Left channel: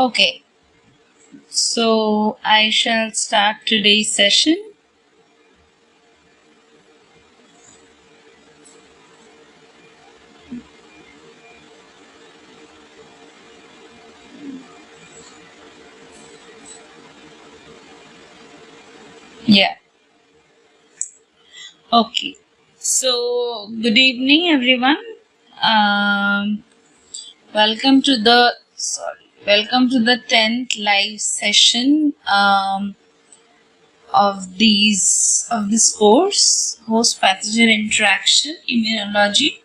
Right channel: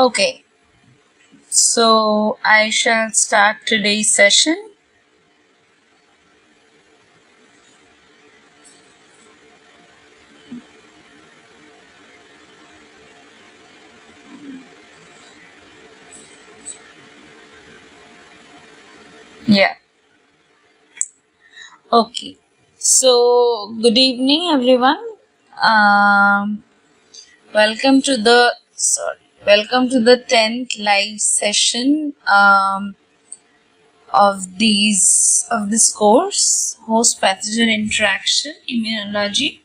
Okay, so I shall start today's session. Yeah. Okay. So good evening, everyone. Um, welcome to the 10th live session of this course, host pathogen interaction immunology,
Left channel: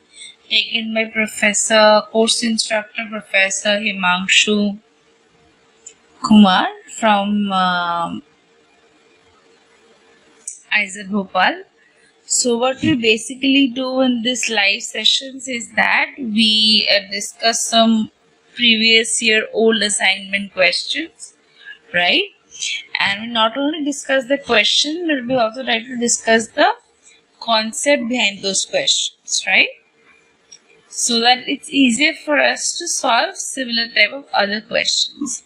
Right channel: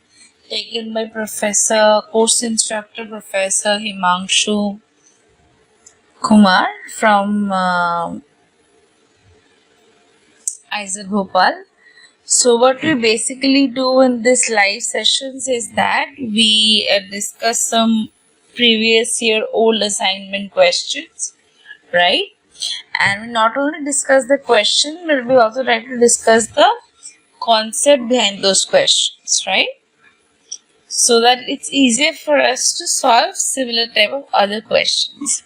taken by course instructor Professor Himanshu Kumar from Isaac Bhopal. So what we basically do in this live sessions is that we discuss some previous year old assignment questions, right? And we not only discuss the question, but we also try to discuss the concept behind those questions, right? So that it's easier for us to solve similar type of other questions.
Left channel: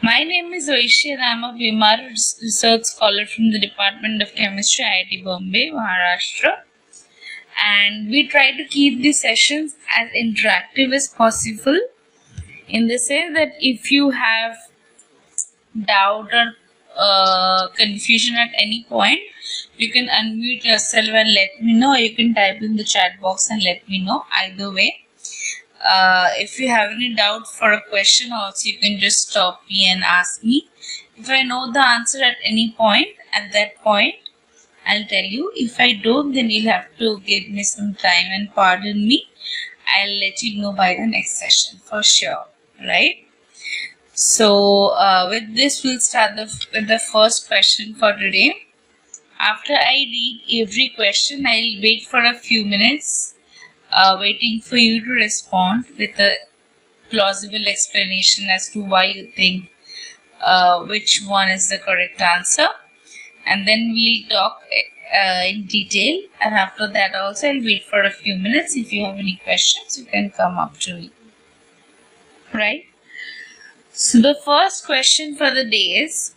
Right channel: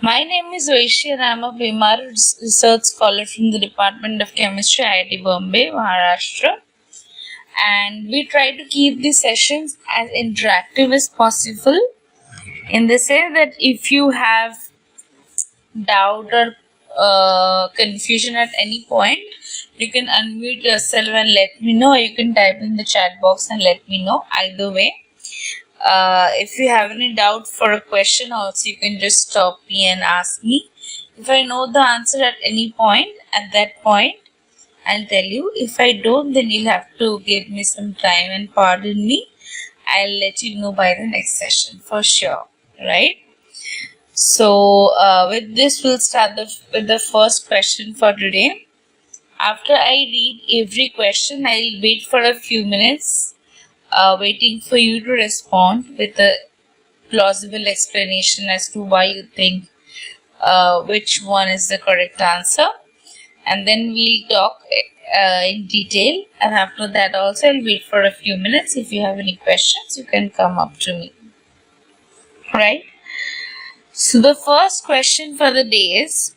My name is Aishi and I am a PMRF research scholar from the Department of Chemistry, IIT Bombay, Maharashtra. And we try to keep the sessions as interactive as possible, in the sense that if you have doubt or confusion at any point, you can unmute yourself and let me know. You can type in the chat box and let me know. Either way, if you have any doubt for a question also, you can just stop me and ask me. If I know the answer at any point, at that point I'll tell you. If I don't, then you'll have to give me some time and pardon me. I'll let you know by the next session for sure, right? So with this, we'll start with the first question for today. After I read every question, I'll wait for a few minutes, waiting for you to respond with a plausible explanation as to why you think which one is the correct answer. And then we'll talk in detail, and after that also I'll wait for a few minutes. If you have any questions, you can come up to me, right? So the first question for the day is,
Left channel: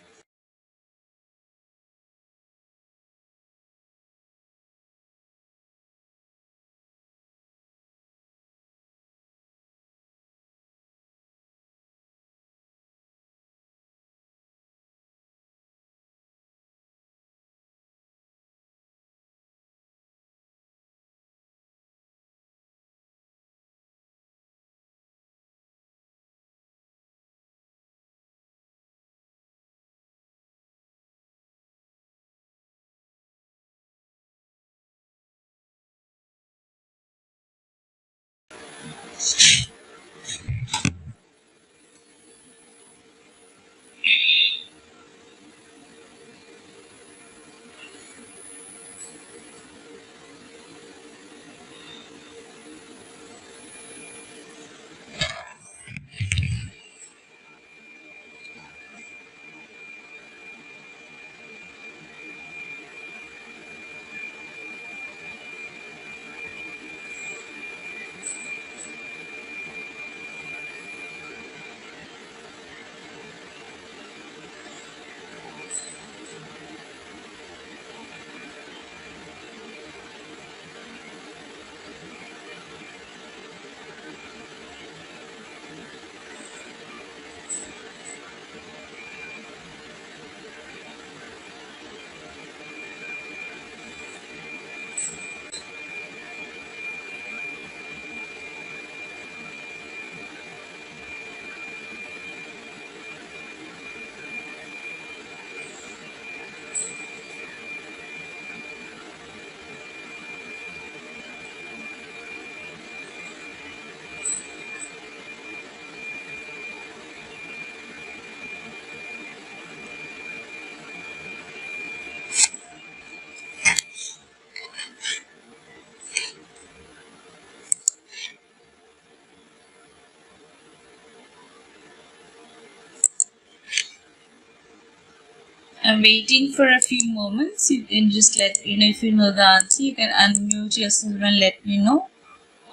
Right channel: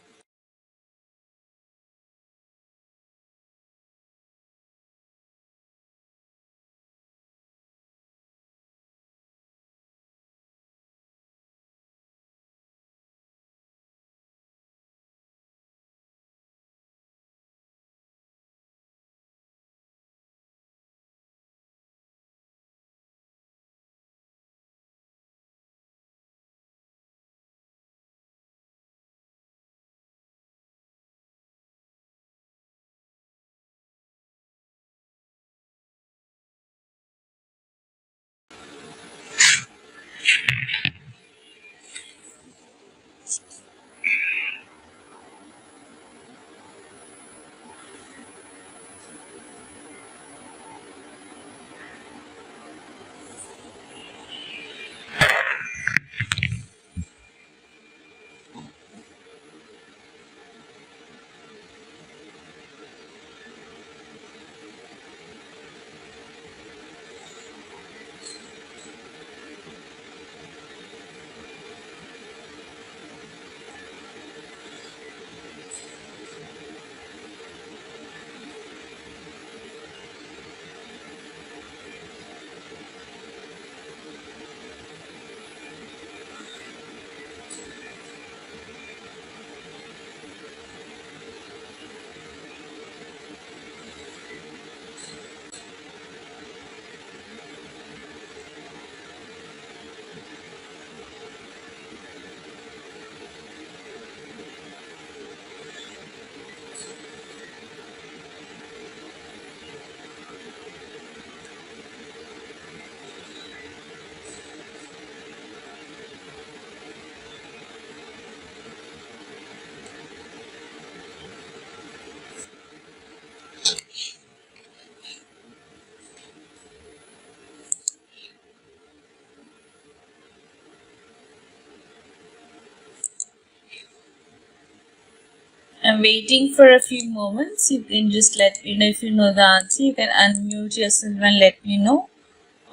I'm waiting for a few moments. You can just let me know if you know the answer. You can unmute yourself and let me know,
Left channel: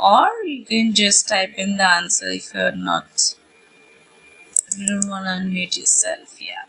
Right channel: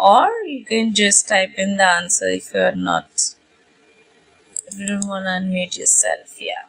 or you can just type in the answer if you are not If you don't want to unmute yourself, yeah.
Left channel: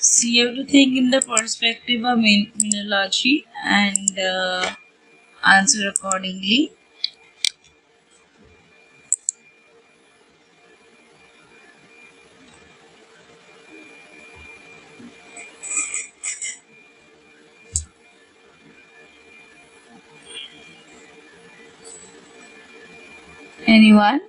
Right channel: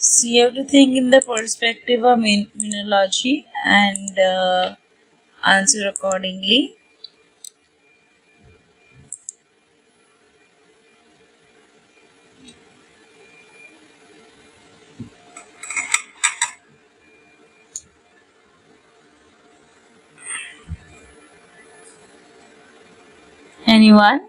So you have to think in the perspective of immunology and answer accordingly. Anyone?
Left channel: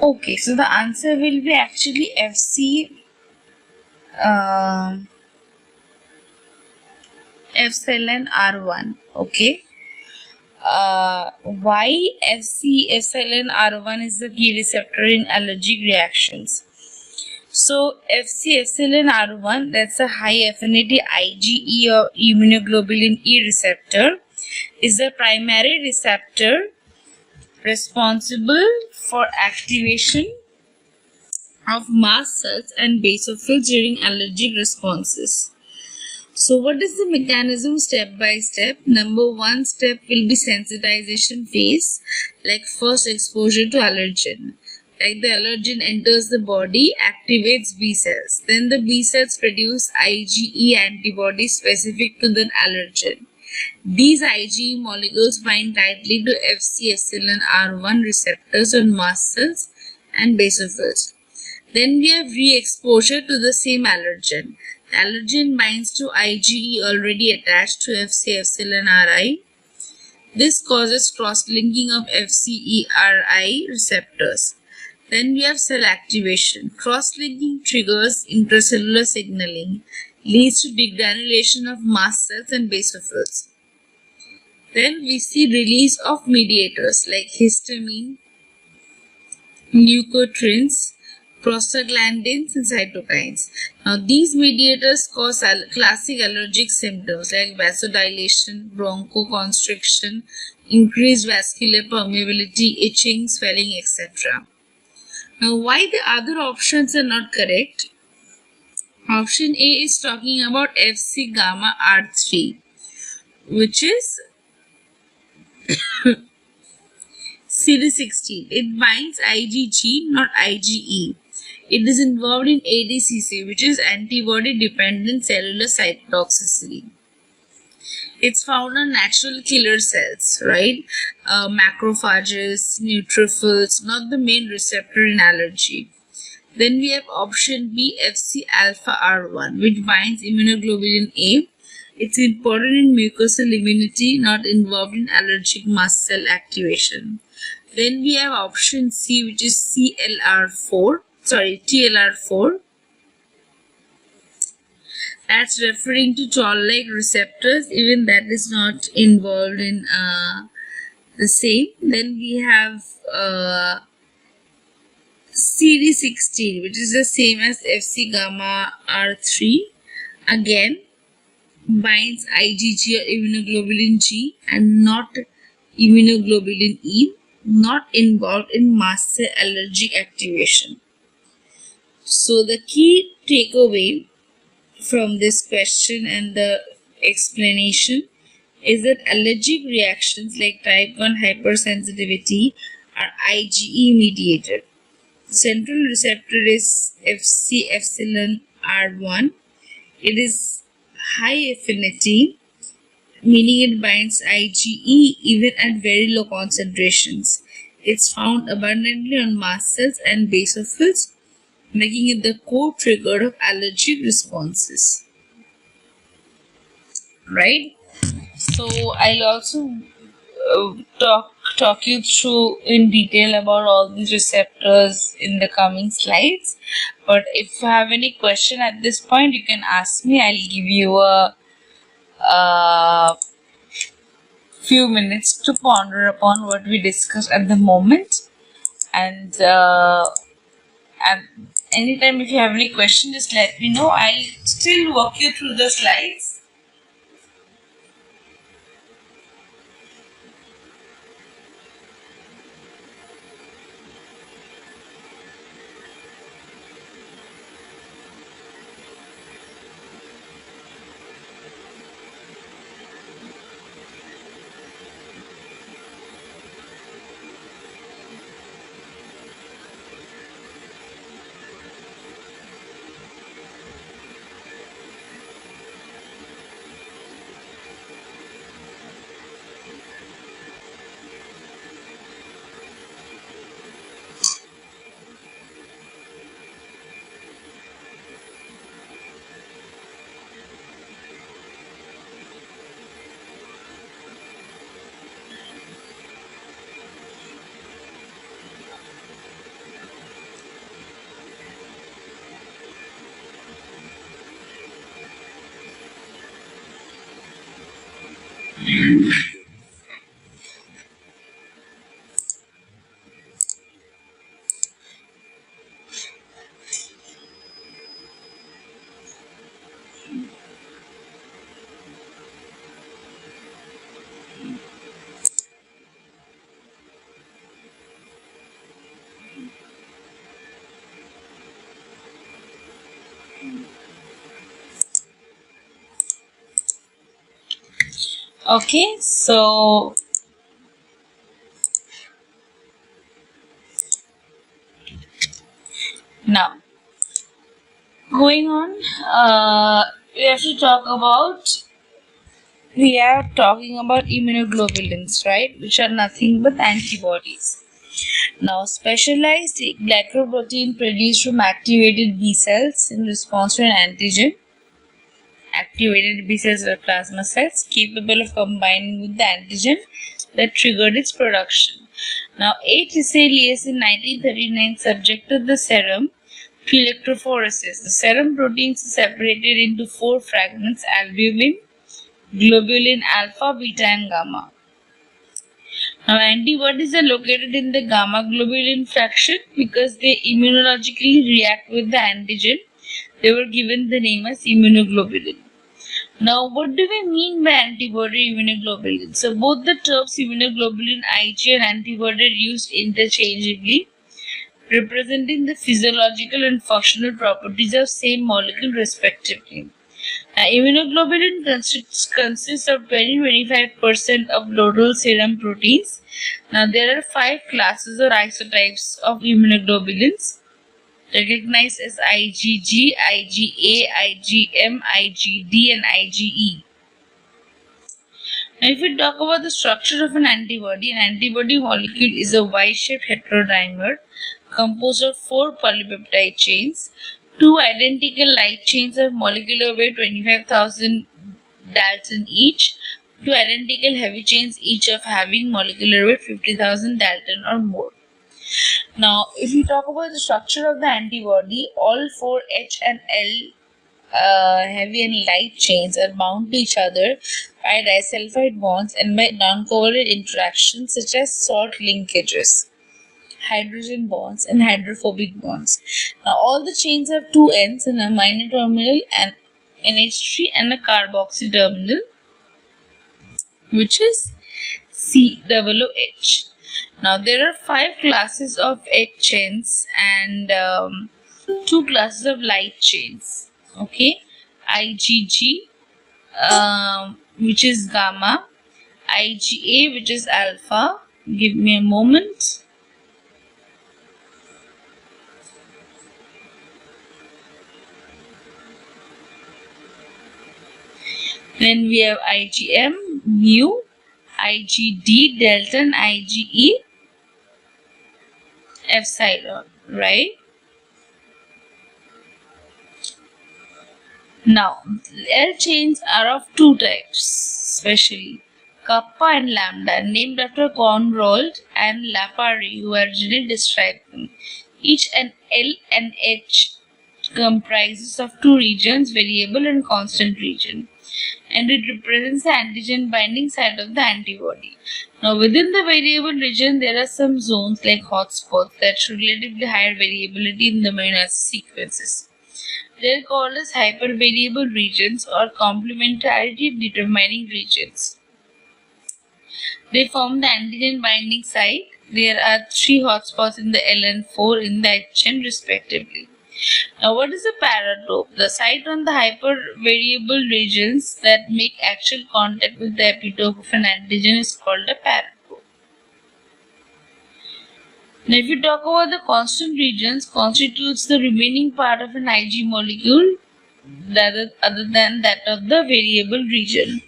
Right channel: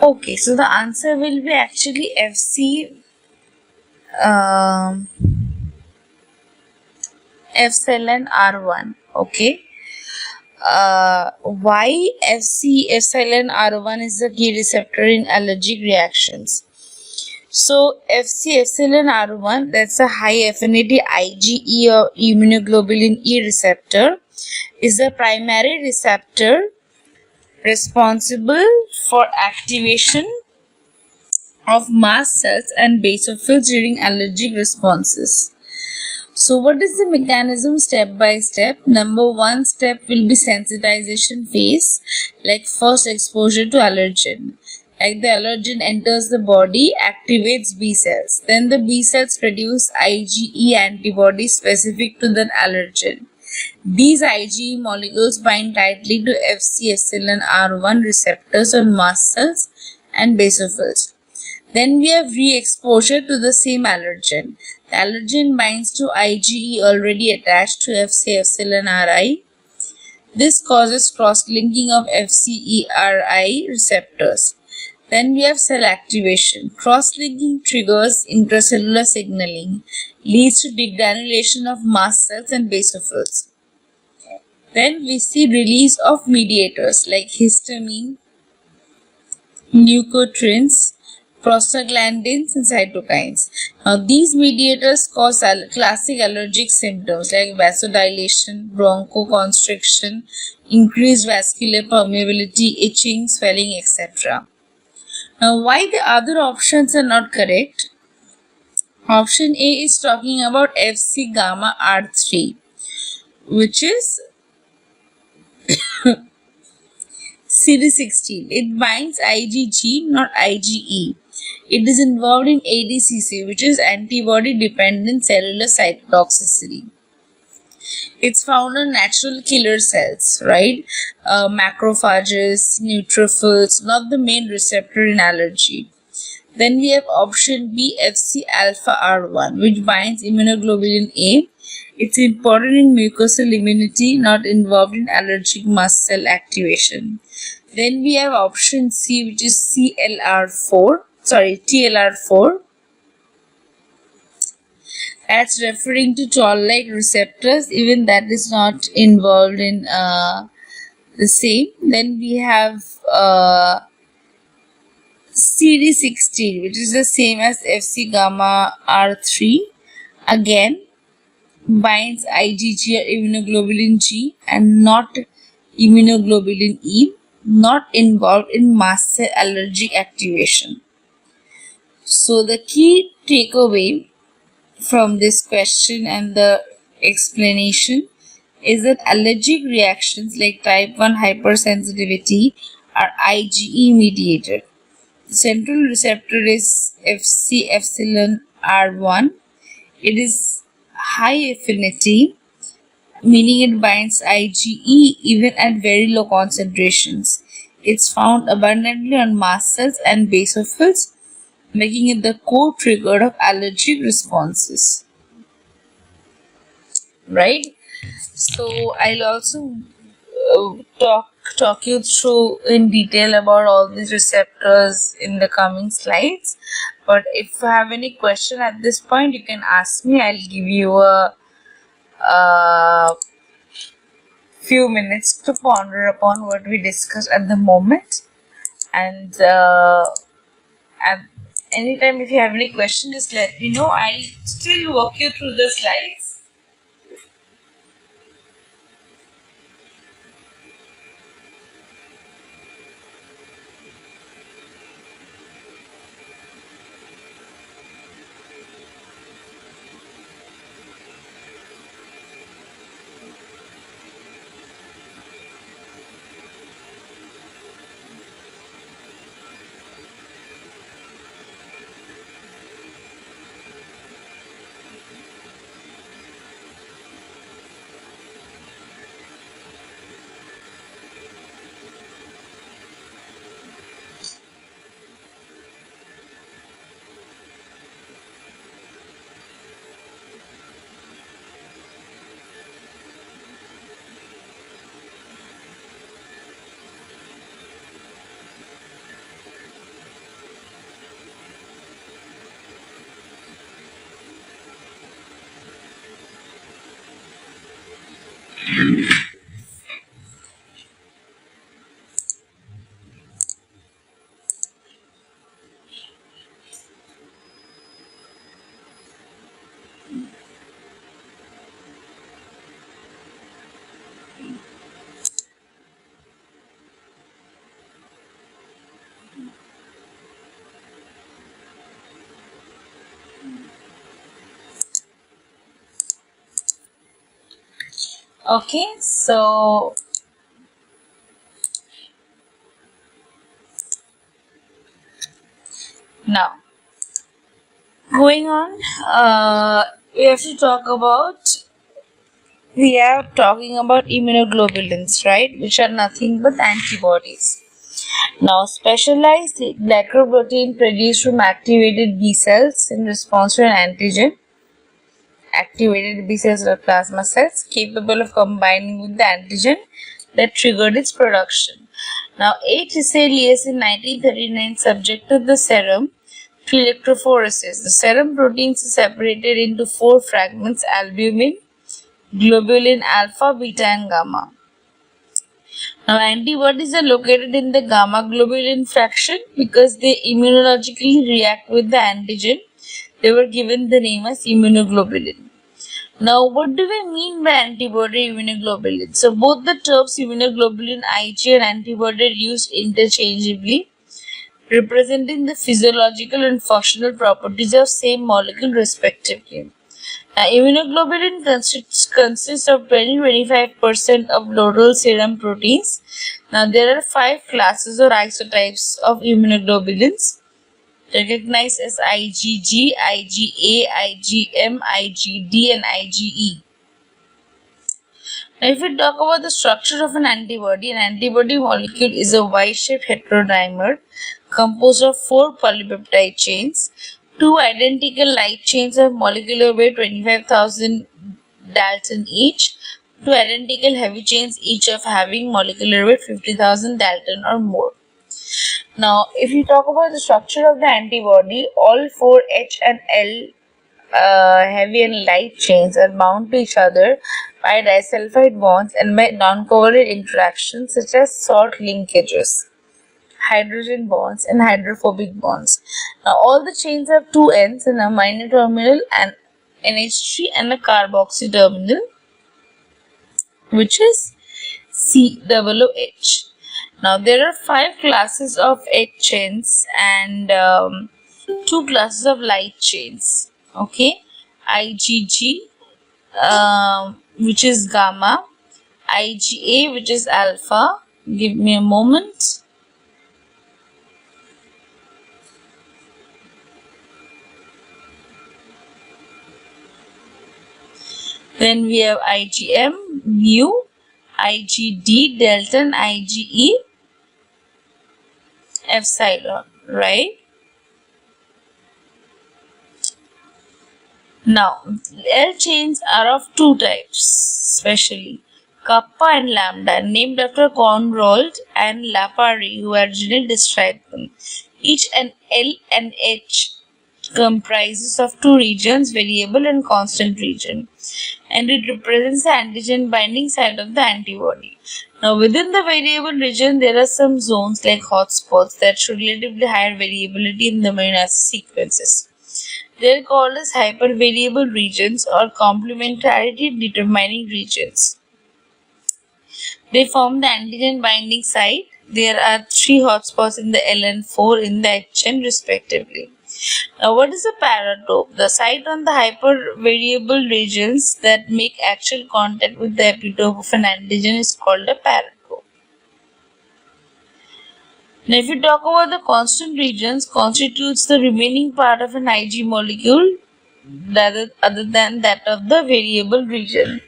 Okay, so the answer will be actually FC um, epsilon R1. Okay. Why FC epsilon R1 is the key receptor in allergic reactions? So FC epsilon R1, that's a high affinity IgE or immunoglobulin E receptor, is the primary receptor responsible for activation of mast cells and basophils during allergic responses. So what is the mechanism step by step? Number one step will be sensitization phase, like first exposure to allergen. Like the allergen enters the body, activates B cells. Then the B cells produce IgE antibodies specific to the allergen. These IgE molecules bind tightly to Fc epsilon R1 receptors on mast cells and basophils. Then we have re-exposure to the same allergen. The allergen binds to IgE already attached to Fc epsilon Ri. This causes cross-linking of FcERI receptors. Then we have cell activation. Cross-linking triggers intracellular signaling, leads to degranulation of mast cells and basophils. Then we see release of mediators like histamine, leukotrienes, prostaglandins, and cytokines. Now, these mediators cause classic allergic symptoms like vasodilation, bronchoconstriction, increased vascular permeability, itching, swelling, etc. Now, why the other options are not correct? Option A is talking about Fc gamma R3, which is CD16. It binds IgG, not IgE. It is involved in ADCC, which is antibody-dependent cellular cytotoxicity. It's found on natural killer cells, right? Macrophages, neutrophils, not the main receptor in allergy. Then we have option B, Fc alpha R1, which binds immunoglobulin A. It's important in mucosal immunity, not involved in allergic mast cell activation. Then we have option C, which is TLR4. That's referring to toll-like receptors, even that is not involved in the same. Then we have CD16, which is the same as Fc gamma R3. Again, binds IgG or immunoglobulin G and not immunoglobulin E, not involved in mast cell allergic activation. So the key takeaway from this question and the explanation is that allergic reactions like type 1 hypersensitivity are IgE mediated. The central receptor is Fc epsilon R1. It is high affinity, meaning it binds IgE even at very low concentrations. It's found abundantly on mast cells and basophils, making it the core trigger of allergic responses. Right? So I'll also talk you through in detail about all these receptors in the coming slides. But if you have any question at this point, you can ask me. I'll give you a few minutes to ponder upon what we discussed at the moment. And anytime if you have any question, just let me know. I'll still walk you through the slides. Okay, so now going on, we are talking about immunoglobulins, right, which are nothing but antibodies. Now, specialized glycoprotein produced from activated B cells in response to an antigen. Activated B cells are plasma cells capable of combining with the antigen that triggered its production. Now, A. Tiselius in 1939 subjected the serum to electrophoresis. The serum proteins are separated into 4 fragments: albumin, globulin alpha, beta, and gamma. Now, antibodies are located in the gamma globulin fraction because they immunologically react with the antigen. They were given the name as immunoglobulin. Now, what do we mean by antibody immunoglobulin? So, both the terms immunoglobulin Ig and antibody are used interchangeably, representing the physiological and functional properties of same molecule respectively. Now, immunoglobulin consists of 20-25% of total serum proteins. Now, there are 5 classes or isotypes of immunoglobulins recognized as IgG, IgA, IgM, IgD, and IgE. Now, if we talk about the structure of an antibody molecule is a Y-shaped heterodimer composed of 4 polypeptide chains, 2 identical light chains of molecular weight 25,000 Dalton each, 2 identical heavy chains each of having molecular weight 50,000 Dalton or more. Now, if you talk about the structure of the antibody, all 4 H and L heavy and light chains are bound to each other by disulfide bonds and by non-covalent interactions such as salt linkages, hydrogen bonds, and hydrophobic bonds. Now, all the chains have 2 ends, an amino terminal and NH3 and a carboxy terminal, which is COOH. Now, there are 5 classes of H chains and 2 classes of light chains. Okay, IgG, which is gamma, IgA, which is alpha. Give me a moment. Then we have IgM, mu, IgD, delta, and IgE, epsilon, right? Now, L chains are of two types, especially kappa and lambda, named after Conrold and Lapari, who originally described them. Each an L and H comprises of two regions, variable and constant region, and it represents the antigen binding site of the antibody. Now, within the variable region, there are some zones like hotspots that show relatively higher variability in the amino acid sequences. They are called as hypervariable regions or complementarity determining regions. They form the antigen binding site. There are 3 hotspots in the L and 4 in the H chain respectively. Now, what is a paratope? The site on the hypervariable regions that make actual contact with the epitope of an antigen is called a paratope. Now, if you talk about the constant regions, constitutes the remaining part of an Ig molecule other than that of the variable region.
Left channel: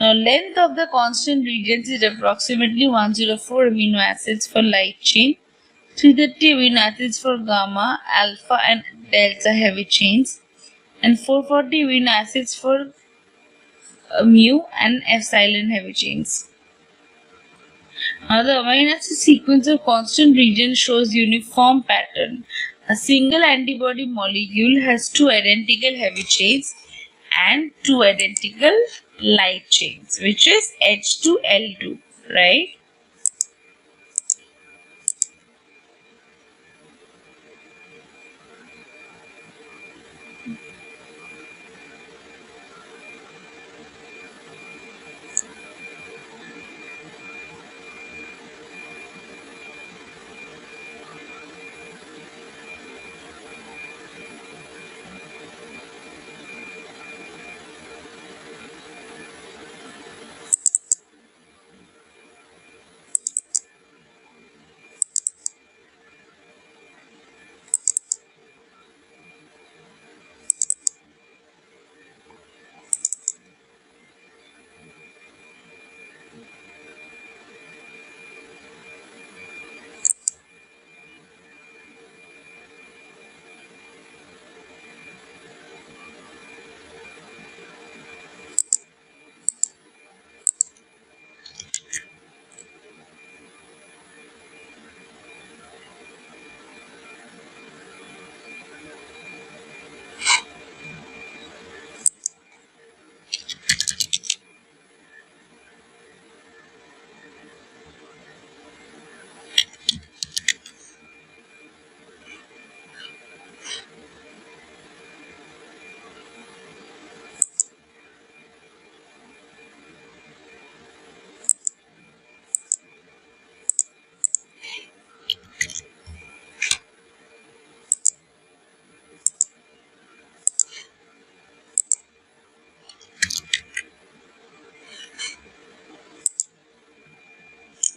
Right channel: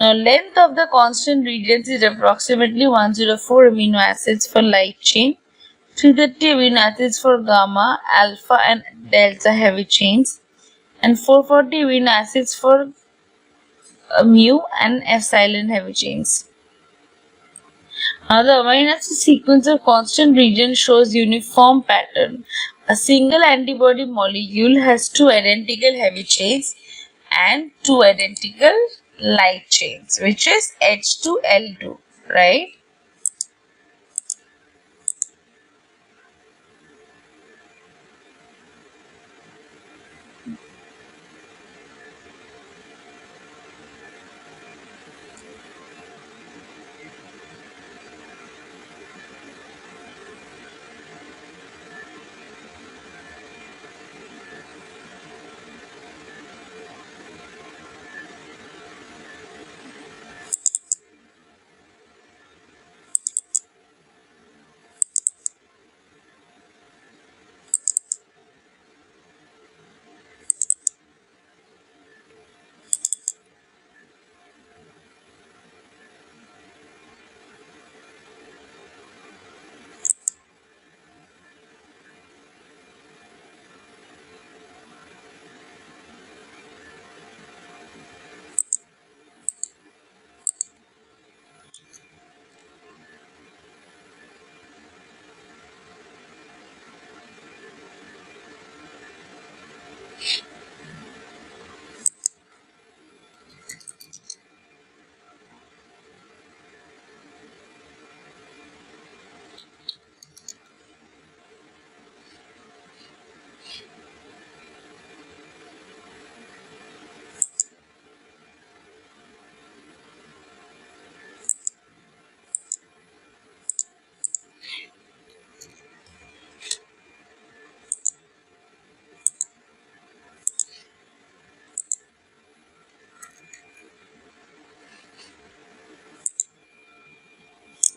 Now, length of the constant regions is approximately 104 amino acids for light chain, 230 amino acids for gamma, alpha, and delta heavy chains, and 440 amino acids for mu and epsilon heavy chains. Now, the amino acid sequence of constant region shows uniform pattern. A single antibody molecule has 2 identical heavy chains and 2 identical light chains, which is H2L2, right?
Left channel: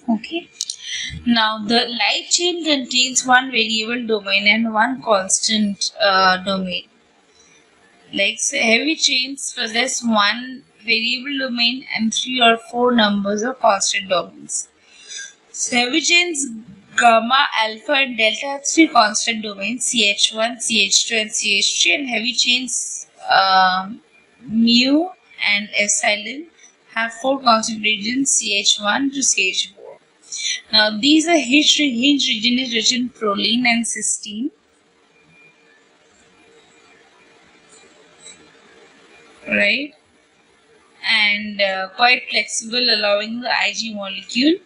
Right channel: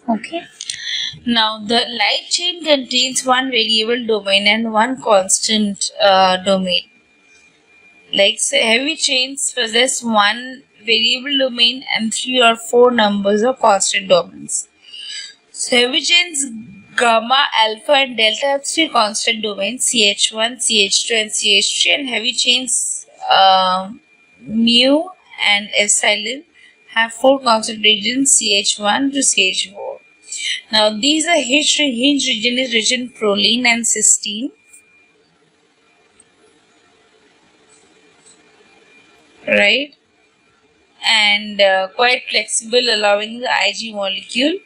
Okay. Now, the light chain contains one variable domain and one constant domain. Like, say, heavy chains possess one variable domain and 3 or 4 numbers of constant domains. So, heavy chains gamma, alpha, and delta have 3 constant domains, CH1, CH2, and CH3, and heavy chains mu and epsilon have 4 constant regions, CH1 to CH4. Now, these are hinge region is rich in proline and cysteine, right? And quite flexible, allowing the Ig molecule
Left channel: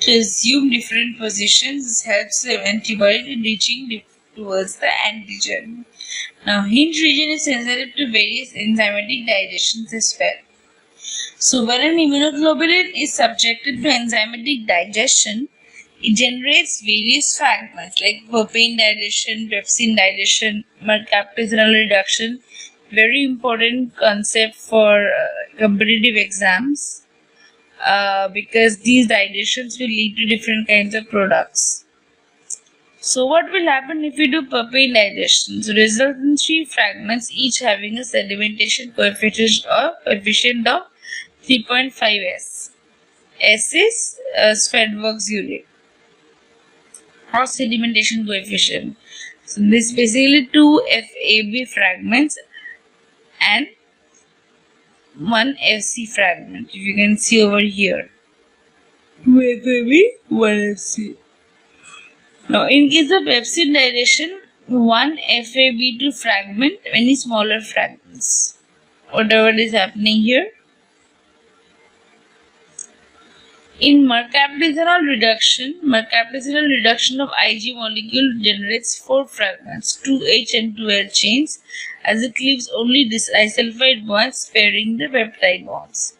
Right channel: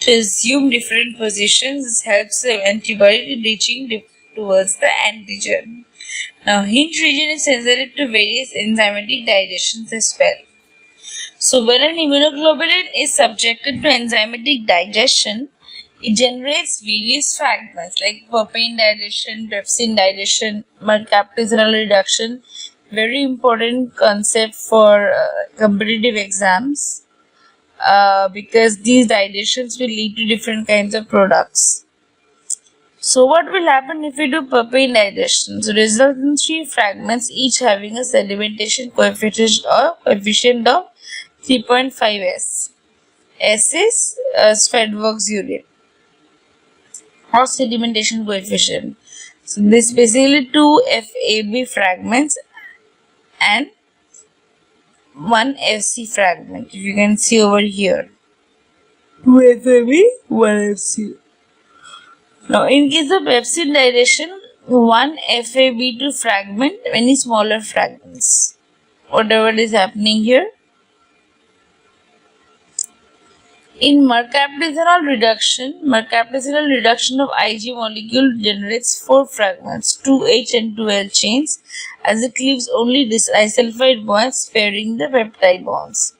to assume different positions. This helps the antibody in reaching towards the antigen. Now, hinge region is sensitive to various enzymatic digestions as well. So, when an immunoglobulin is subjected to enzymatic digestion, it generates various fragments like papain digestion, trypsin digestion, mercaptase reduction. Very important concept for competitive exams. because these dilations will lead to different kinds of products. So what will happen if we do papain digestion? So result in 3 fragments, each having a sedimentation coefficient of 3.5 S. S is Svedberg's unit or sedimentation coefficient. So this basically 2 FAB fragments and 1 FC fragment. If you can see over here, 2 FAB, 1 FC. Now, in case of pepsin dilation, 1 FAB2 fragment, many smaller fragments. Whatever is happening here. In mercaptadinol reduction of Ig molecule generates 4 fragments, 2H and 2L chains, as it leaves only disulfide bonds sparing the peptide bonds.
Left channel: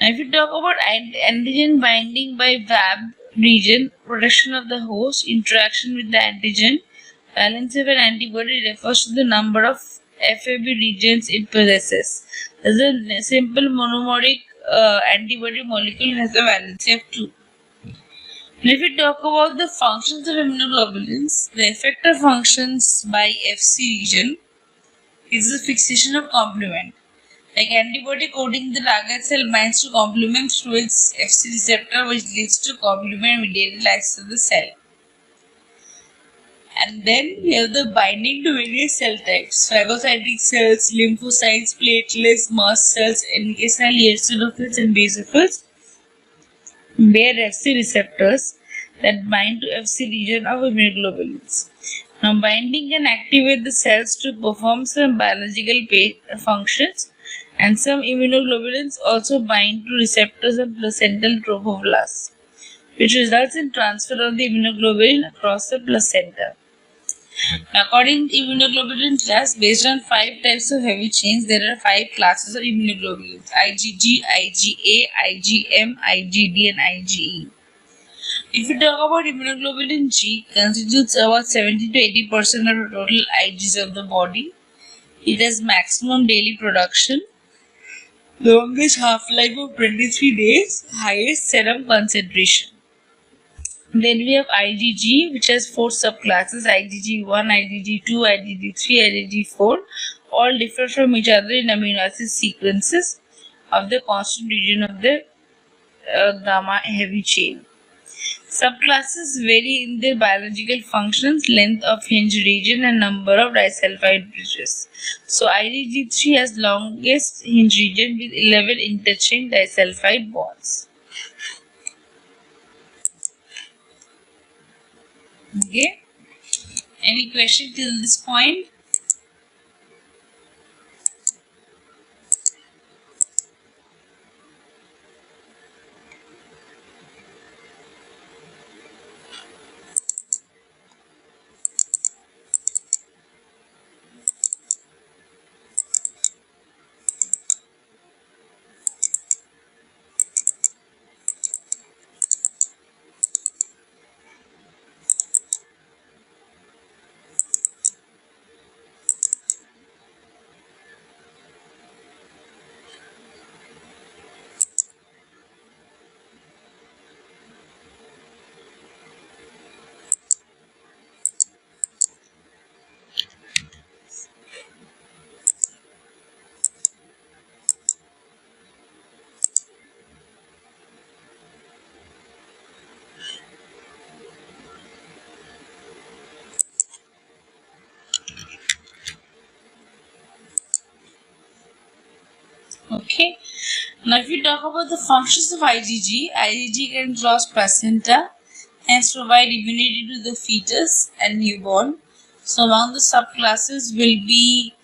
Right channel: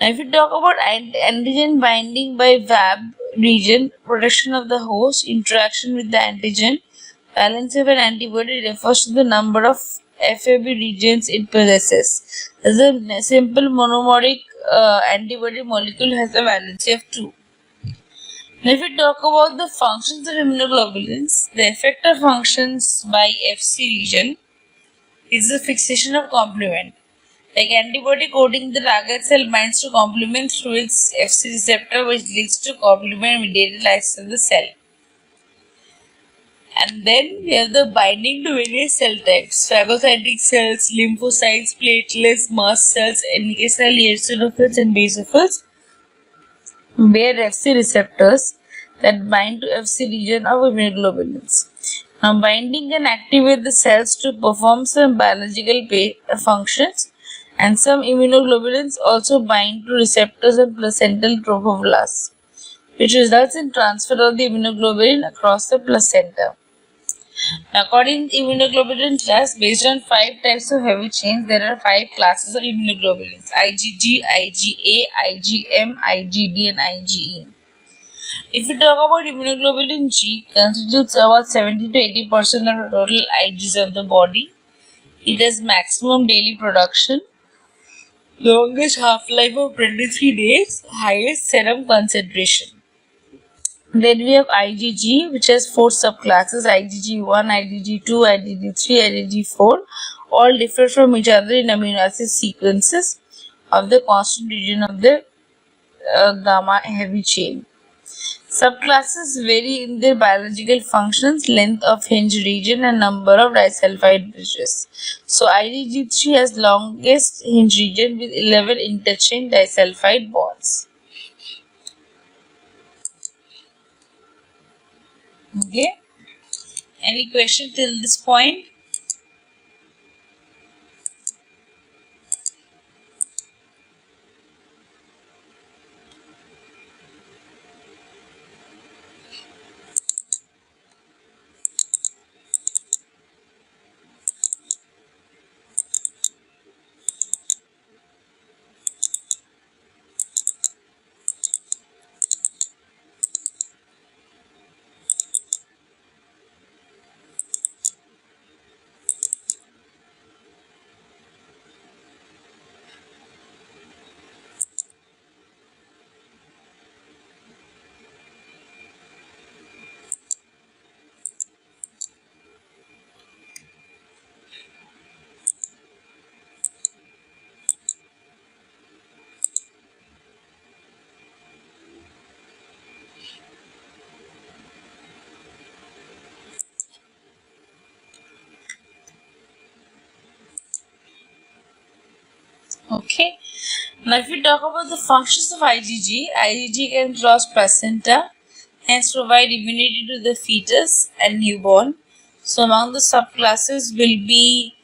Now, if you talk about antigen binding by VAB region, protection of the host, interaction with the antigen, balance of an antibody refers to the number of FAB regions it possesses. As a simple monomeric antibody molecule has a valency of 2. Now, if we talk about the functions of immunoglobulins, the effector functions by FC region is the fixation of complement. Like antibody coating the target cell binds to complement through its FC receptor, which leads to complement mediated lysis of the cell. And then we have the binding to various cell types: phagocytic cells, lymphocytes, platelets, mast cells, NK cell, eosinophils, and basophils bear FC receptors that bind to FC region of immunoglobulins. Now, binding can activate the cells to perform some biological functions, and some immunoglobulins also bind to receptors and placental trophoblasts, which results in transfer of the immunoglobulin across the placenta. According to immunoglobulin class, based on 5 types of heavy chains, there are 5 classes of immunoglobulins: IgG, IgA, IgM, IgD, and IgE. If we talk about immunoglobulin G, constitutes about 70 to 80% of the total Igs of the body. It has maximum daily production, longest half-life of 23 days, highest serum concentration. Then we have IgG, which has 4 subclasses: IgG1, IgG2, IgG3, IgG4. All differ from each other in amino acid sequences of the constant region of the gamma heavy chain. Subclasses vary in their biological functions, length of hinge region, and number of disulfide bridges. So IgG3 has longest hinge region with 11 interchain disulfide bonds. Okay. Any question till this point? Okay. Now, if we talk about the functions of IgG can cross placenta, hence provide immunity to the fetus and newborn. So, among the subclasses will be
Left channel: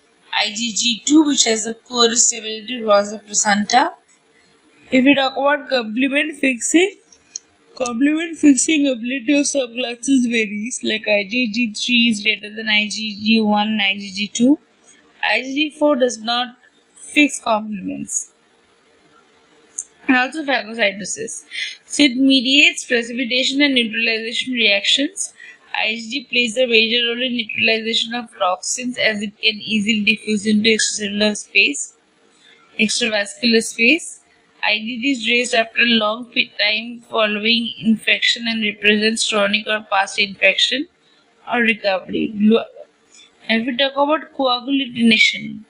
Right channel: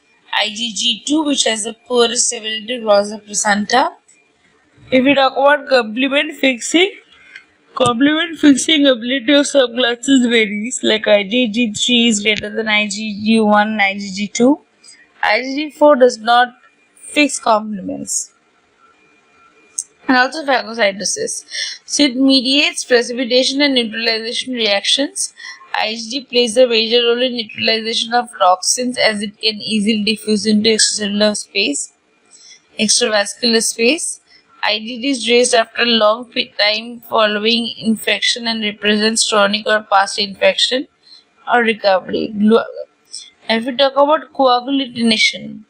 IgG2, which has the poorest ability to cross the placenta. If we talk about complement fixing ability of subclasses varies, like IgG3 is greater than IgG1 and IgG2. IgG4 does not fix complements. And also phagocytosis. So it mediates precipitation and neutralization reactions. IgG plays a major role in neutralization of toxins, as it can easily diffuse into extravascular space. IgD is raised after a long time following infection and represents chronic or past infection or recovery. If we talk about coagulatination,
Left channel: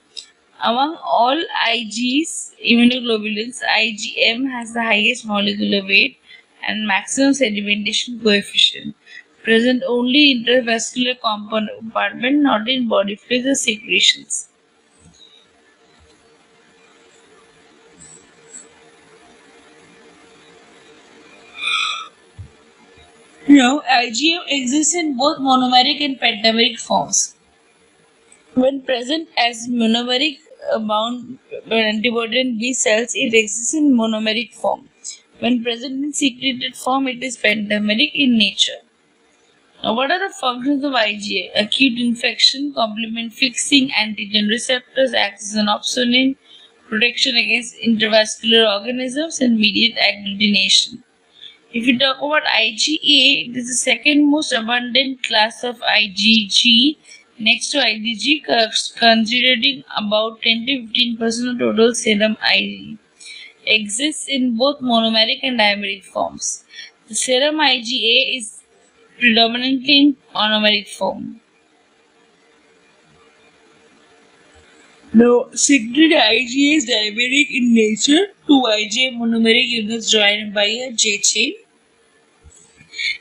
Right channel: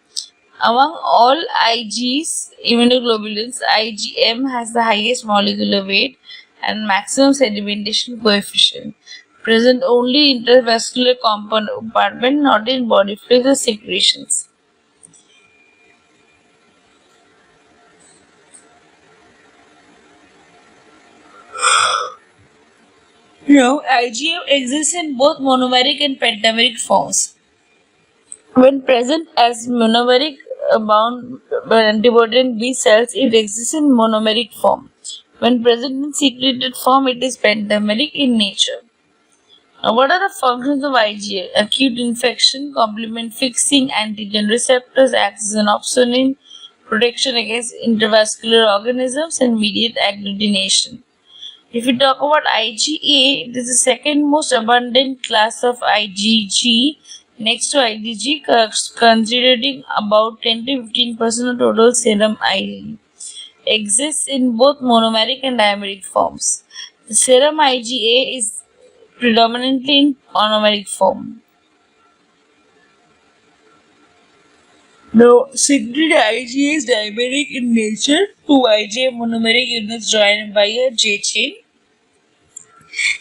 among all Ig's immunoglobulins, IgM has the highest molecular weight and maximum sedimentation coefficient, present only in intravascular compartment, not in body fluids or secretions. Now, IgM exists in both monomeric and pentameric forms. When present as monomeric bound antibody in B cells, it exists in monomeric form. When present in secreted form, it is pentameric in nature. Now, what are the functions of IgA? Acute infection, complement fixing, antigen receptors, acts as an opsonin, protection against intravascular organisms, and mediate agglutination. If we talk about IgA, it is the second most abundant class of IgG next to IgG, considering about 10 to 15% of total serum IgG. Exists in both monomeric and dimeric forms. The serum IgA is predominantly in monomeric form. Now, secondary IgA is dimeric in nature. Two IgA monomeric units joined by a J chain.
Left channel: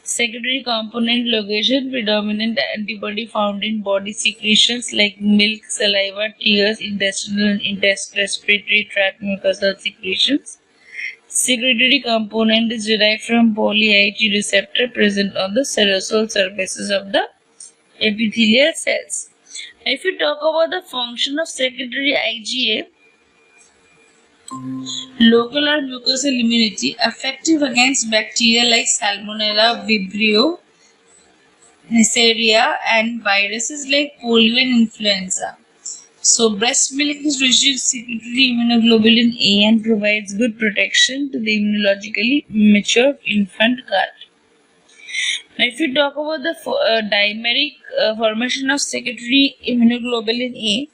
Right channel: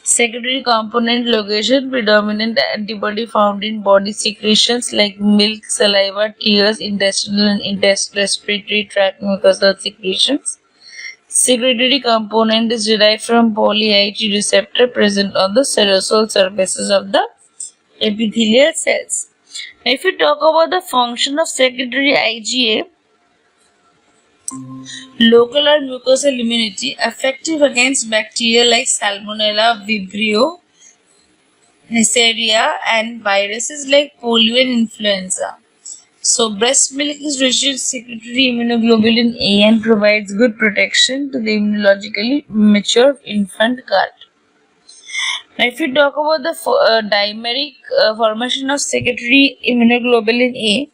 Secondary component location, predominant antibody found in body secretions like milk, saliva, tears, intestinal and respiratory tract mucosal secretions. Secretory component is derived from poly-IgG receptor present on the serosal surfaces of the epithelial cells. Now, if we talk about the function of secretory IgA, local or mucosal immunity, effective against bacteria like Salmonella, Vibrio, Neisseria, and viruses like polio and influenza. So, breast milk is rich in secretory immunoglobulin A and provides good protection to the immunologically mature infant gut. Now, if we talk about the dimeric formation of secretory immunoglobulin A,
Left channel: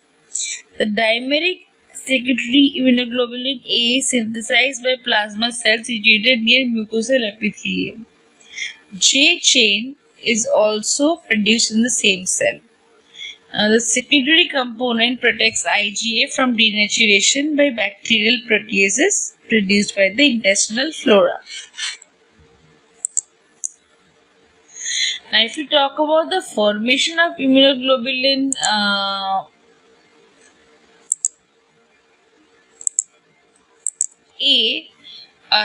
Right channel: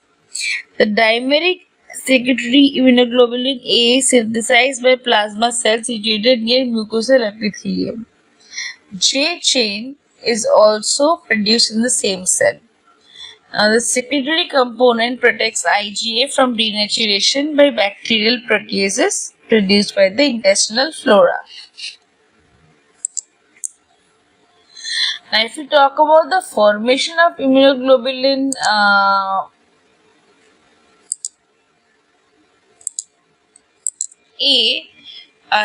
the dimeric secretory immunoglobulin A is synthesized by plasma cells situated near mucosal epithelium. J chain is also produced in the same cell. Now, the secretory component protects IgA from denaturation by bacterial proteases produced by the intestinal flora. Now, if we talk about the formation of immunoglobulin A,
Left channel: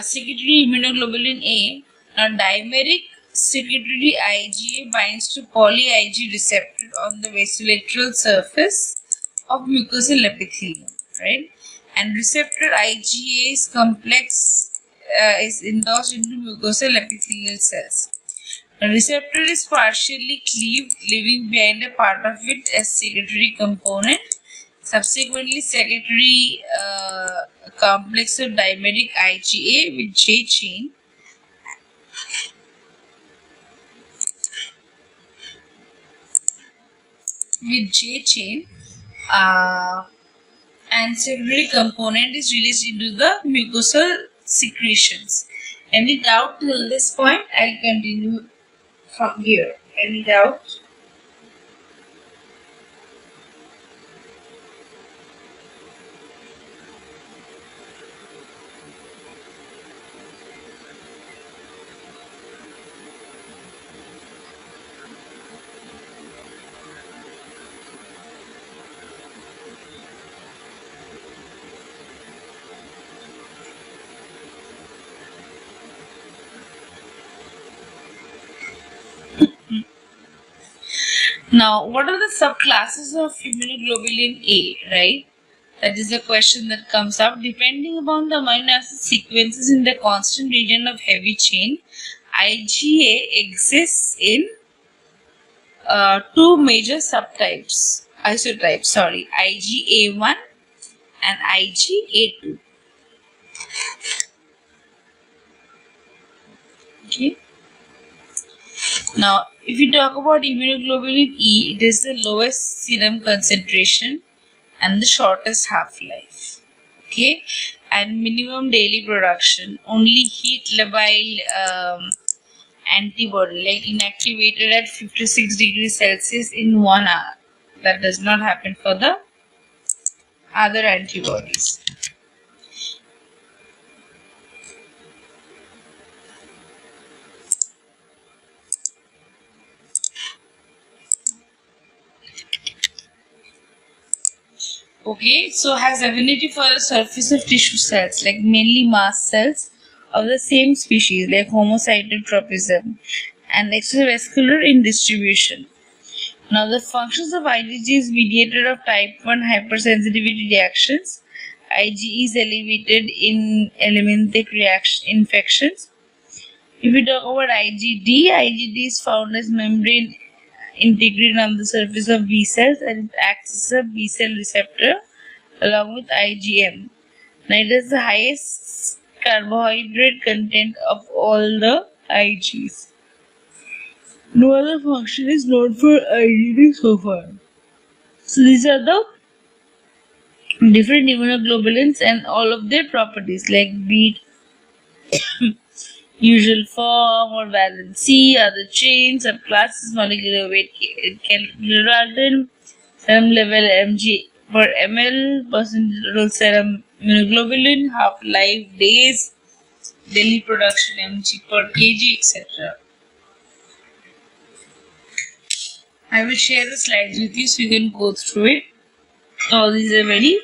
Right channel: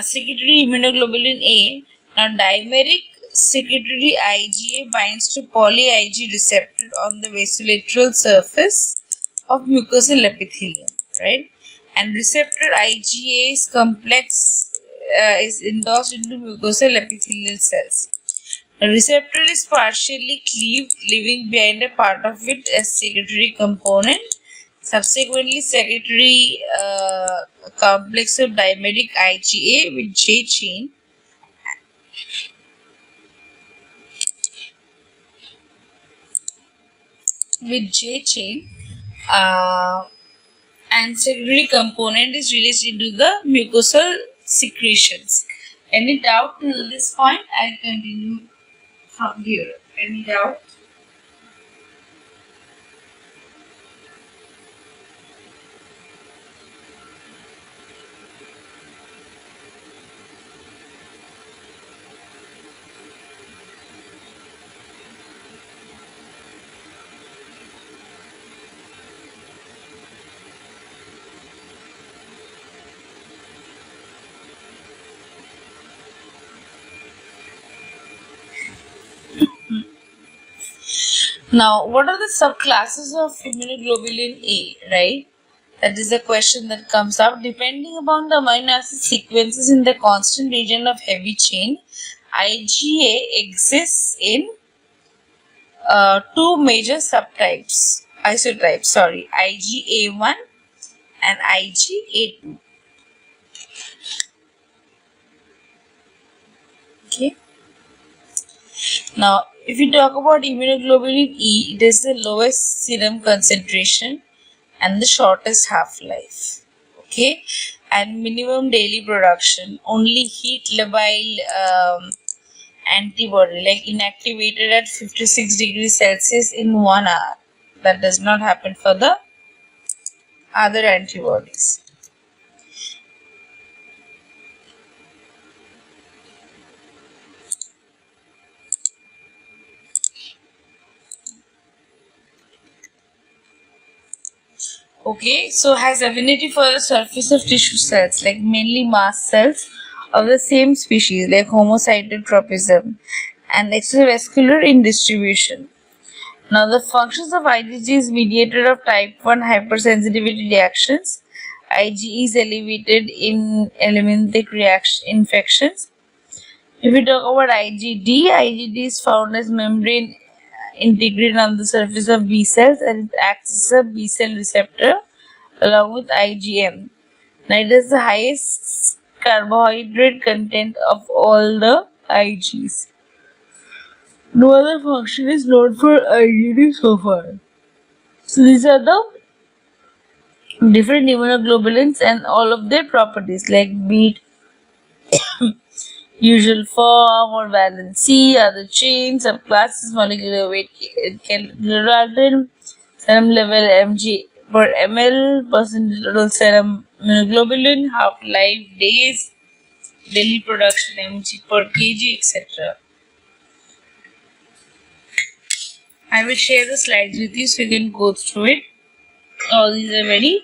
secretory immunoglobulin A, now dimeric secretory IgA binds to poly-IgG receptor on the vasolateral surface of mucosal epithelium, right? And receptor IgA's complex is endorsed into mucosal epithelial cells. The receptor is partially cleaved, leaving behind a part of it as secretory component. Subsequently, secretory complex of dimeric IgA with J chain and secondary component is released into the mucosal secretions. Any doubt till this point? I'll continue from here. Any doubt? Now, what are the subclasses of immunoglobulin A, right? That is the question that comes up. Depending upon the amino acid sequences in the constant region of heavy chain, IgA exists in two major subtypes, isotypes, IgA1 and IgA2. Okay. Now, if we talk about immunoglobulin E, it is the lowest serum concentration and the shortest half-life. Okay, and minimum daily production. Only heat labile antibody, like inactivated at 56 degrees Celsius in 1 hour. That does not happen for the other antibodies. Okay, so has affinity for the surface of tissue cells, like mainly mast cells of the same species, like homocytotropism, and extravascular in distribution. Now, the functions of IgG is mediator of type 1 hypersensitivity reactions. IgE is elevated in elimintic reaction infections. If we talk about IgD, IgD is found as membrane integrate on the surface of B cells and it acts as a B cell receptor along with IgM. Now, it has the highest carbohydrate content of all the Igs. No other function is known for IgD so far. So these are the different immunoglobulins and all of their properties, like be it usual form or valency, other chains, subclasses, molecular weight, kilodalton, serum level mg per ml, percentage total serum immunoglobulin, half-life days, daily production mg per kg, etc. I will share the slides with you so you can go through it. All these are very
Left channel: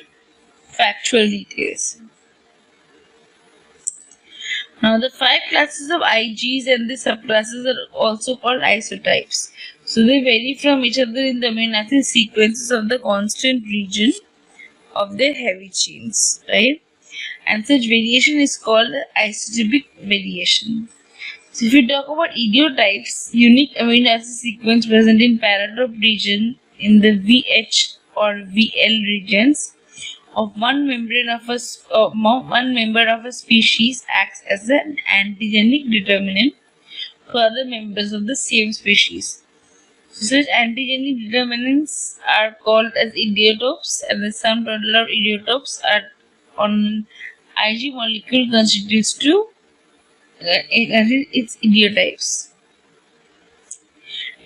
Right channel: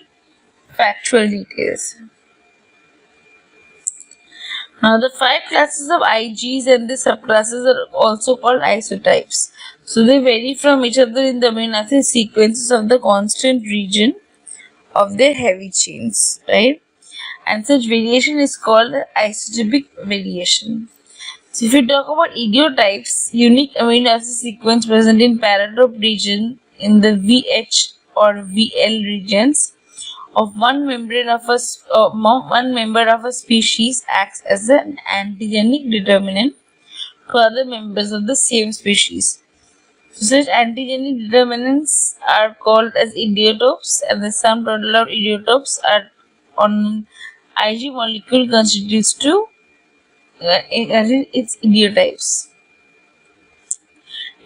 factual details. Now, the 5 classes of Igs and the subclasses are also called isotypes. So, they vary from each other in the amino acid sequences of the constant region of their heavy chains, right? And such variation is called isotypic variation. So, if we talk about idiotypes, unique amino acid sequence present in paratope region in the VH or VL regions of one member of a species acts as an antigenic determinant for other members of the same species. So, such antigenic determinants are called as idiotopes, and the sum total of idiotopes are on an Ig molecule constitutes to its idiotypes.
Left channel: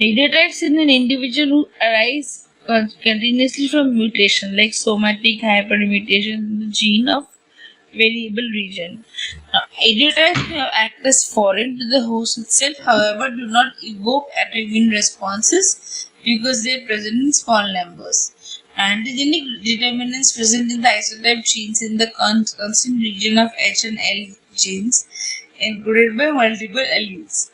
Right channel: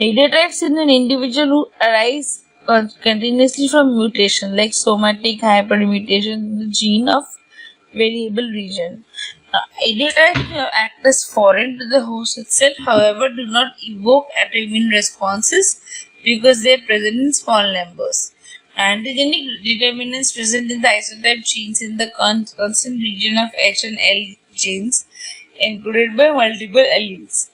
Idiotypes in an individual who arise continuously from mutation, like somatic hypermutation in the gene of variable region. Idiotypes may act as foreign to the host itself, however, do not evoke autoimmune responses because they are present in small numbers. Antigenic determinants present in the isotype genes in the constant region of H and L genes encoded by multiple alleles.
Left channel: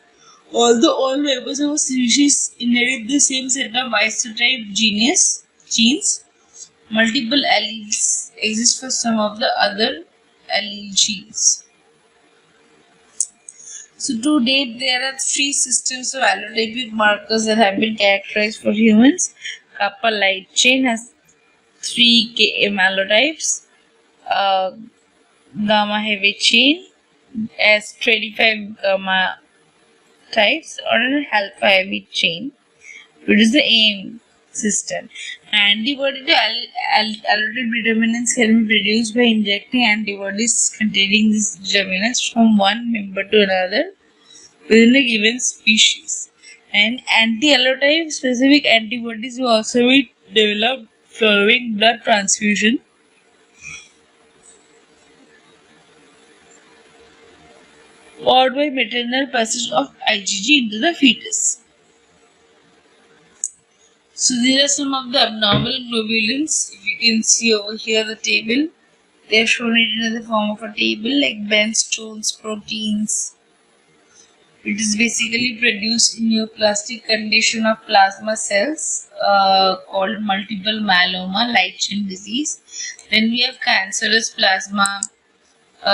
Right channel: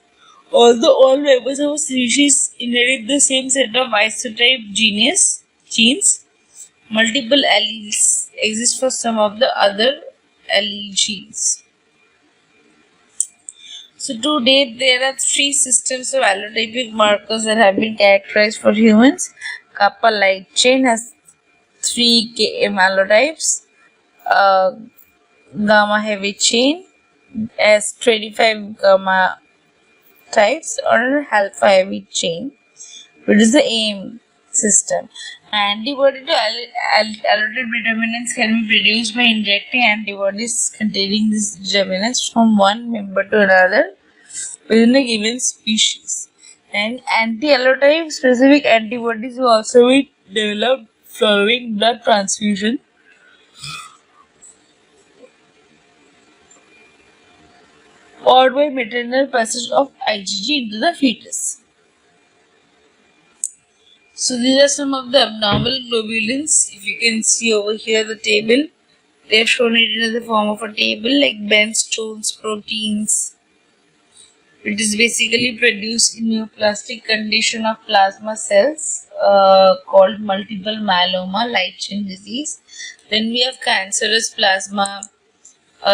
Although all members of a species inherit the same set of isotype genes, multiple alleles exist for some of the other allele genes. So to date, there are 3 systems of allotypic markers that have been characterized for humans. Kappa light chain has 3 Km allotypes. Gamma heavy chain has 25 gamma types, or an alpha heavy chain, which is the AIM system. Antibody to allotype determinants can be produced by injecting antibodies containing these determinants from one member to another within a given species. And anti-allotype specific antibodies will also be developed following blood transfusion or by maternal passage of IgG into the fetus. So these are some of the abnormal globulins. If you can see over here the table, they have shown it in the form of a table, like Bence-Jones proteins, which is basically produced in neoplastic condition of plasma cells called multiple myeloma, light chain disease. Then we have cancerous plasma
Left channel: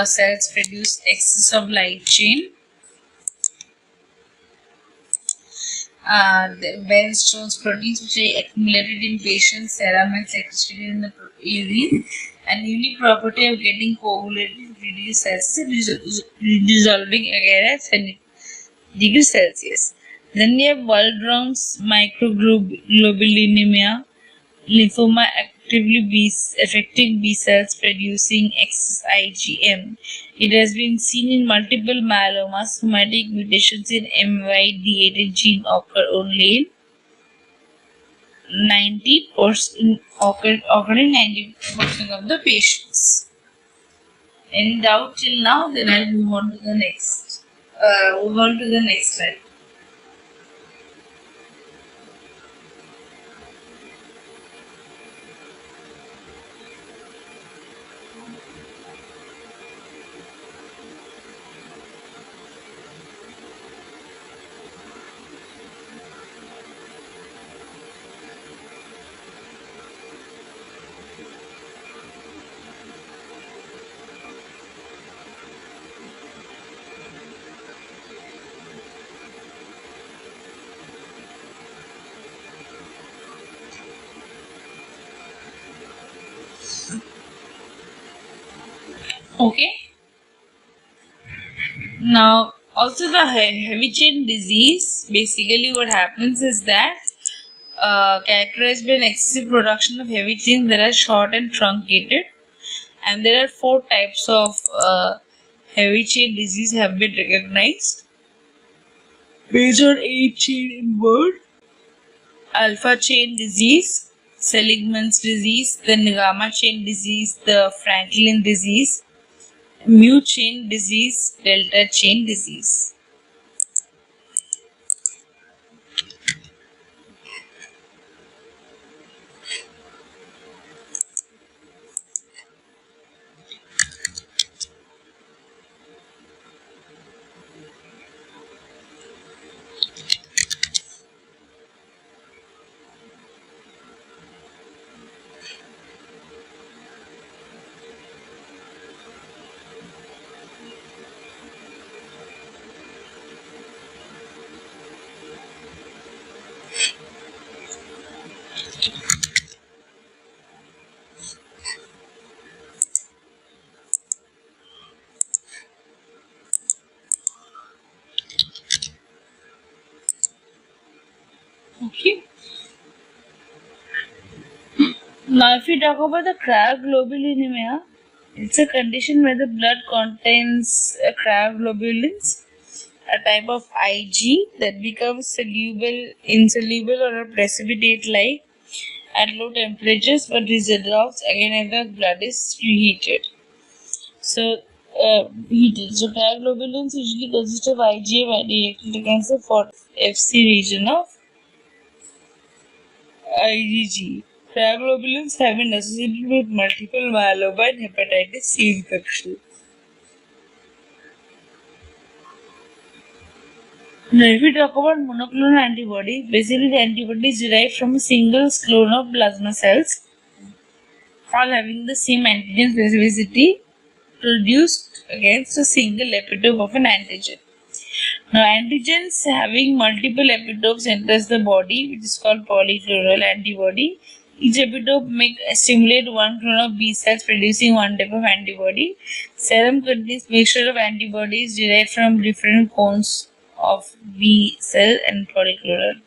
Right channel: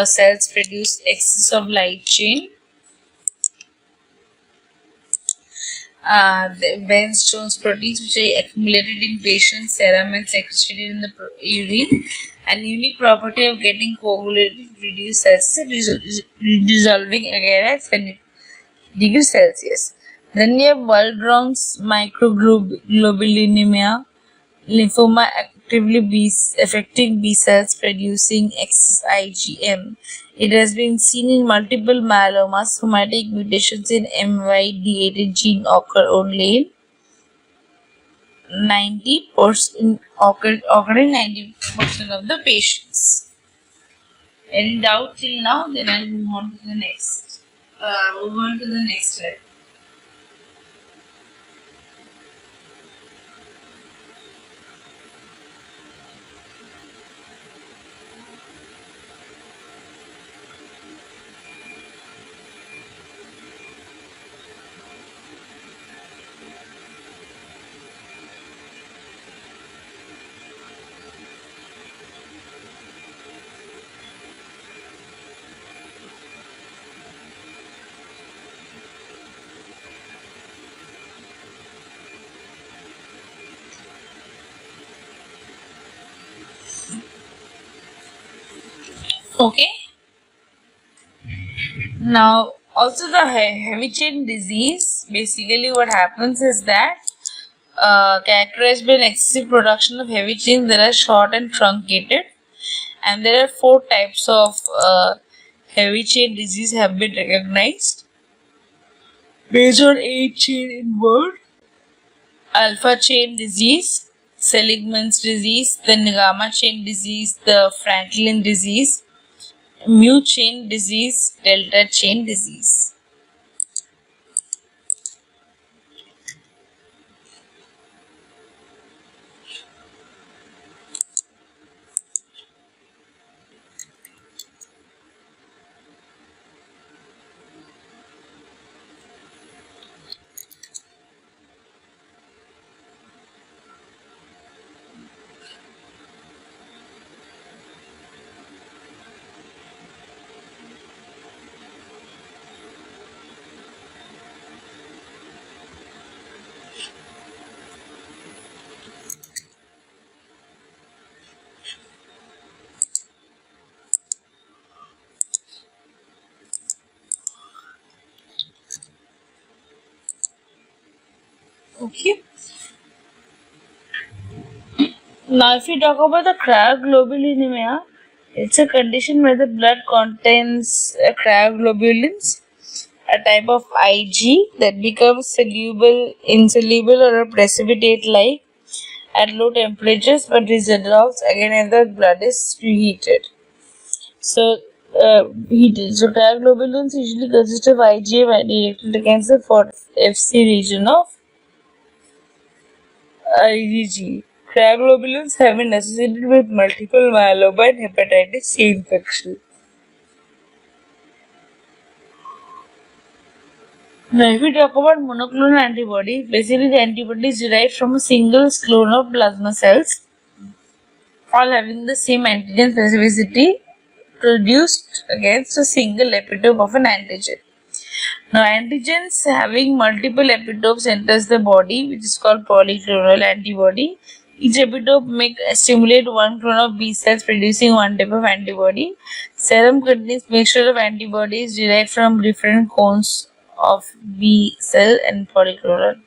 cells produce excess of light chain. The Bence-Jones proteins, which are accumulated in patients' serum and secreted in the urine, and unique property of getting coagulated reduced cells dissolving again at 70 degrees Celsius. Then we have Waldron's microglobulinemia, lymphoma affecting B cells producing excess IgM. It has been seen in multiple myelomas. Somatic mutations in MYD88 gene occur only in 90% occur in 90% of the patients. Any doubt till now? Then I'll move on to the next. Move on to the next slide. Okay. Now, also the heavy chain disease. Basically, what happens is that characterized by an excessive production of heavy chains that are short and truncated, and there are 4 types of heavy chain disease have been recognized based on 8 chain inward: alpha chain disease, Seligman's disease, the gamma chain disease, the Franklin disease, mu chain disease, delta chain disease. Okay. Now, if we talk about the cryoglobulinemia, it's a condition where the blood contains cryoglobulins, a type of Ig that becomes insoluble, or a precipitate-like at low temperatures, but dissolves again if the blood is reheated. So, heated. So, cryoglobulins usually consist of IgA directed against the FC region of IgG. Cryoglobulins have been associated with multiple myeloma and hepatitis C infection. Now, if we talk about monoclonal antibodies, basically the antibodies derived from a single clone of plasma cells, all having the same antigen specificity produced against a single epitope of an antigen. Now, antigens having multiple epitopes enters the body, which is called polyclonal antibody. Each epitope may stimulate one clone of B cells producing one type of antibody. Serum contains mixture of antibodies derived from different clones of B cell and polyclonal.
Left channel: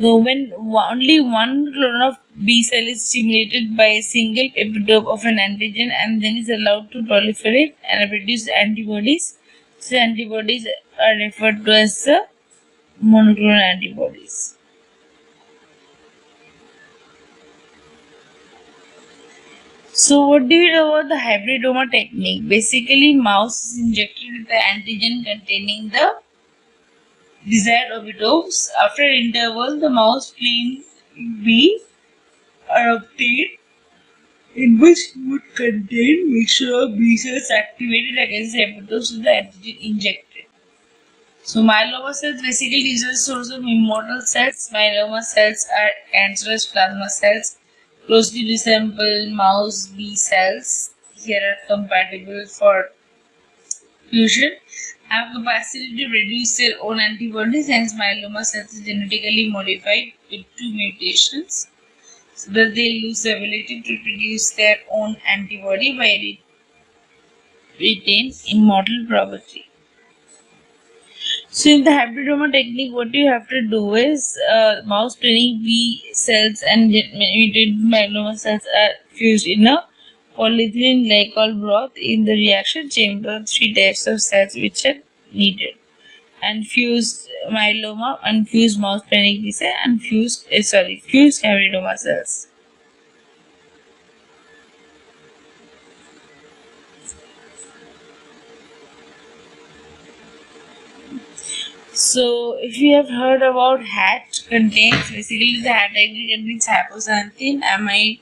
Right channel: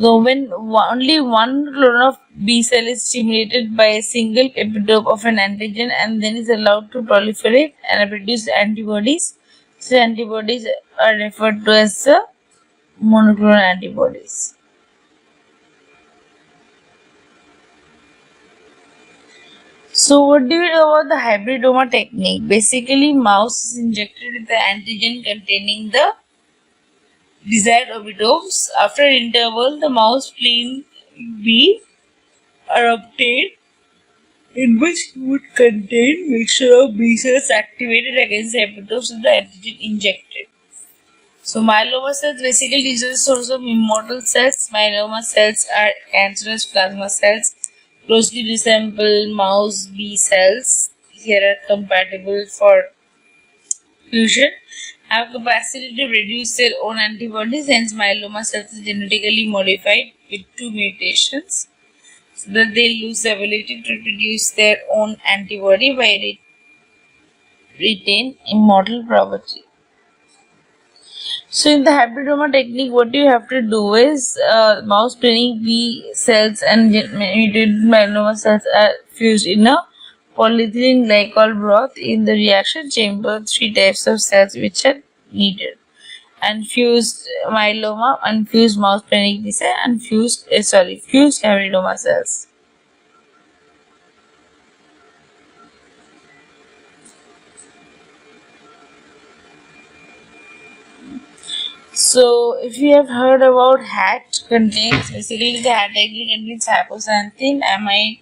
So when only one clone of B cell is stimulated by a single epitope of an antigen and then is allowed to proliferate and produce antibodies, so antibodies are referred to as the monoclonal antibodies. So what do you know about the hybridoma technique? Basically, mouse is injected with the antigen containing the desired epitopes. After an interval, the mouse plane B are obtained, in which would contain mixture of B cells activated against the epitopes of the antigen injected. So myeloma cells basically these are the source of immortal cells. Myeloma cells are cancerous plasma cells closely resemble mouse B cells. Here are compatible for fusion, have capacity to produce their own antibodies, hence myeloma cells are genetically modified with 2 mutations so that they lose the ability to produce their own antibody by retain immortal property. So in the hybridoma technique, what you have to do is mouse cloning B cells and mutated myeloma cells are fused in a polyethylene glycol broth in the reaction chamber. Three types of cells which are needed: unfused myeloma, unfused mouse cloning B cell, fused hybridoma cells. So, if you have heard about HAT, contains basically the HAT actually contains hypoxanthine, amide,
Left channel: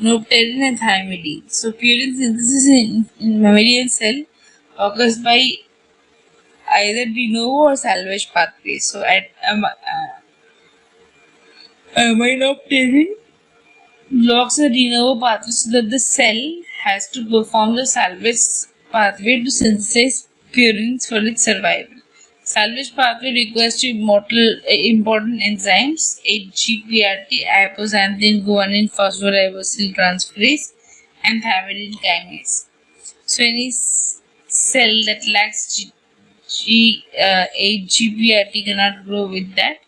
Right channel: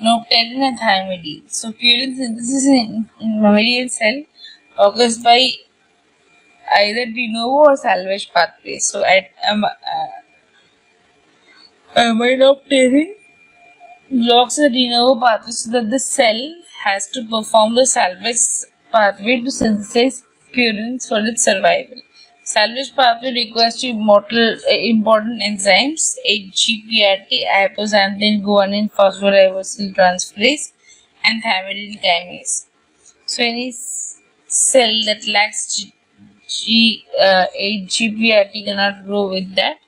nopterin, and thymidine. So, purine synthesis in mammalian cell occurs by either de novo or salvage pathways. So, at aminopterin blocks the de novo pathway so that the cell has to perform the salvage pathway to synthesize purines for its survival. Salvage pathway requires two important enzymes: HGPRT, hypoxanthine guanine phosphoribosyl transferase, and thymidine kinase. So any cell that lacks HGPRT cannot grow with that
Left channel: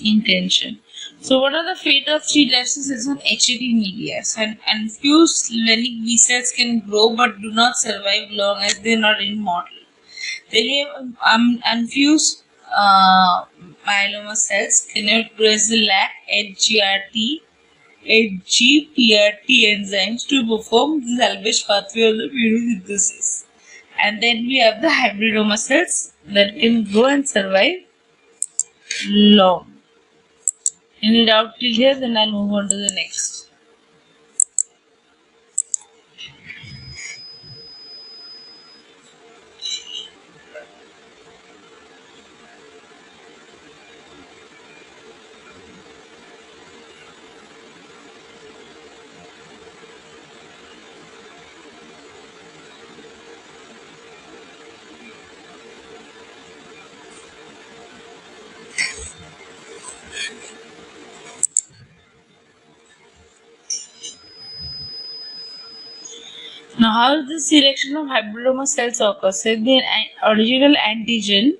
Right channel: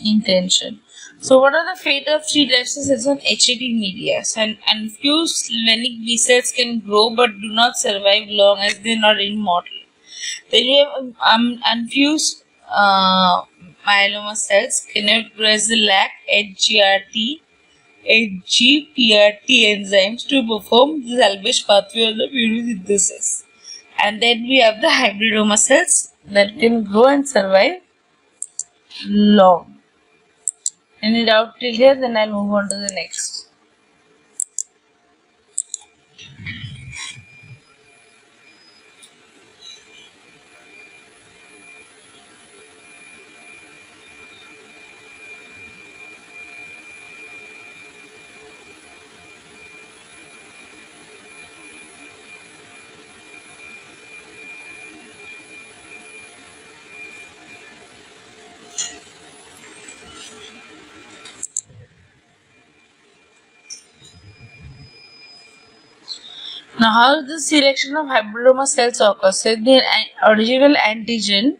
intention. So, what are the fate of three types of cells on HAT media? So, unfused splenic B cells can grow but do not survive long as they are not immortal. Then you have unfused myeloma cells cannot grow as they lack HGPRT enzymes to perform the salvage pathway of the purine synthesis. And then we have the hybridoma cells that can grow and survive long. Any doubt till here? Then I'll move on to the next. Now, how is the selection of hybridoma cells occurs? So, the original antigen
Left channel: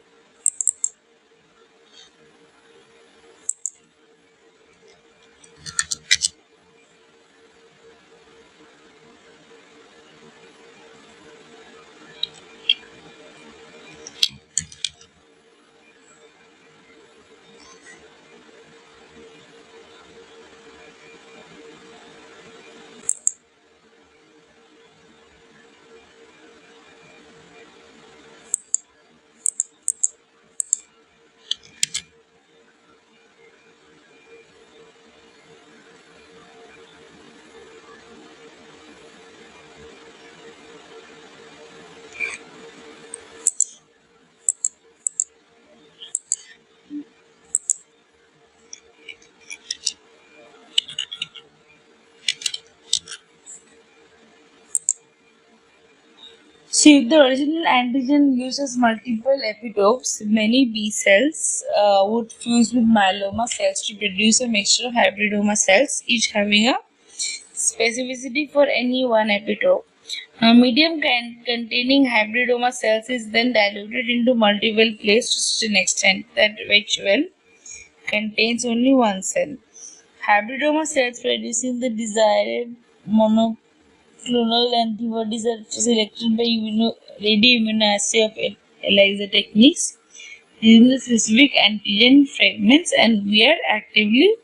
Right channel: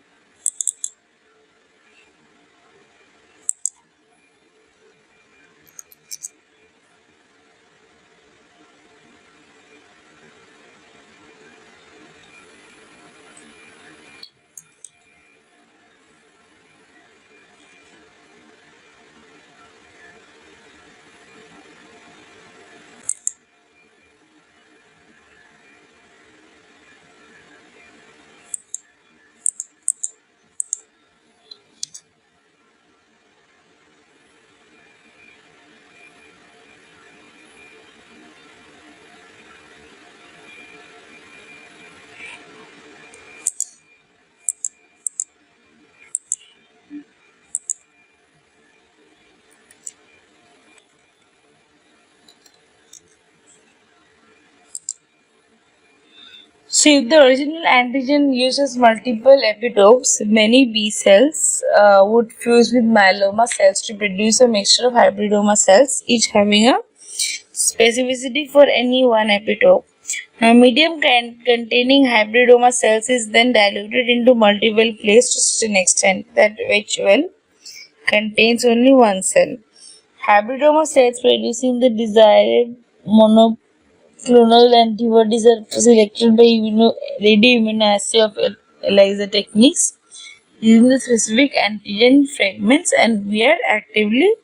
So, if the original antigen uses multiple epitopes, many B cells would fuse with myeloma cells to produce a mixture of hybridoma cells, each having a specificity for any one epitope. Now, medium containing hybridoma cells is then diluted into multiple plates to such an extent that which well contains only one cell. Hybridoma cells producing the desired monoclonal antibodies are selected by radioimmunoassay of ELISA techniques using the specific antigen fragments and we are actively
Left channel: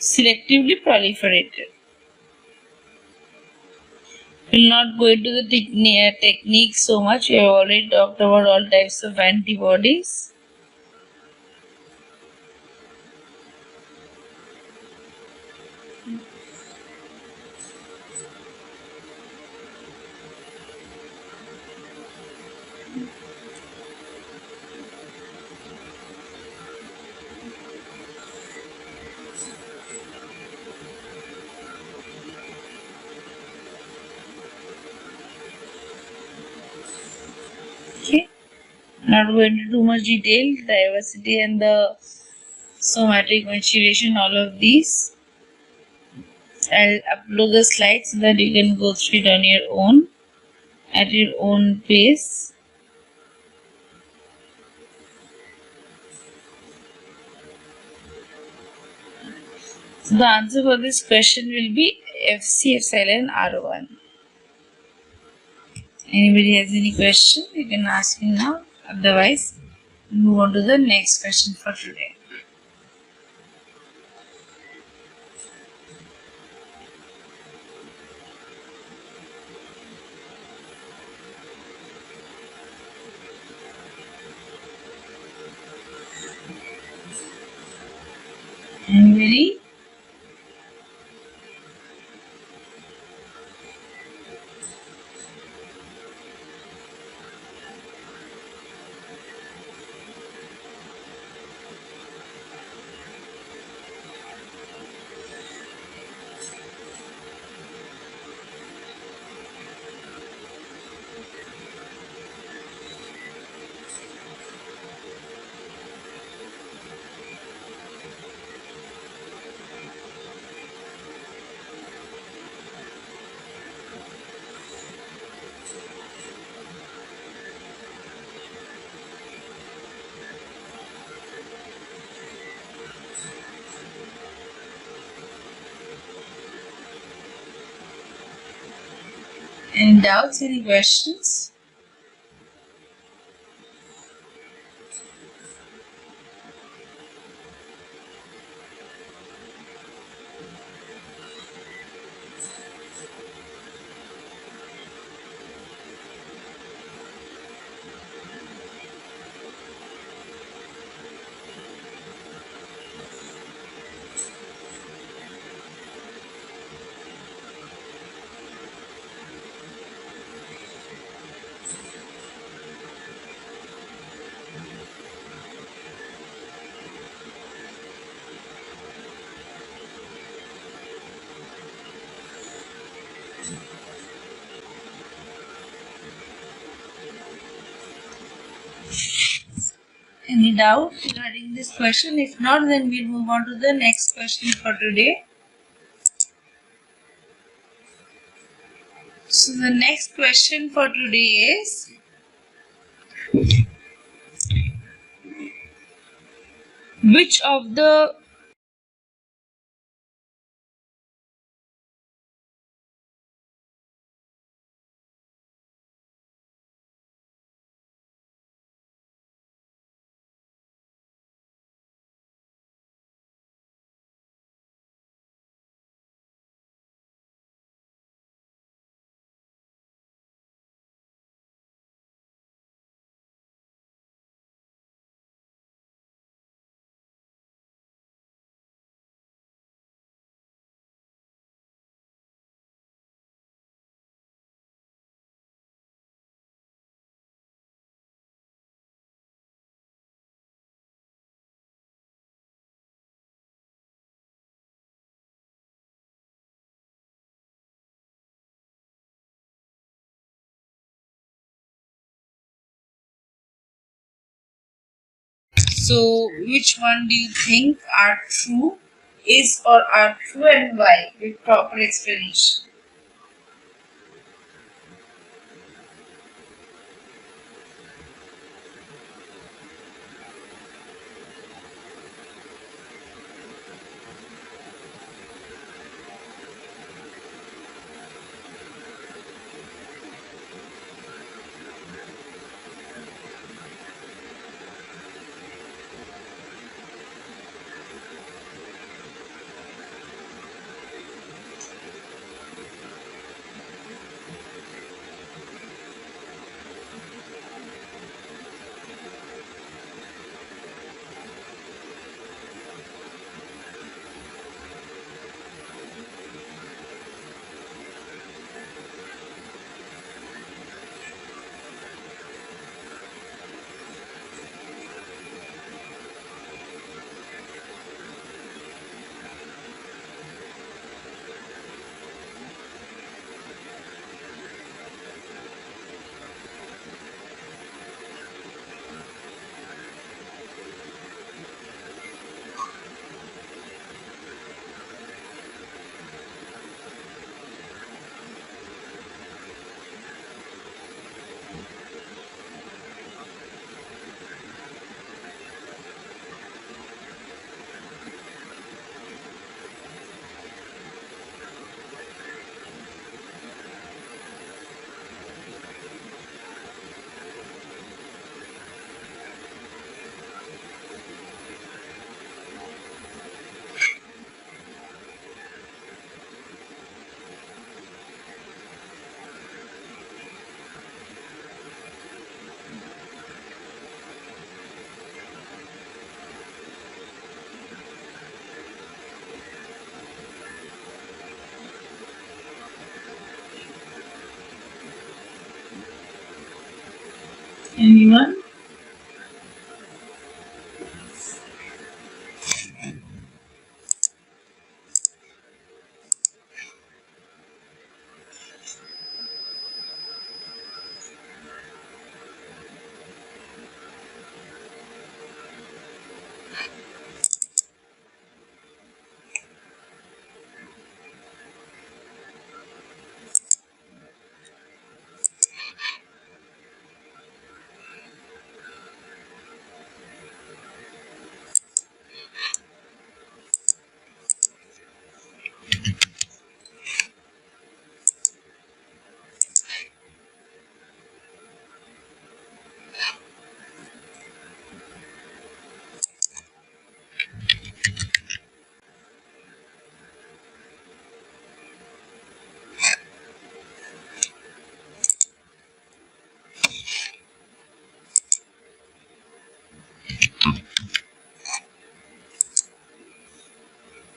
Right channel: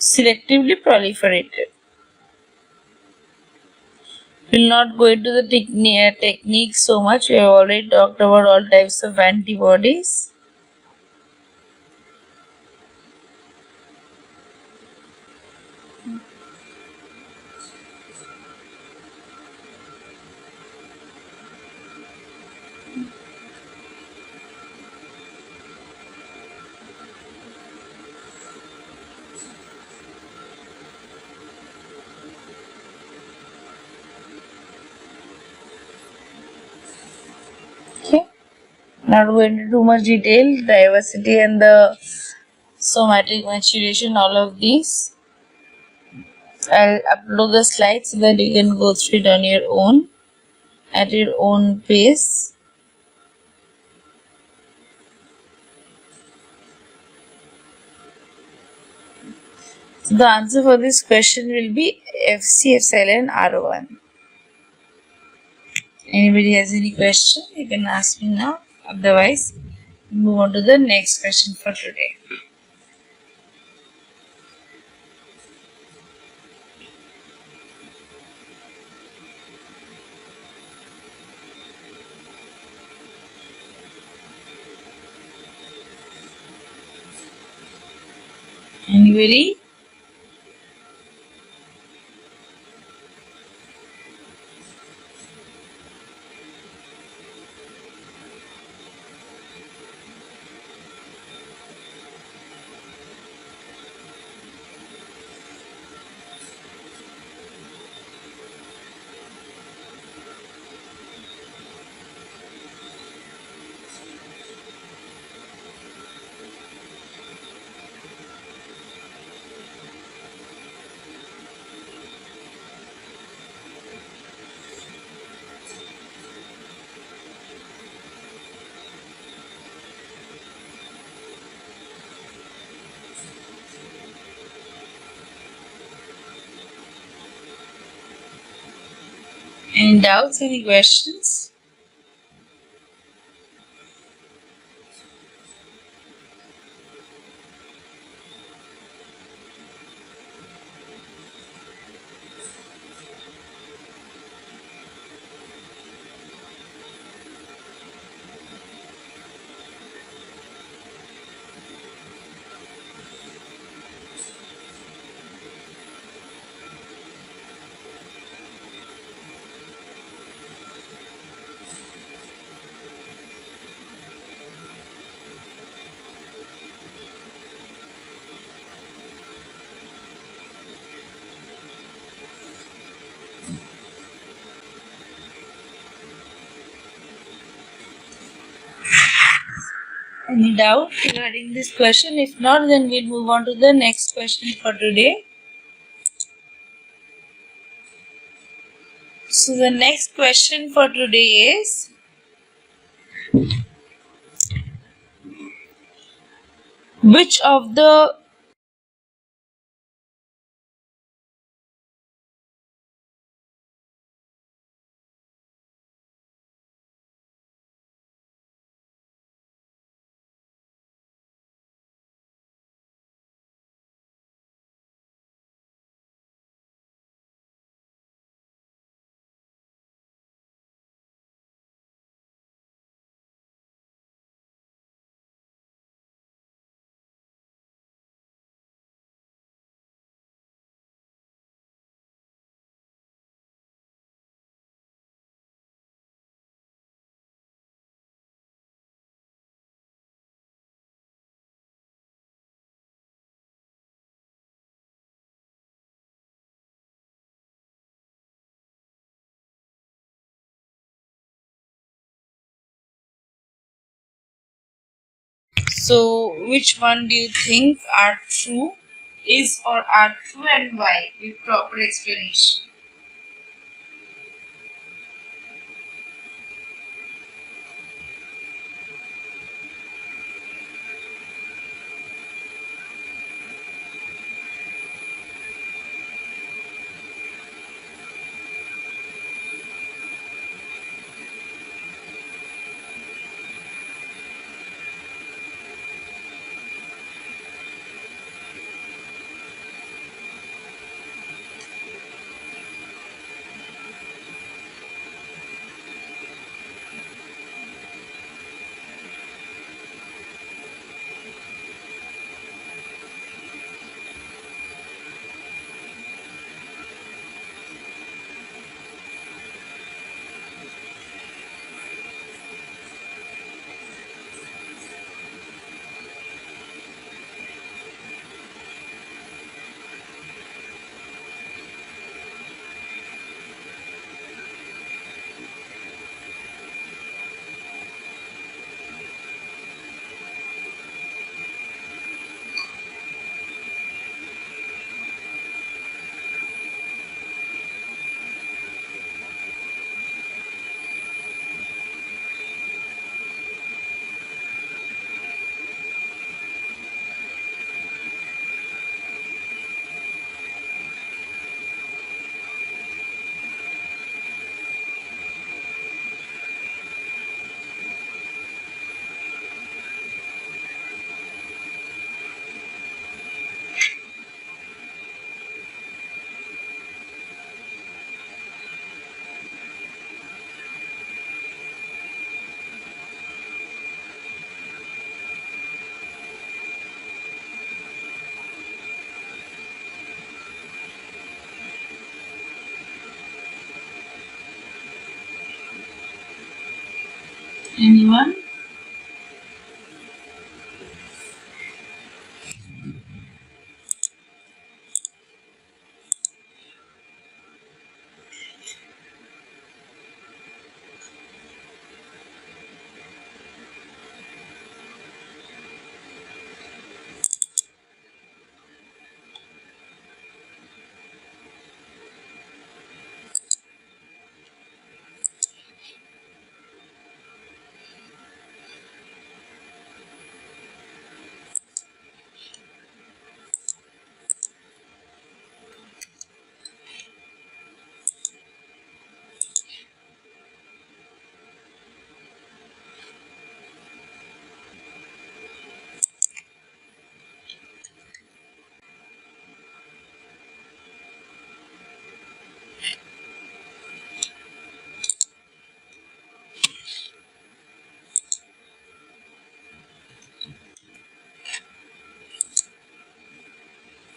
selectively proliferated. We'll not go into the technique so much. We have already talked about all types of antibodies. Okay. Not going into too much detail. Diversity and the somatic maturation, all of these. I'll upload the slides so that you can go through it on your own. at your own pace. So the answer for this question will be FC epsilon R1. Anybody has any question? You can ask me now. Otherwise, move on to the next question for today. Anybody? Any doubts? Any questions? Any doubt regarding this question? If not, then we'll move on to the next question for today. So the next question for today is, which of the so which one do you think are true, is or are true, and why, with proper explanation? Anyone?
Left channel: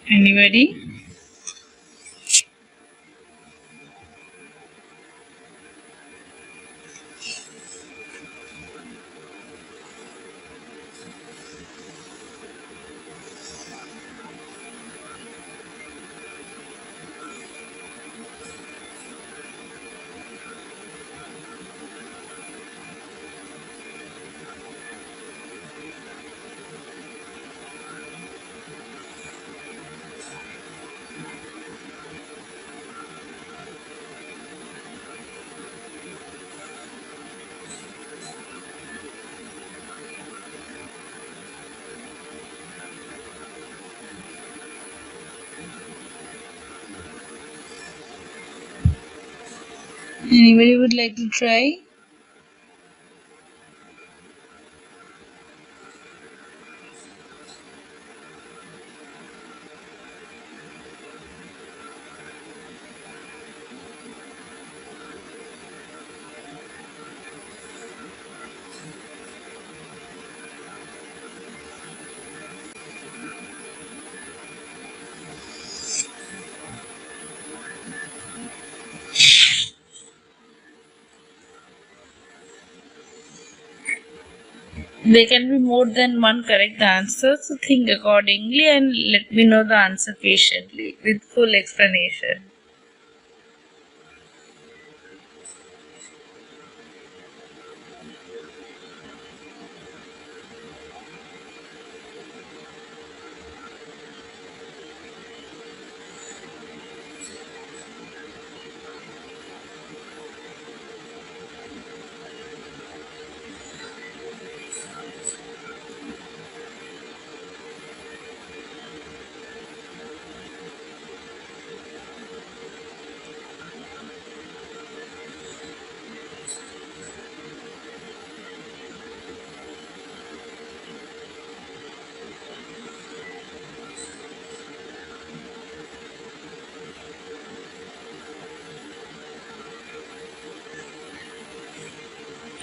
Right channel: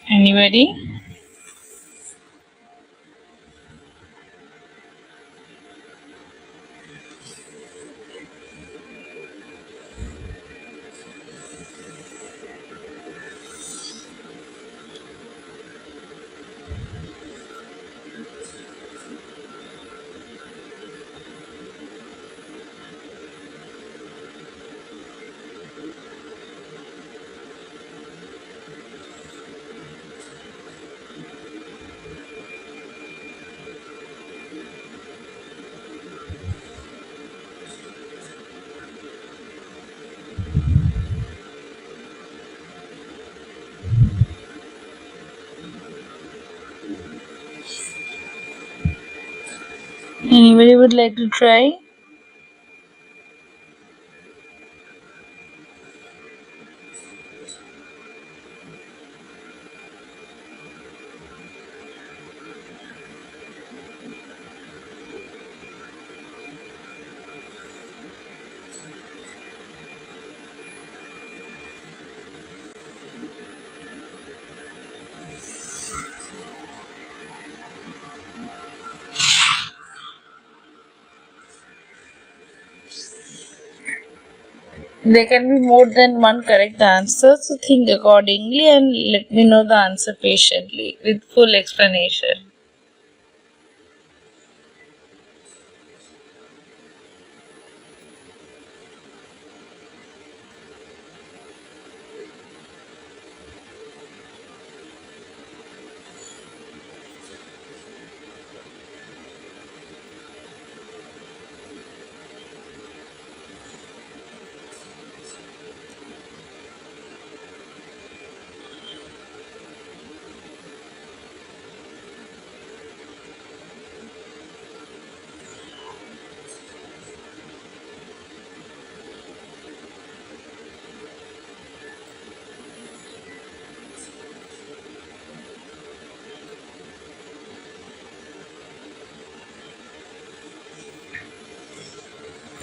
Anybody? Anybody would like to try? There can be more than one correct answer, so think accordingly and let me know the answer patiently with full explanation.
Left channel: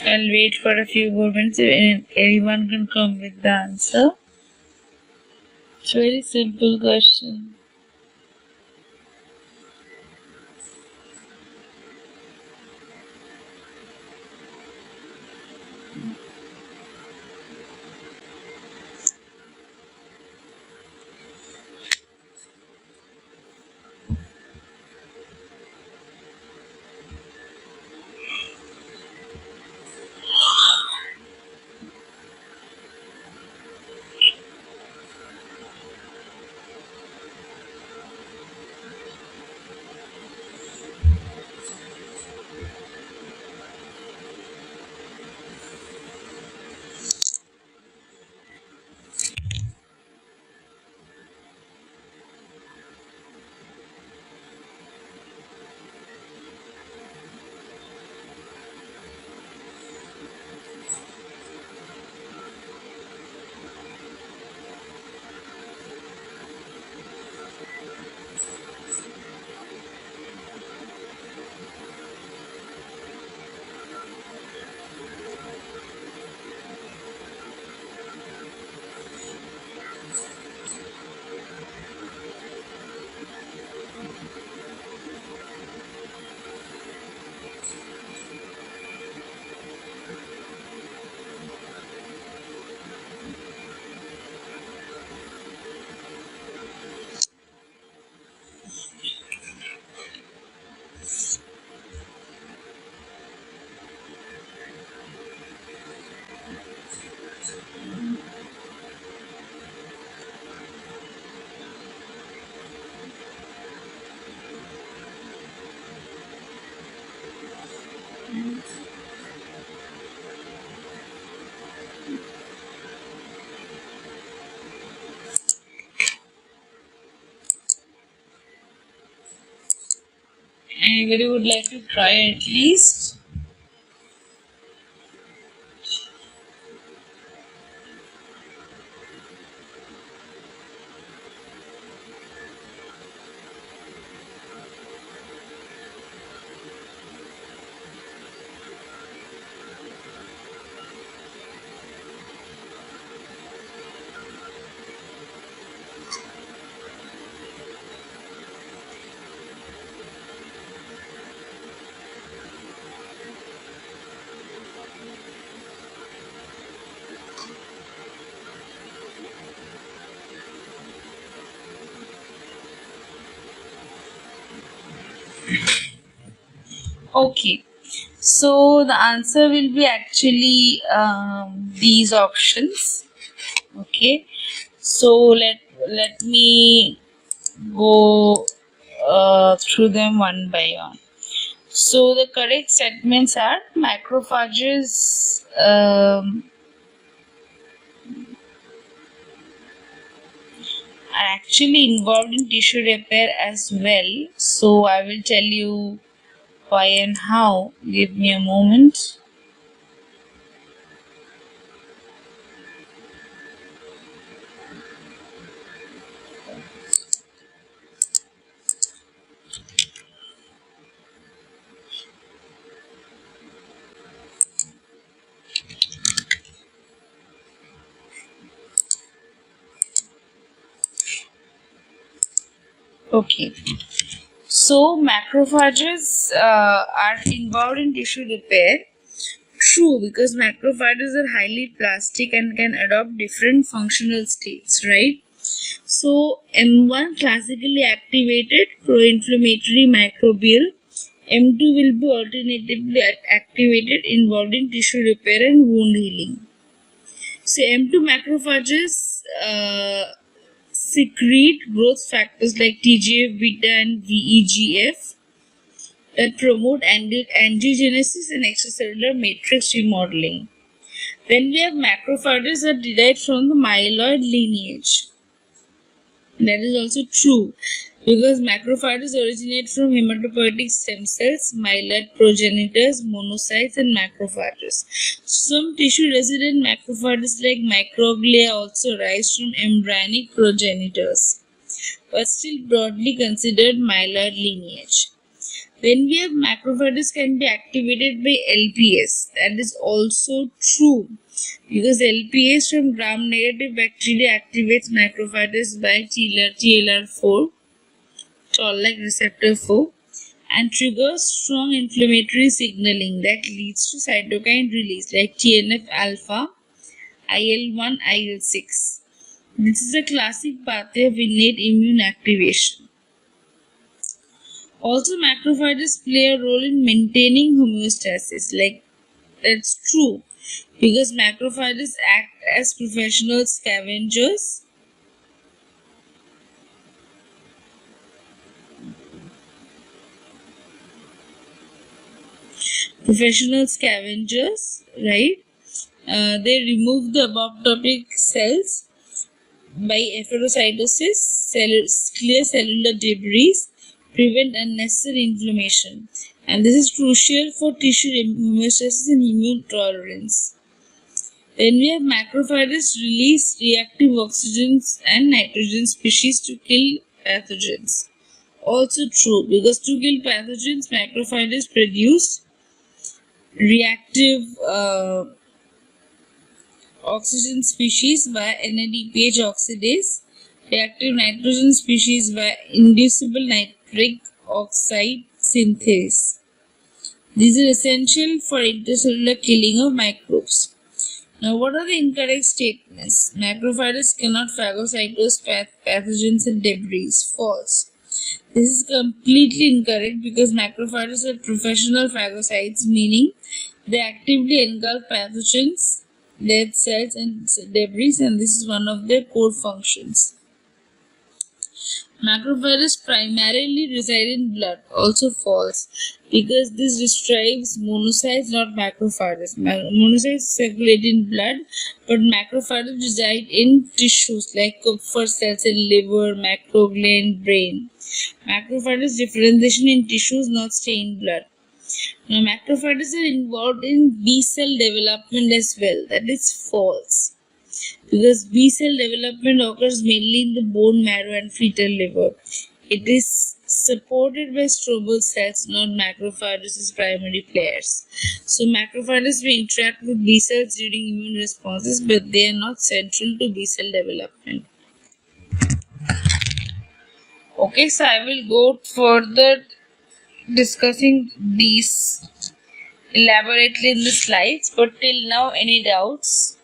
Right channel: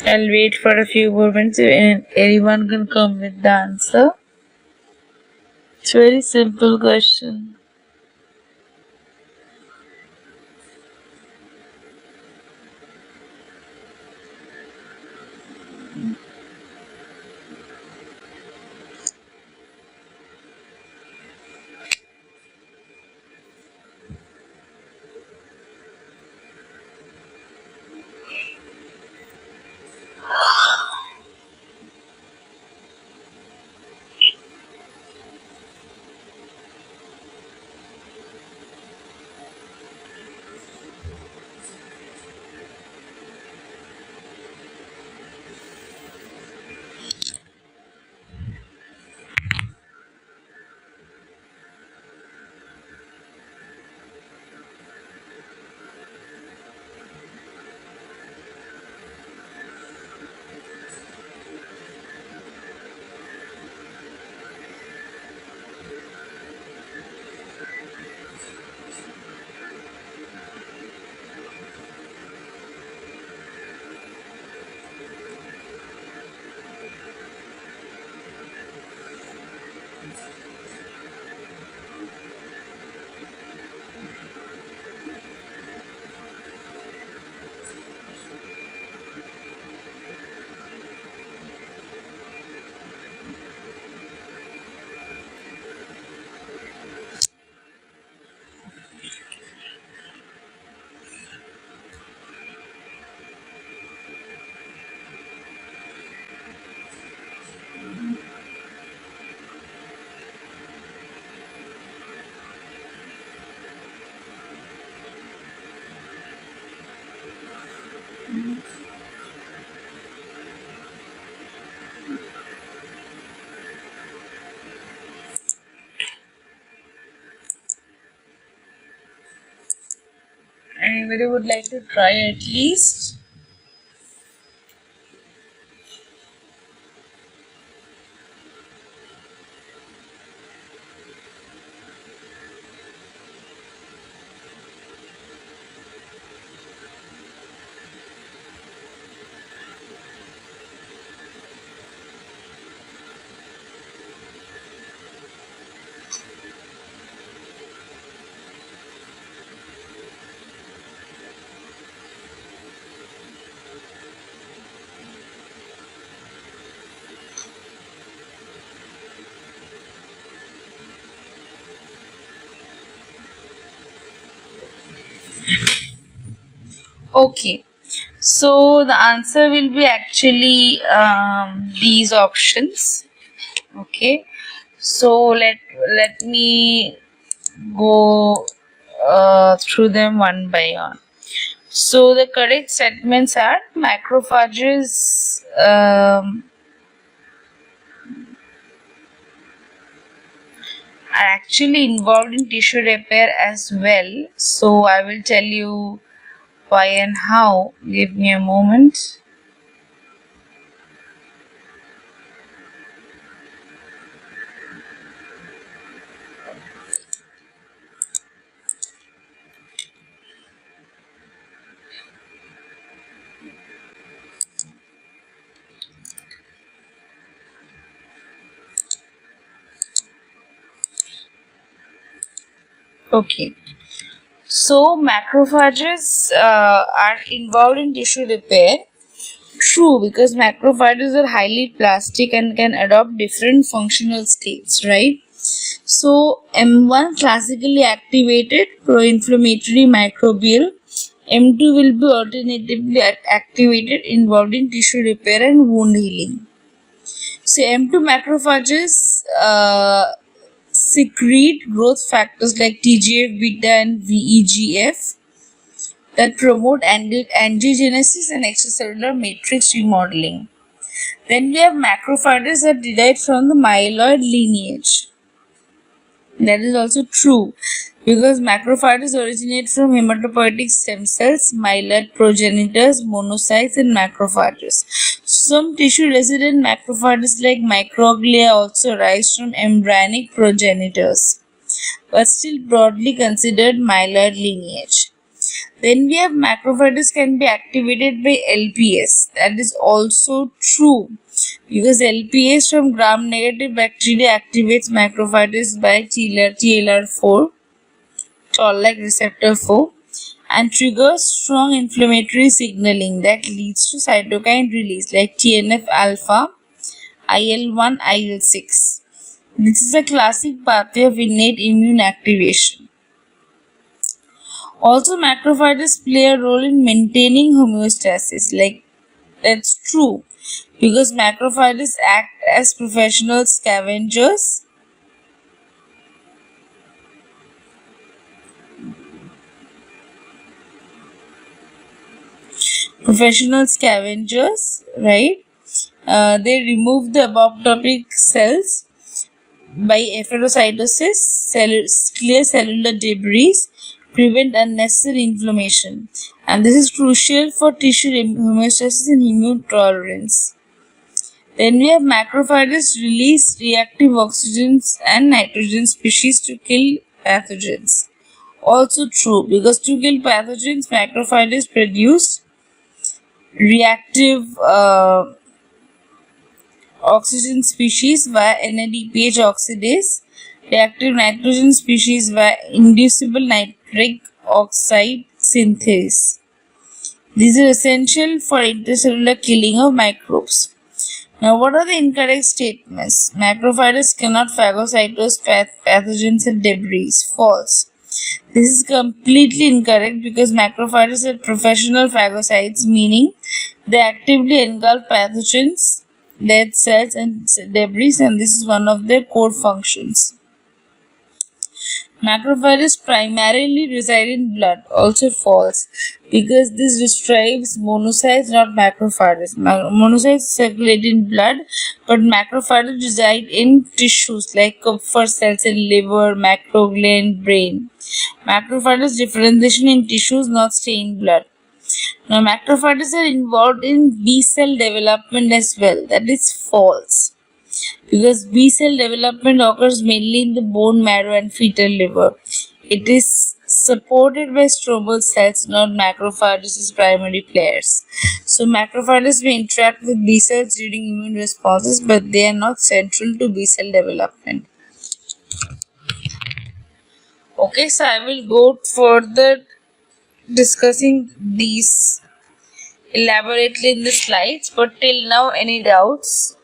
I'll wait for a few moments and anyone can come with the answer. It's a very simple question. Anybody would like to try at least? Okay, so the answer will be actually these options. Okay, so let me go through them one by one. So the correct statements are macrophages are actually involved in tissue repair as well. So I will tell you why and how. Give me a moment. Okay. So macrophages are involved in tissue repair. True, because macrophages are highly plastic and can adopt different functional states, right? So M1 classically activated pro-inflammatory microbial. M2 will be alternatively activated involved in tissue repair and wound healing. So M2 macrophages secrete growth factors like TGF beta and VEGF that promote angiogenesis and extracellular matrix remodeling. Then we have macrophages that derived from the myeloid lineage. That is also true because macrophages originate from hematopoietic stem cells, myeloid progenitors, monocytes, and macrophages. Some tissue resident macrophages like microglia also arise from embryonic progenitors, but still broadly considered myeloid lineage. Then we have macrophages can be activated by LPS. That is also true because LPS from gram-negative bacteria activates macrophages by TLR4, toll-like receptor 4, and triggers strong inflammatory signaling that leads to cytokine release like TNF alpha, IL-1, IL-6. This is a classic pathway of innate immune activation. Also, macrophages play a role in maintaining homeostasis. That's true because macrophages act as professional scavengers. Right? They remove the apoptotic cells by efferocytosis, clear cellular debris, prevent unnecessary inflammation, and this is crucial for tissue homeostasis and immune tolerance. Then we have macrophages release reactive oxygens and nitrogen species to kill pathogens. Also true because to kill pathogens, macrophages produce reactive oxygen species via NADPH oxidase, reactive nitrogen species via inducible nitric oxide synthase. These are essential for intercellular killing of microbes. Now, what are the incorrect statements? Macrophages cannot phagocytose pathogens and debris. False. This is completely incorrect because macrophages are professional phagocytes, meaning they actively engulf pathogens, dead cells, and debris, and this is one of their core functions. Macrophages primarily reside in blood, also false, because this describes monocytes, not macrophages. Monocytes circulate in blood, but macrophages reside in tissues like Kupffer cells in liver, macroglia, brain. Macrophages differentiation in tissues, not stay in blood. Now, macrophages are involved in B cell development as well. That is false, because B cell development occurs mainly in the bone marrow and fetal liver. It is supported by stromal cells, not macrophages as primary players. So macrophages may interact with B cells during immune responses, but they are not central to B cell development. Okay, so I will go further discussing these elaborately in the slides, but till now, any doubts?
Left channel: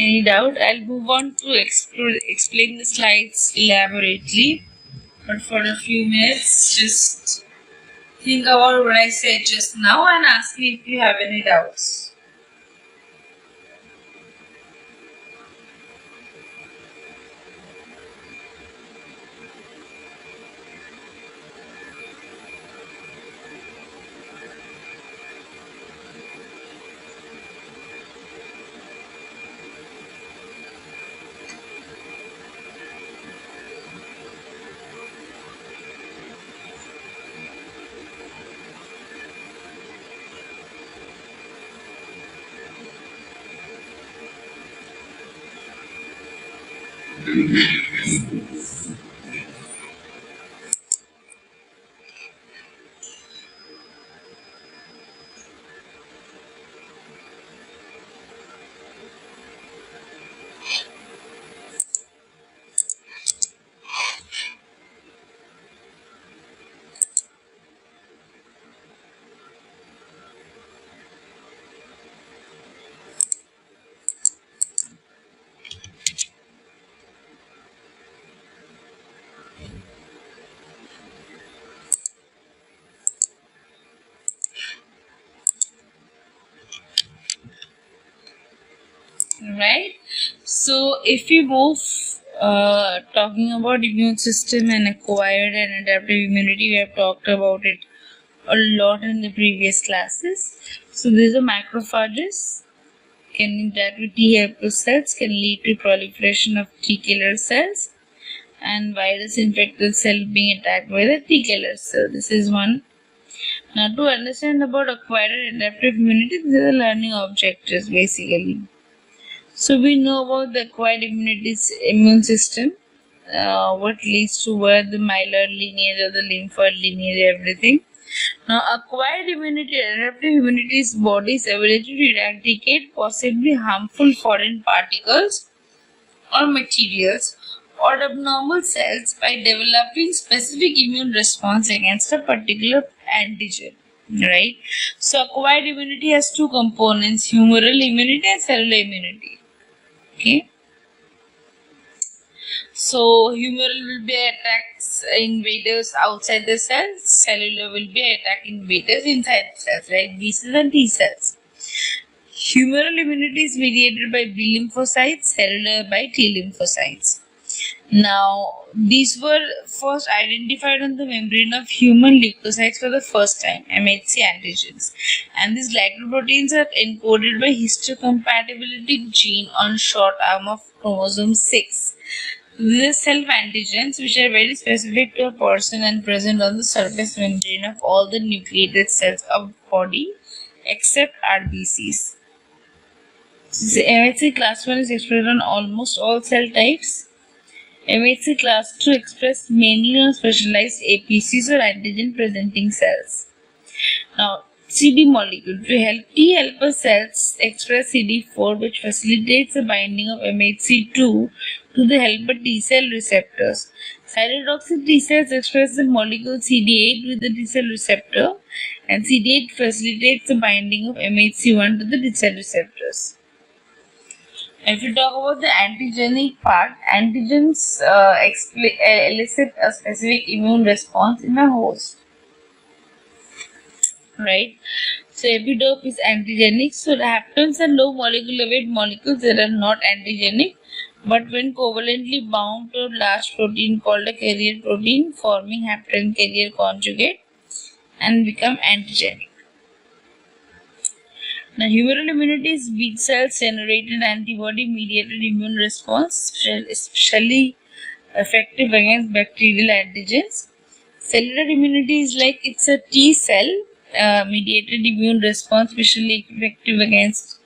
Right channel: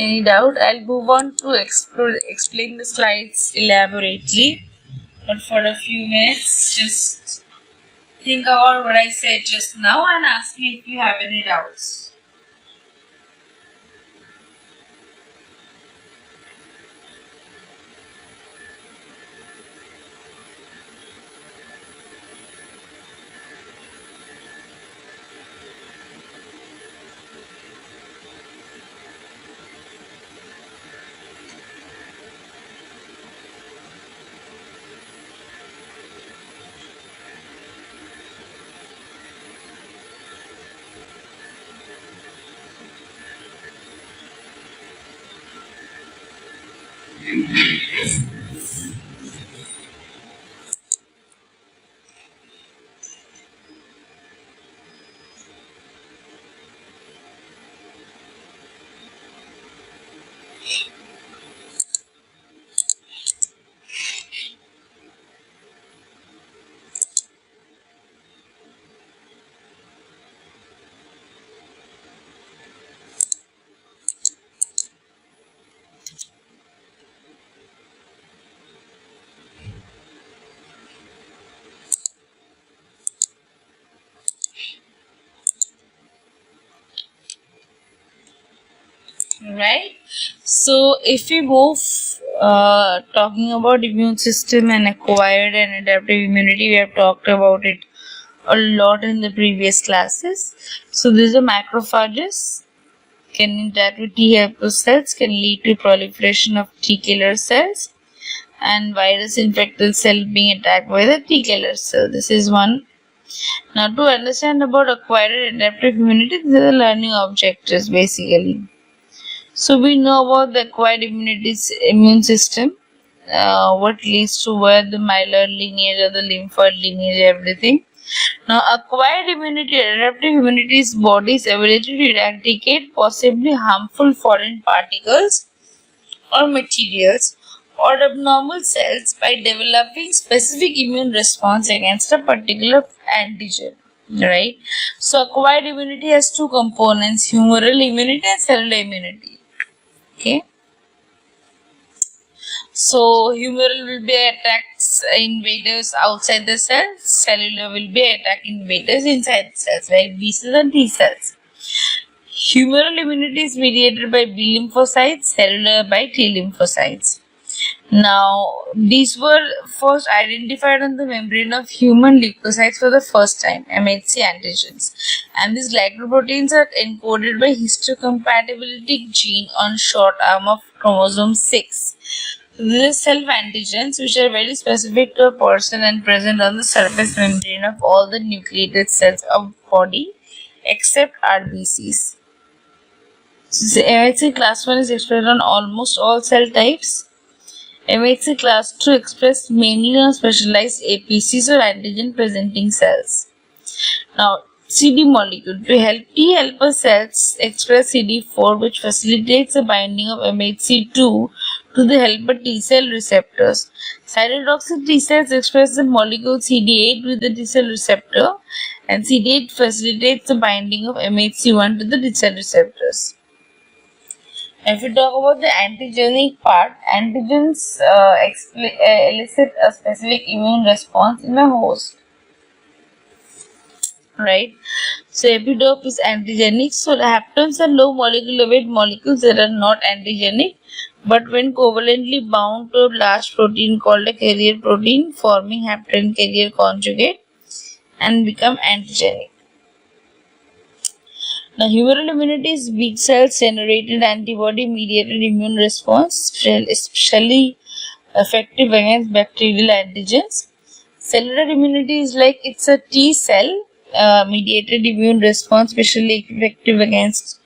Any doubt? I'll move on to explain the slides elaborately. But for a few minutes, just think about what I said just now and ask me if you have any doubts. Right? So, if we move talking about immune system and acquired and adaptive immunity, we have talked about it a lot in the previous classes. So, these are macrophages, can interact with T helper cells, can lead to proliferation of T killer cells, and virus infected cell being attacked by the T killer cell. This is one. Now, to understand about acquired and adaptive immunity, these are the learning objectives basically. So we know about the acquired immune system, what leads to where the myelin lineage or the lymphoid lineage, everything. Now, acquired immunity, adaptive immunity is body's ability to eradicate possibly harmful foreign particles or materials or abnormal cells by developing specific immune response against a particular antigen. Right? So, acquired immunity has two components: humoral immunity and cellular immunity. Okay. So humoral will be attacks invaders outside the cells. Cellular will be attack invaders inside the cells, like B cells and T cells. Humoral immunity is mediated by B lymphocytes, cellular by T lymphocytes. Now, these were first identified on the membrane of human leukocytes for the first time, MHC antigens. And these glycoproteins are encoded by histocompatibility gene on short arm of chromosome 6. These are self-antigens which are very specific to a person and present on the surface membrane of all the nucleated cells of body except RBCs. So MHC class 1 is expressed on almost all cell types. MHC class 2 expressed mainly on specialized APCs or antigen presenting cells. Now, CD molecule. To help T helper cells express CD4, which facilitates the binding of MHC2 to the helper T cell receptors. Cytotoxic T cells express the molecule CD8 with the T cell receptor, and CD8 facilitates the binding of MHC1 to the T cell receptors. If we talk about the antigenic part, antigens elicit a specific immune response in a host. Right? So epitope is antigenic. So the haptens are low molecular weight molecules that are not antigenic, but when covalently bound to a large protein called a carrier protein, forming hapten carrier conjugate and become antigenic. Now, humoral immunity is B cells generated antibody mediated immune response, especially effective against bacterial antigens. Cellular immunity is like it's a T cell mediated immune response, especially effective against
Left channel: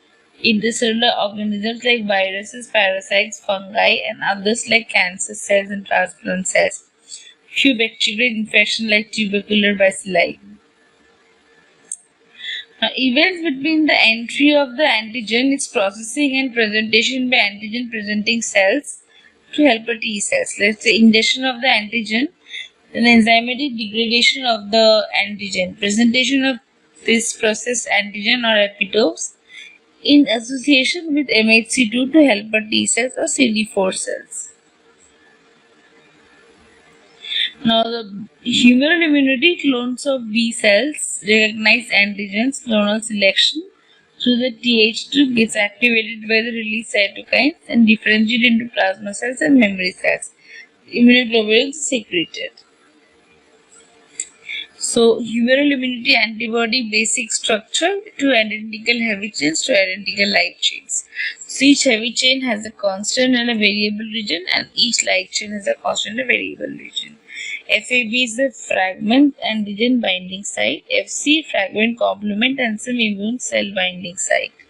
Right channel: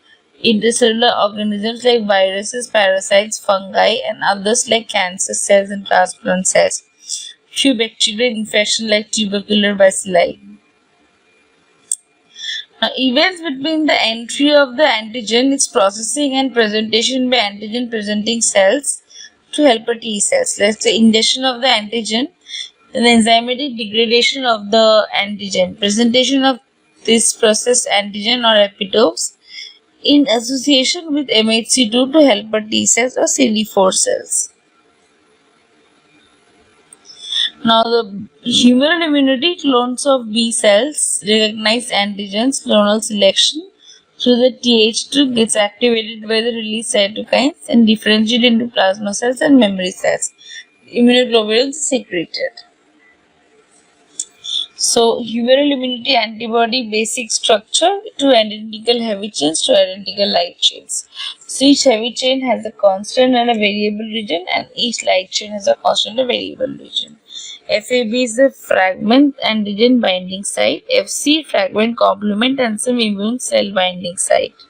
intercellular organisms like viruses, parasites, fungi, and others like cancer cells and transplant cells. Few bacterial infections like tubercular bacilli. Events between the entry of the antigen, its processing and presentation by antigen presenting cells to helper T cells. Let's say ingestion of the antigen, then enzymatic degradation of the antigen, presentation of this processed antigen or epitopes in association with MHC2 to helper T cells or CD4 cells. Now, the humoral immunity, clones of B cells recognize antigens, clonal selection through the Th2 gets activated by the release cytokines and differentiate into plasma cells and memory cells. Immunoglobulins secreted. So, humoral immunity antibody basic structure: two identical heavy chains to identical light chains. So, each heavy chain has a constant and a variable region, and each light chain has a constant and a variable region. FAB is the fragment antigen binding site, FC fragment complement and some immune cell binding site.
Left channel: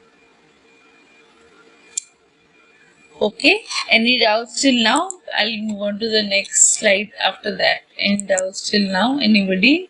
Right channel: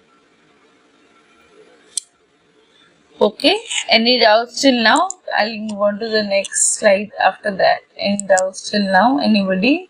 Okay, any doubts till now? I'll move on to the next slide after that. Any doubts till now? Anybody?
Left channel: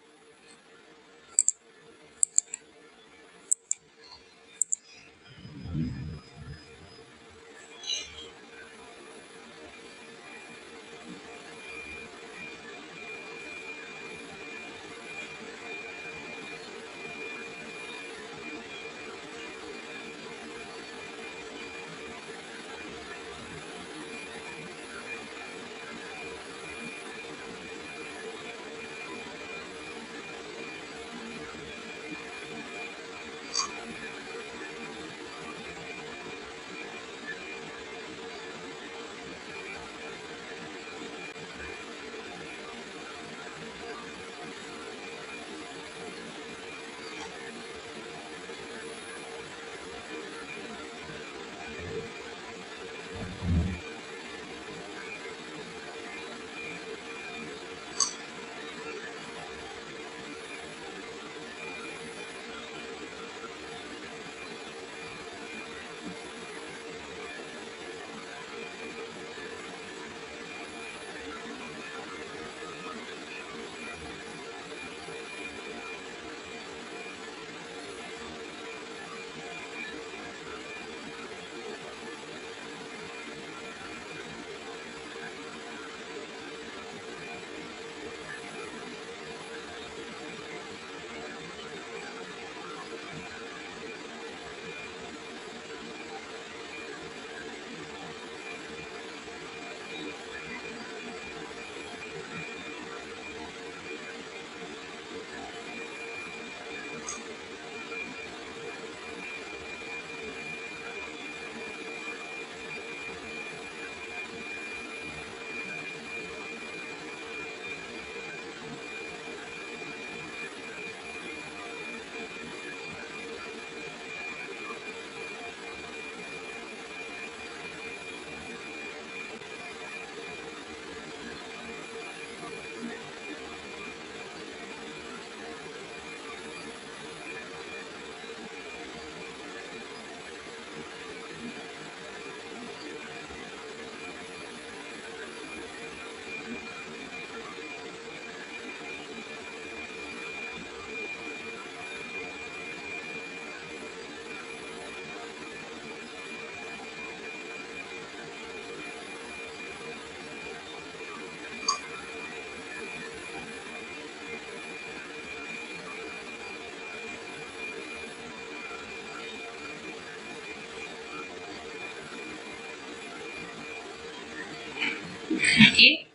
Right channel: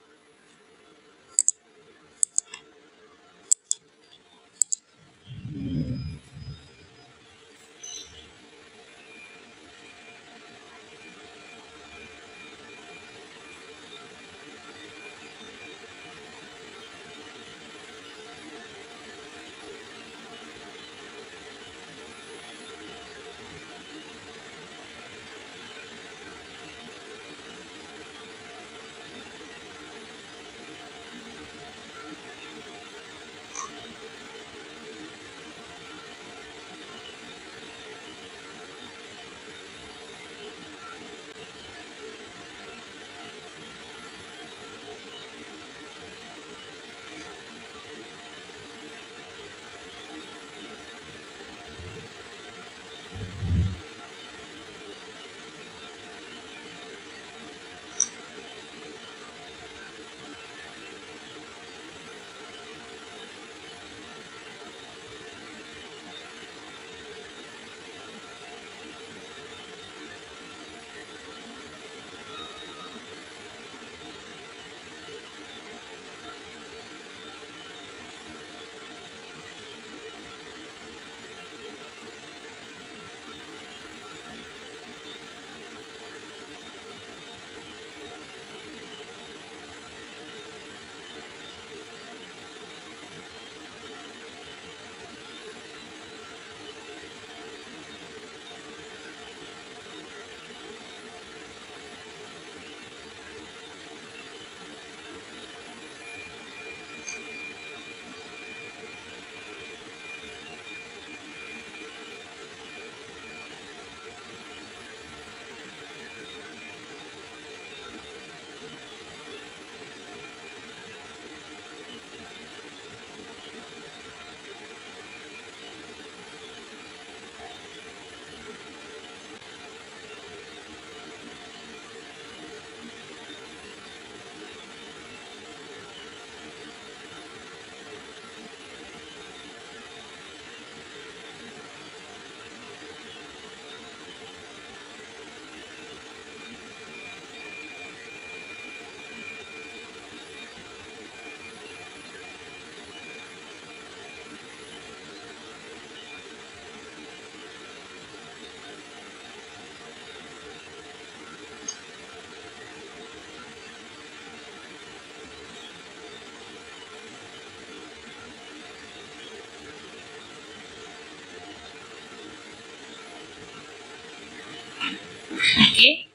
Okay.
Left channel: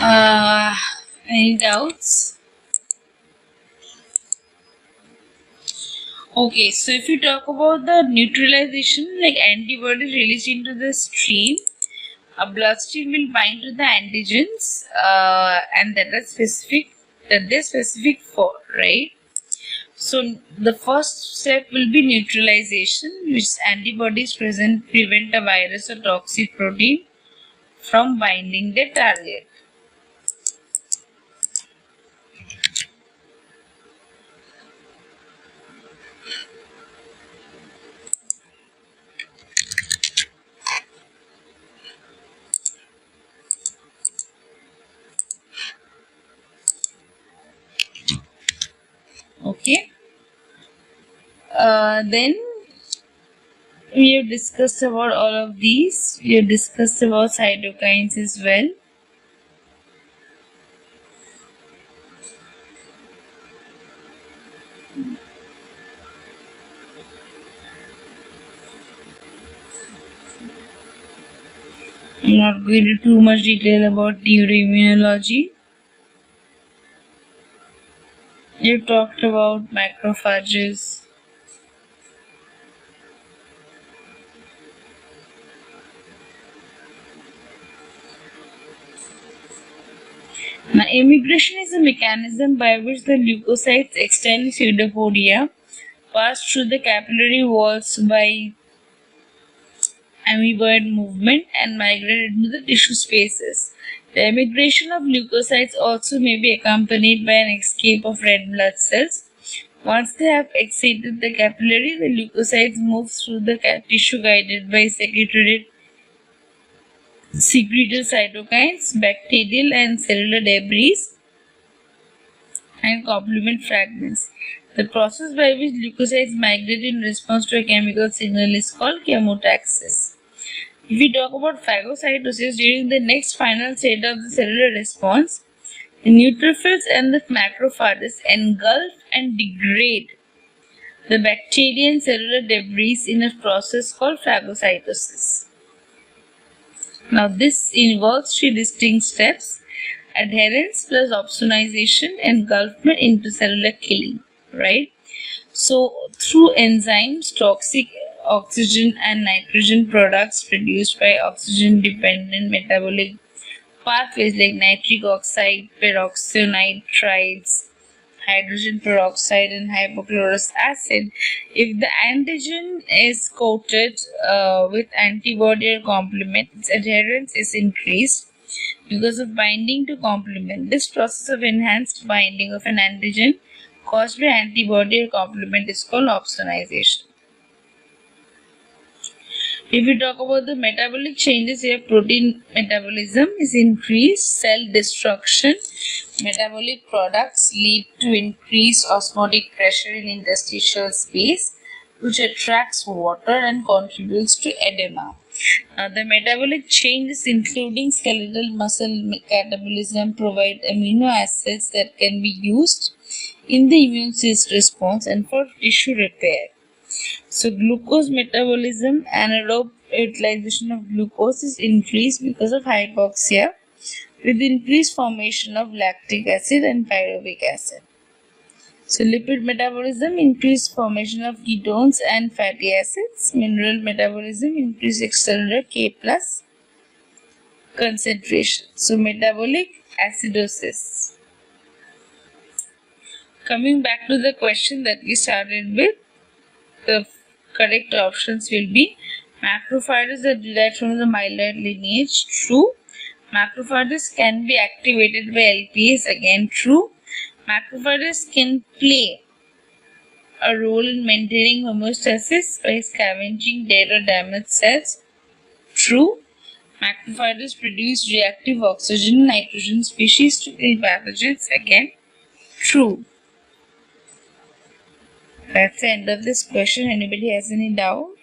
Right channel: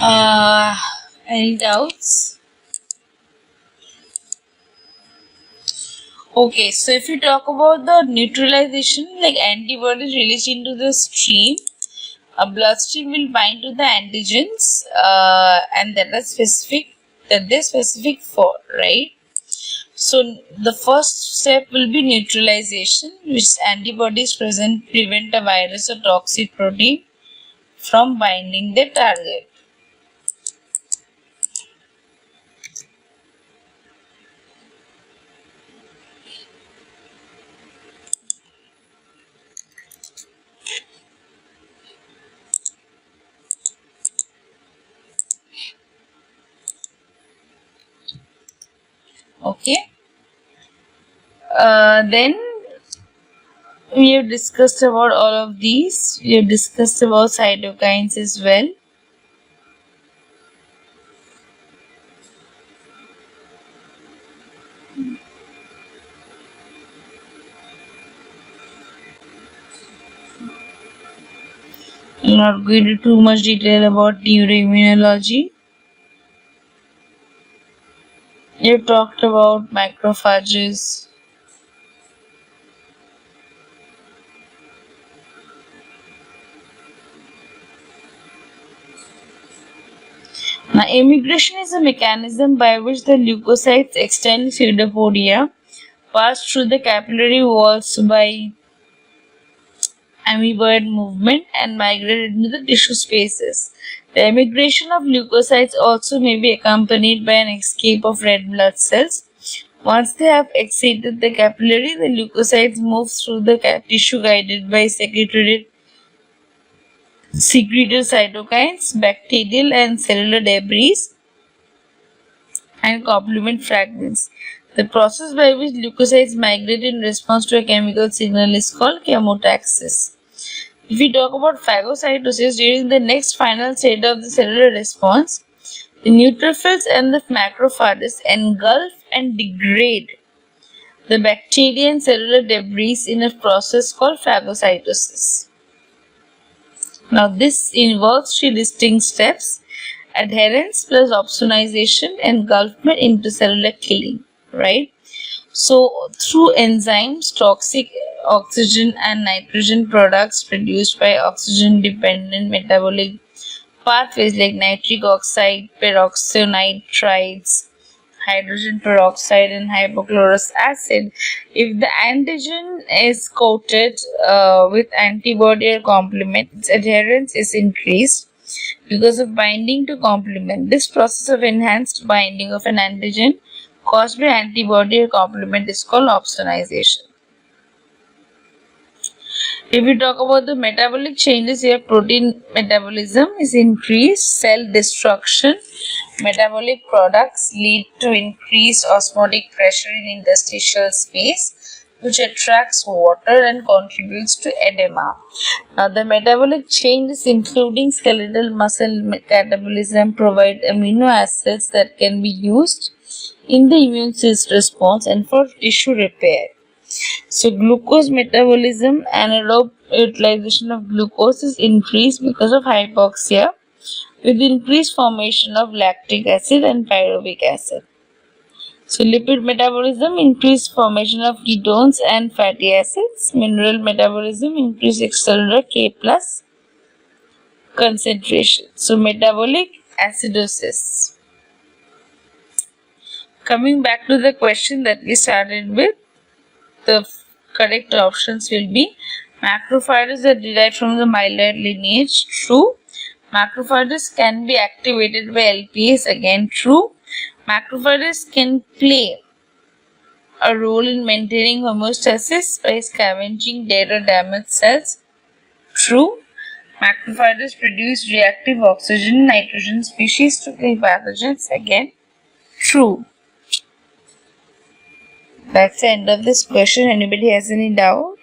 Uh, any doubts? Okay, so if you talk about the neutralization, like antibodies released into the stream, a bloodstream will bind to the antigens, and that they're specific for, right? So the first step will be neutralization, which antibodies present prevent a virus or toxic protein from binding the target. Okay. Then we have discussed about all of these. We have discussed about cytokines as well. I'm not going into too much detail about neuroimmunology. You talked about macrophages. Now, immigration is a mechanism by which the leukocytes extend pseudopodia, pass through the capillary walls by amoeboid movement, and migrate into the tissue spaces. The immigration of leukocytes also may be accompanied by an escape of red blood cells. Once they have exceeded the capillary, the leukocytes move through the tissue guided by secreted cytokines, bacterial and cellular debris, and complement fragments. The process by which leukocytes migrate in response to a chemical signal is called chemotaxis. If we talk about phagocytosis, during the next final stage of the cellular response, the neutrophils and the macrophages engulf and degrade the bacteria and cellular debris in a process called phagocytosis. Now, this involves three distinct steps: adherence plus opsonization, engulfment into cellular killing, right? So, through enzymes, toxic oxygen and nitrogen products produced by oxygen dependent metabolic pathways like nitric oxide, peroxynitrides, hydrogen peroxide, and hypochlorous acid. If the antigen is coated with antibody or complement, its adherence is increased because of binding to complement. This process of enhanced binding of an antigen caused by antibody or complement is called opsonization. If we talk about the metabolic changes here, protein metabolism is increased, cell destruction, metabolic products lead to increased osmotic pressure in interstitial space, which attracts water and contributes to edema. Now, the metabolic changes, including skeletal muscle catabolism, provide amino acids that can be used in the immune system response and for tissue repair. So, glucose metabolism, anaerobic utilization of glucose is increased because of hypoxia, with increased formation of lactic acid and pyruvic acid. So, lipid metabolism, increased formation of ketones and fatty acids. Mineral metabolism, increased extracellular K plus concentration. So, metabolic acidosis. Coming back to the question that we started with, the correct options will be macrophages are derived from the myeloid lineage, true. Macrophages can be activated by LPS, again true. Macrophages can play a role in maintaining homeostasis by scavenging dead or damaged cells, true. Macrophages produce reactive oxygen and nitrogen species to kill pathogens, again true. That's the end of this question. Anybody has any doubt?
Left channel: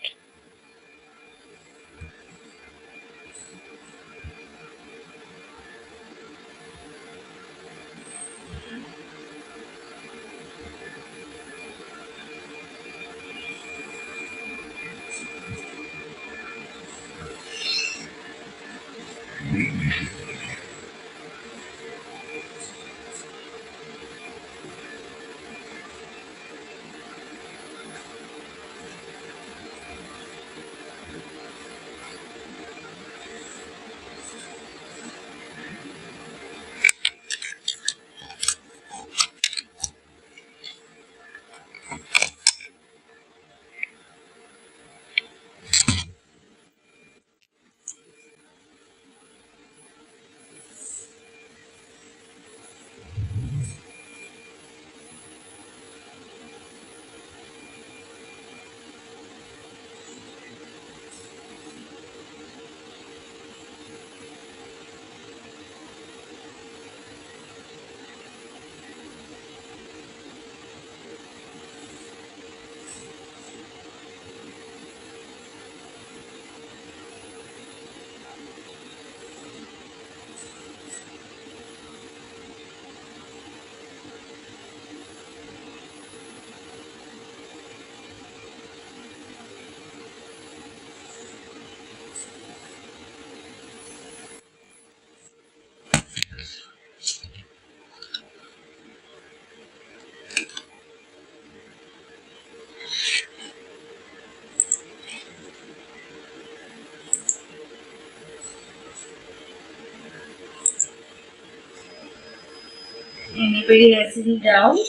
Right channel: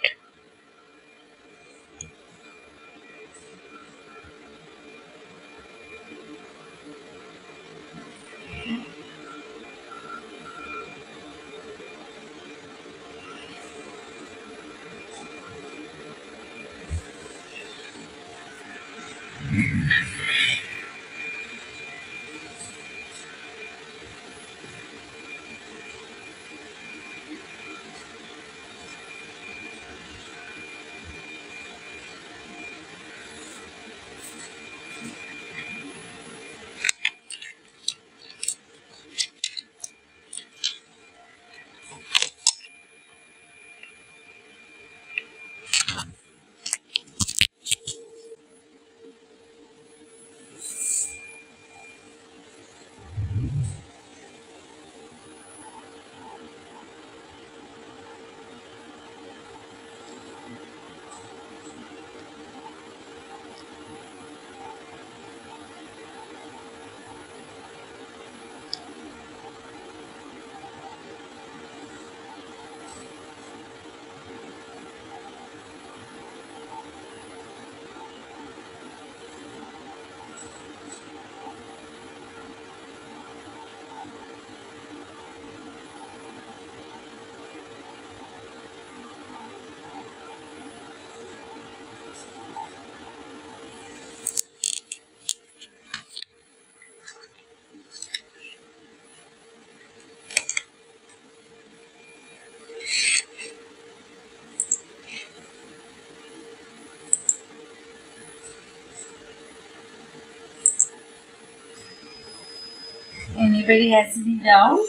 Anybody has any doubt?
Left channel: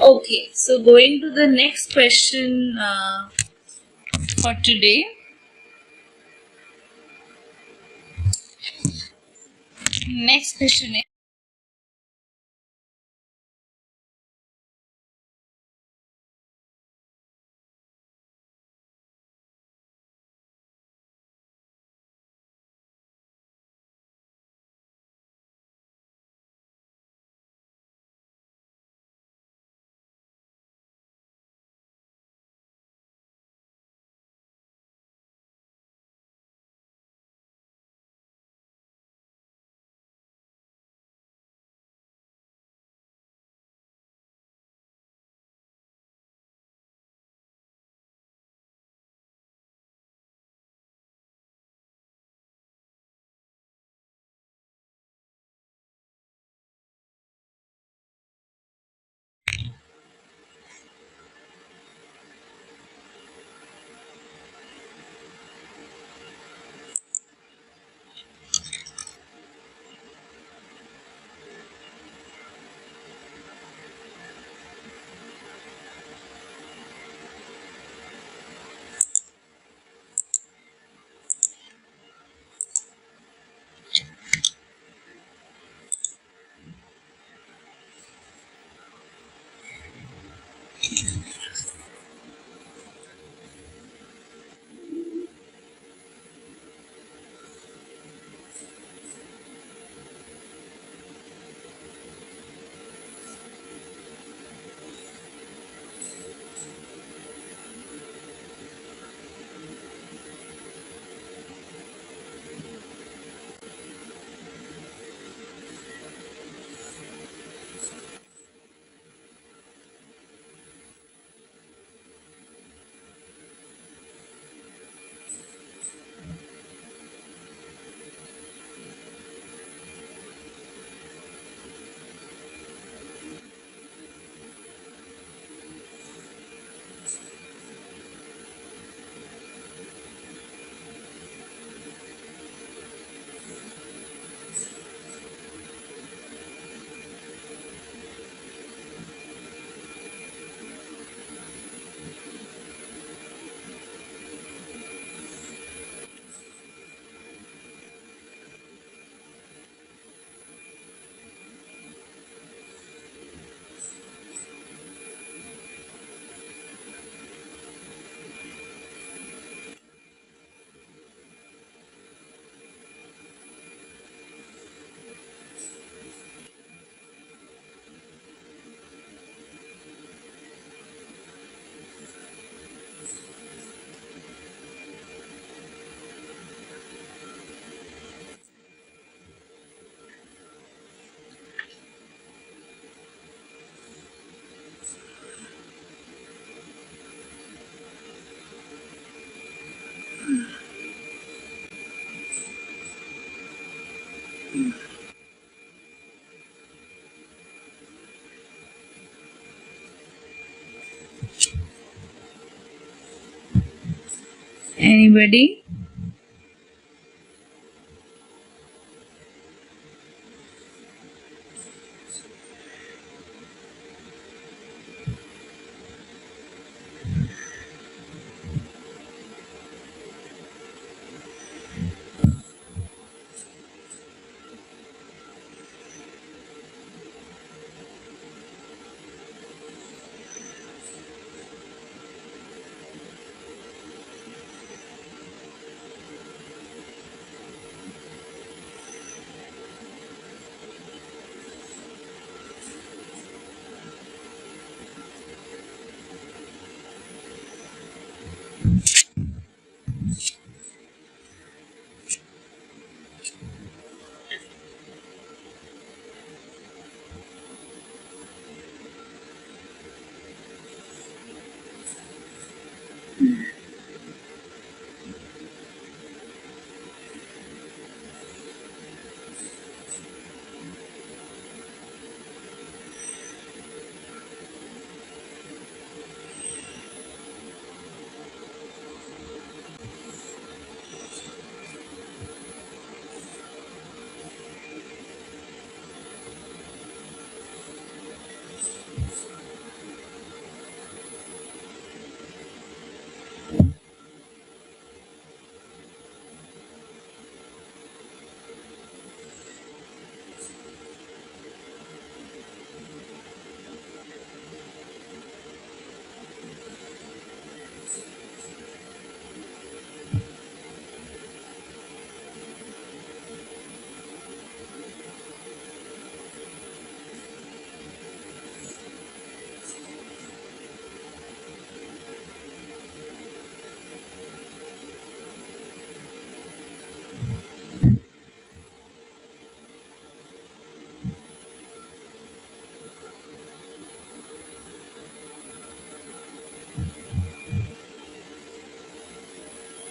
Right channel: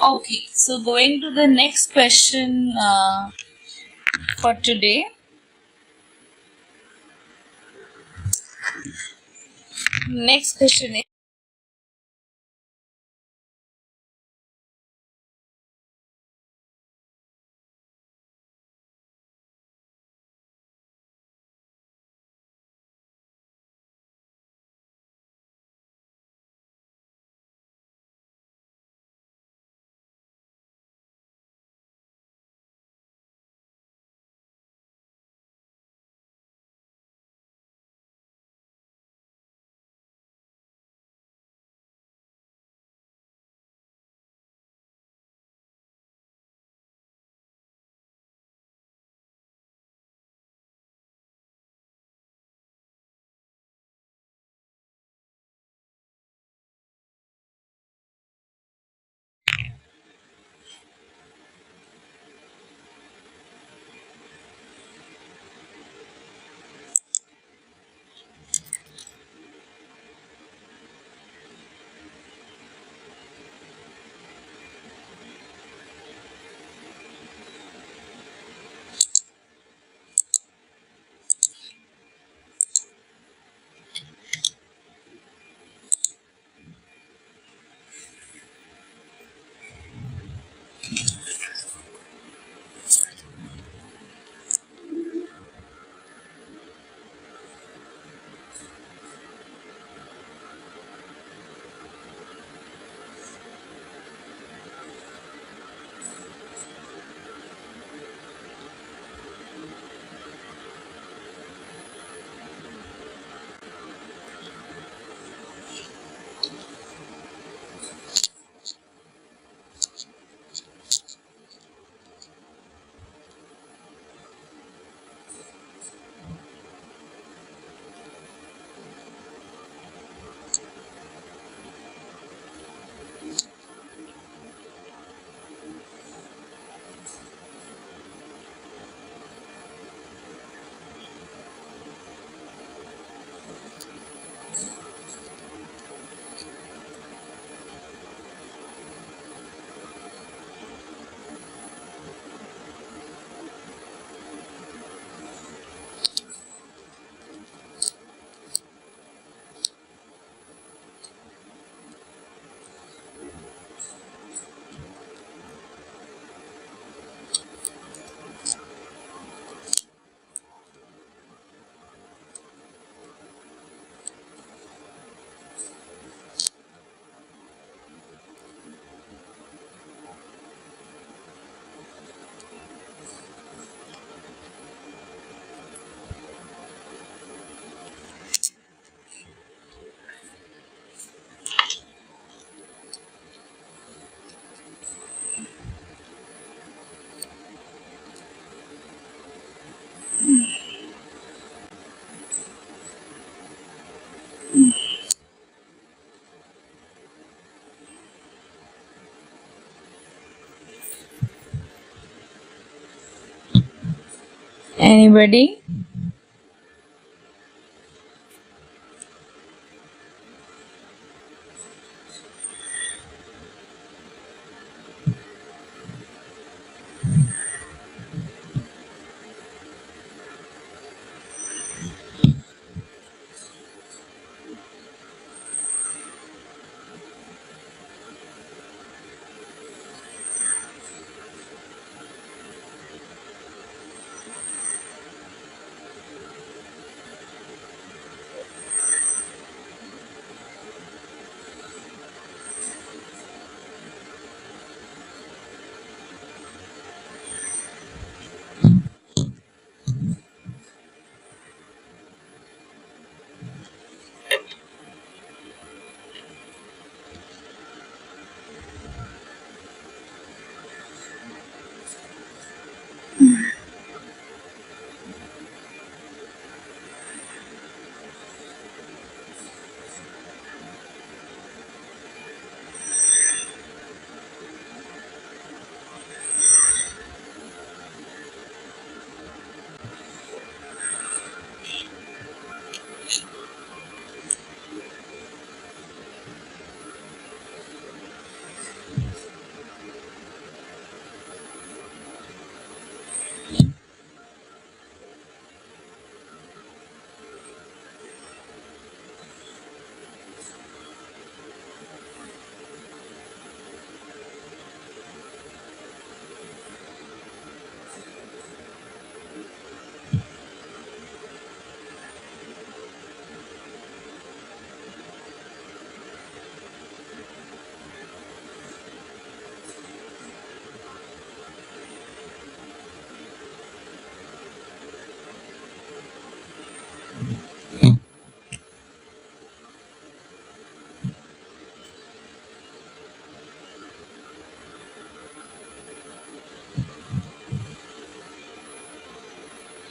Okay, so going to the next question for today. Next question is, Anybody?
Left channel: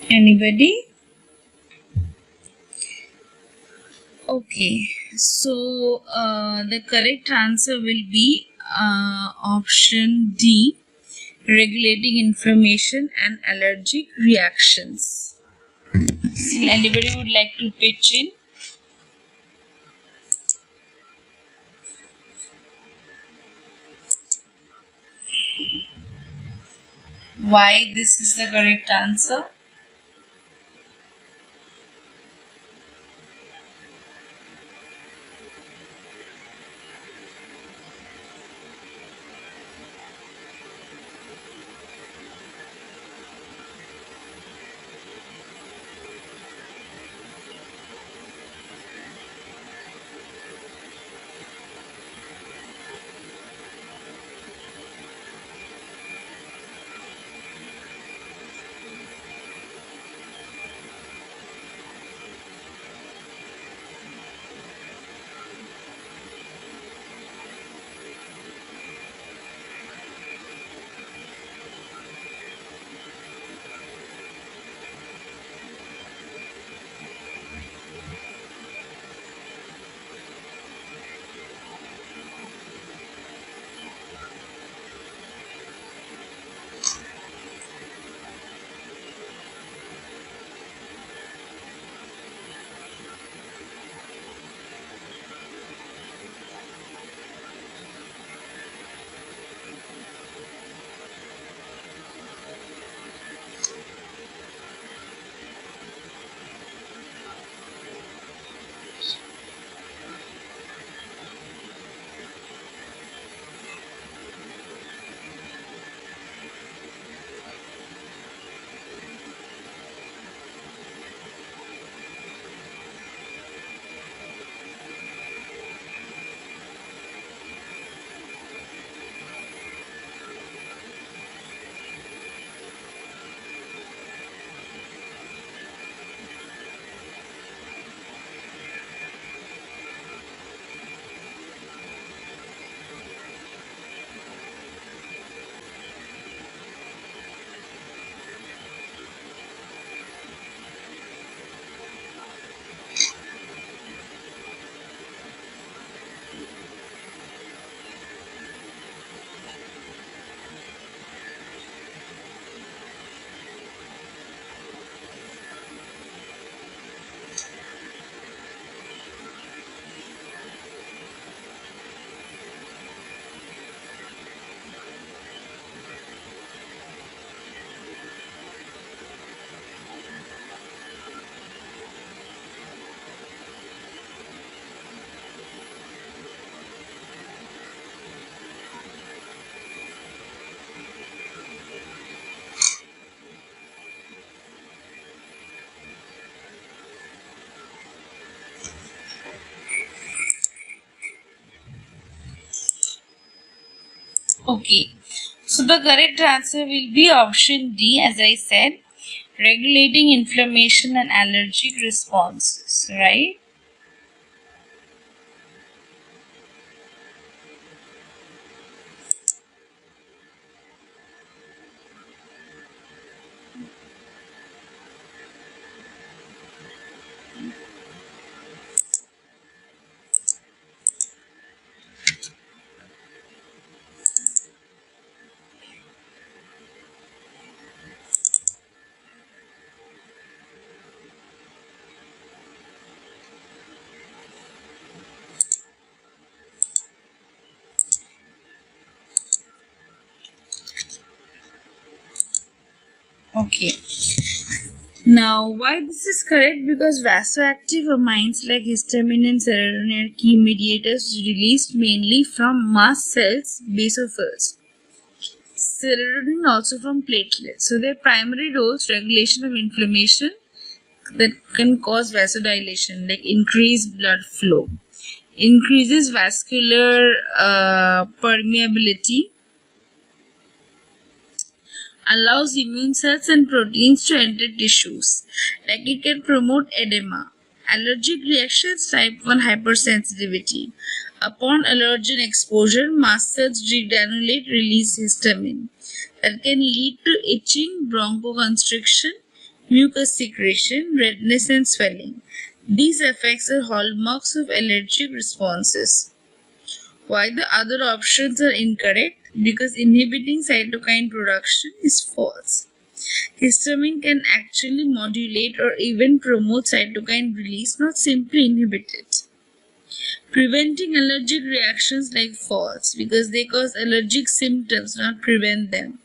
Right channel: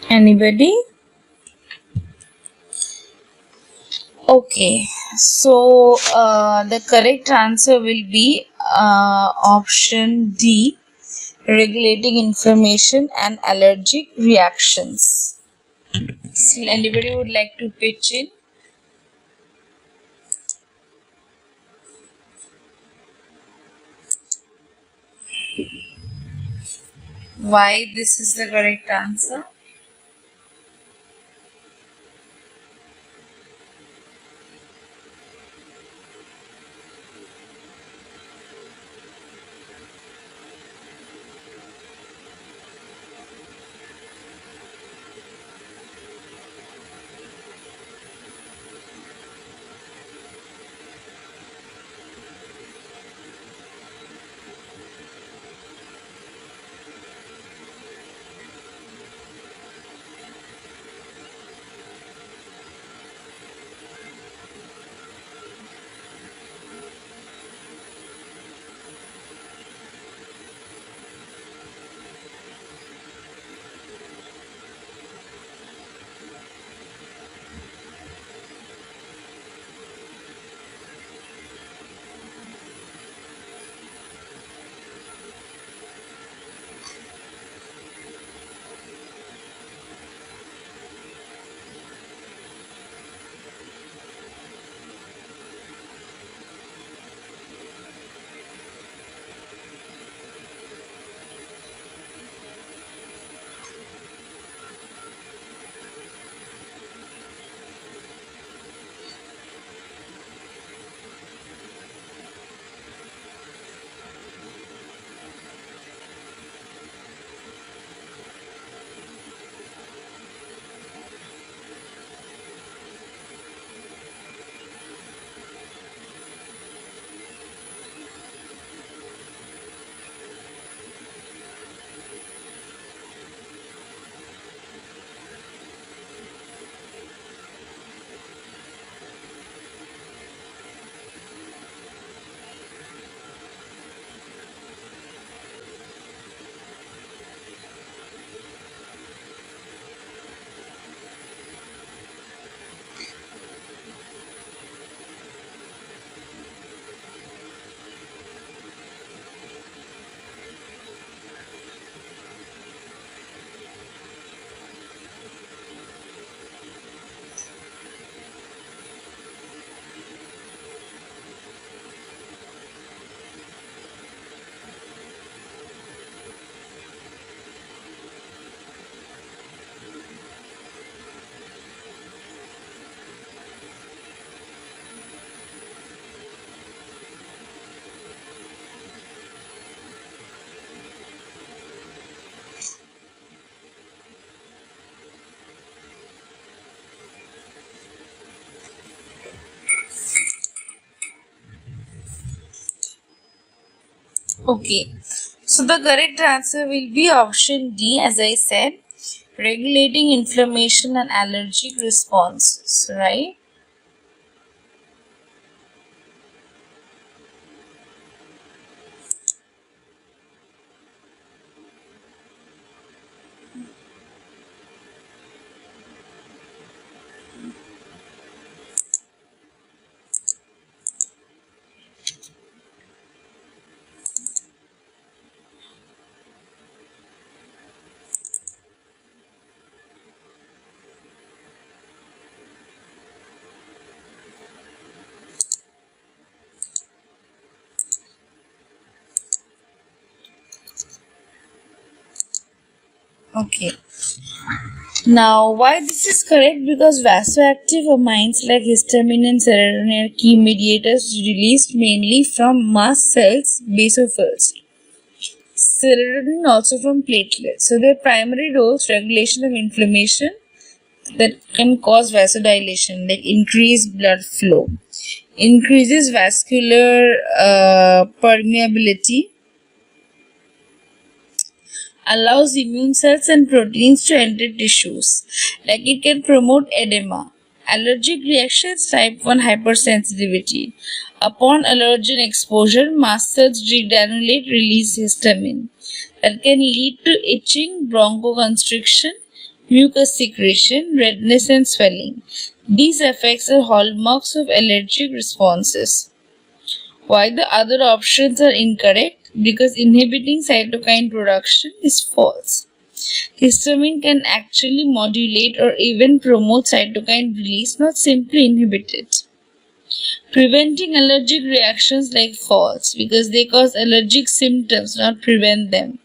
Anybody? Okay, so the correct answer will be option D, regulating inflammation and allergic reactions. Anybody would like to pitch in? Why this is the correct answer? Okay. So the correct answer will be option D, as I said, regulating inflammation and allergic responses, right? Okay. Now, why this is correct? Because vasoactive amines like histamine and serotonin are key mediators released mainly from mast cells, basophils. Serotonin also from platelets. So their primary roles regulation of inflammation that can cause vasodilation, like increased blood flow, increases vascular permeability, allows immune cells and proteins to enter tissues, like it can promote edema. Allergic reactions, type 1 hypersensitivity. Upon allergen exposure, mast cells degranulate, release histamine. That can lead to itching, bronchoconstriction, mucus secretion, redness, and swelling. These effects are hallmarks of allergic responses. Why the other options are incorrect? Because inhibiting cytokine production is false. Histamine can actually modulate or even promote cytokine release, not simply inhibit it. Preventing allergic reactions like false, because they cause allergic symptoms, not prevent them.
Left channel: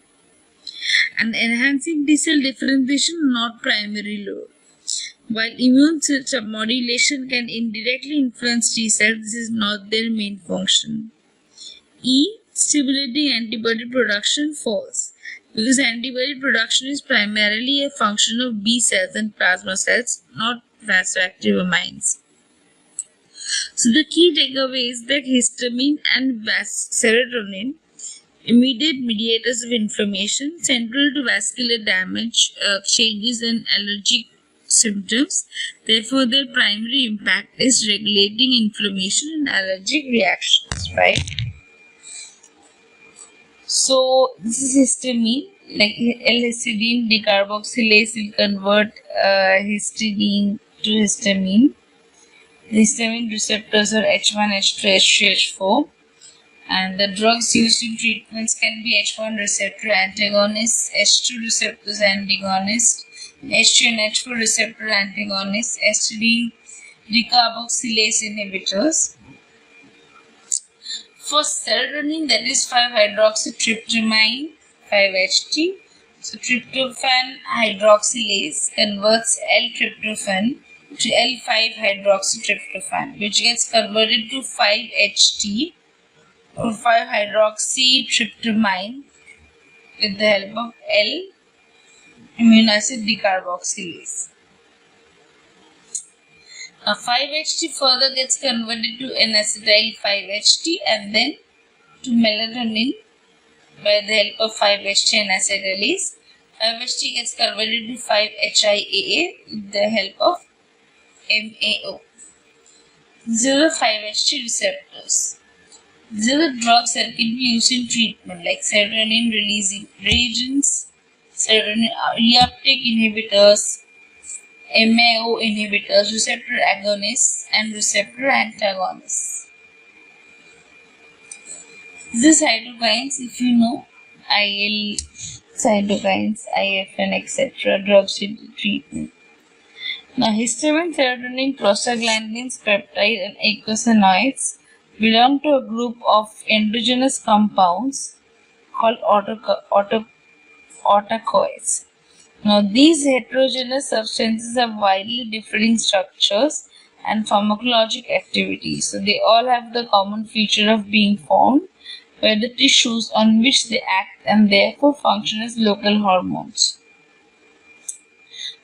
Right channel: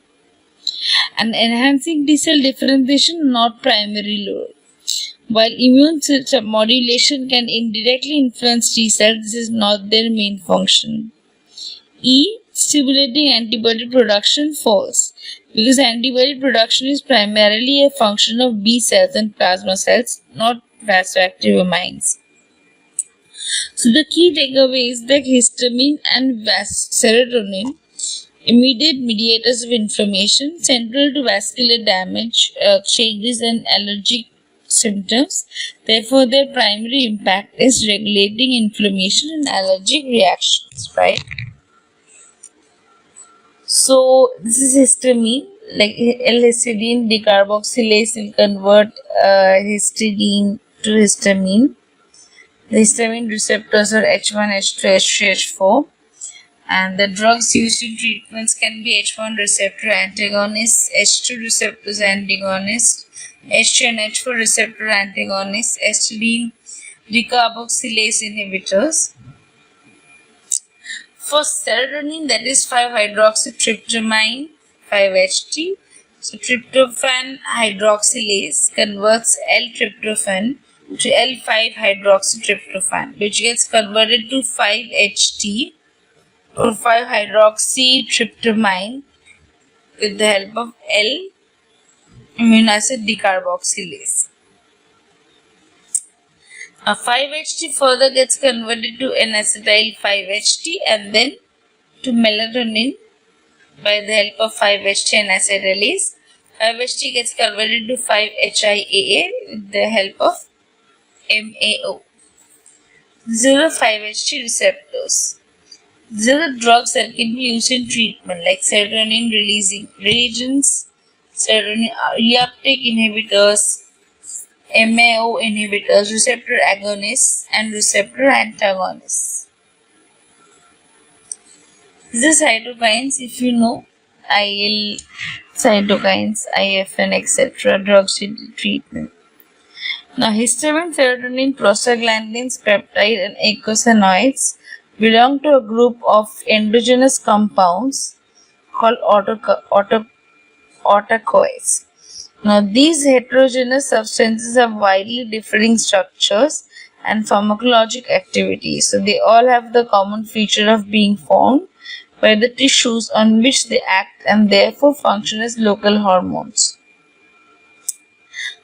And enhancing T cell differentiation, not primary role. While immune cell modulation can indirectly influence T cells, this is not their main function. E. Stimulating antibody production, false, because antibody production is primarily a function of B cells and plasma cells, not vasoactive amines. So the key takeaway is that histamine and serotonin, immediate mediators of inflammation, central to vascular damage, changes, and allergic symptoms. Therefore, their primary impact is regulating inflammation and allergic reactions, right? So this is histamine, like L-histidine decarboxylase will convert histidine to histamine. The histamine receptors are H1, H2, H3, H4, and the drugs used in treatments can be H1 receptor antagonists, H2 receptors antagonists, H3 and H4 receptor antagonists, histidine decarboxylase inhibitors. For serotonin, that is 5-hydroxytryptamine, 5-HT. So tryptophan hydroxylase converts L-tryptophan to L5-hydroxytryptophan, which gets converted to 5-HT or 5-hydroxytryptamine with the help of L-amino acid decarboxylase. 5-HT further gets converted to N-acetyl 5-HT and then to melatonin by the help of 5-HT and acetylase. 5-HT gets converted to 5-HIAA with the help of MAO. These are the 5-HT receptors. These are the drugs that can be used in treatment, like serotonin releasing reagents, serotonin reuptake inhibitors, MAO inhibitors, receptor agonists, and receptor antagonists. These are cytokines, if you know, IL cytokines, IFN, etc., drugs in treatment. Now, histamine, serotonin, prostaglandins, peptide, and eicosanoids belong to a group of endogenous compounds called autocoids. Now, these heterogeneous substances have widely differing structures and pharmacologic activity. So, they all have the common feature of being formed by the tissues on which they act and therefore function as local hormones.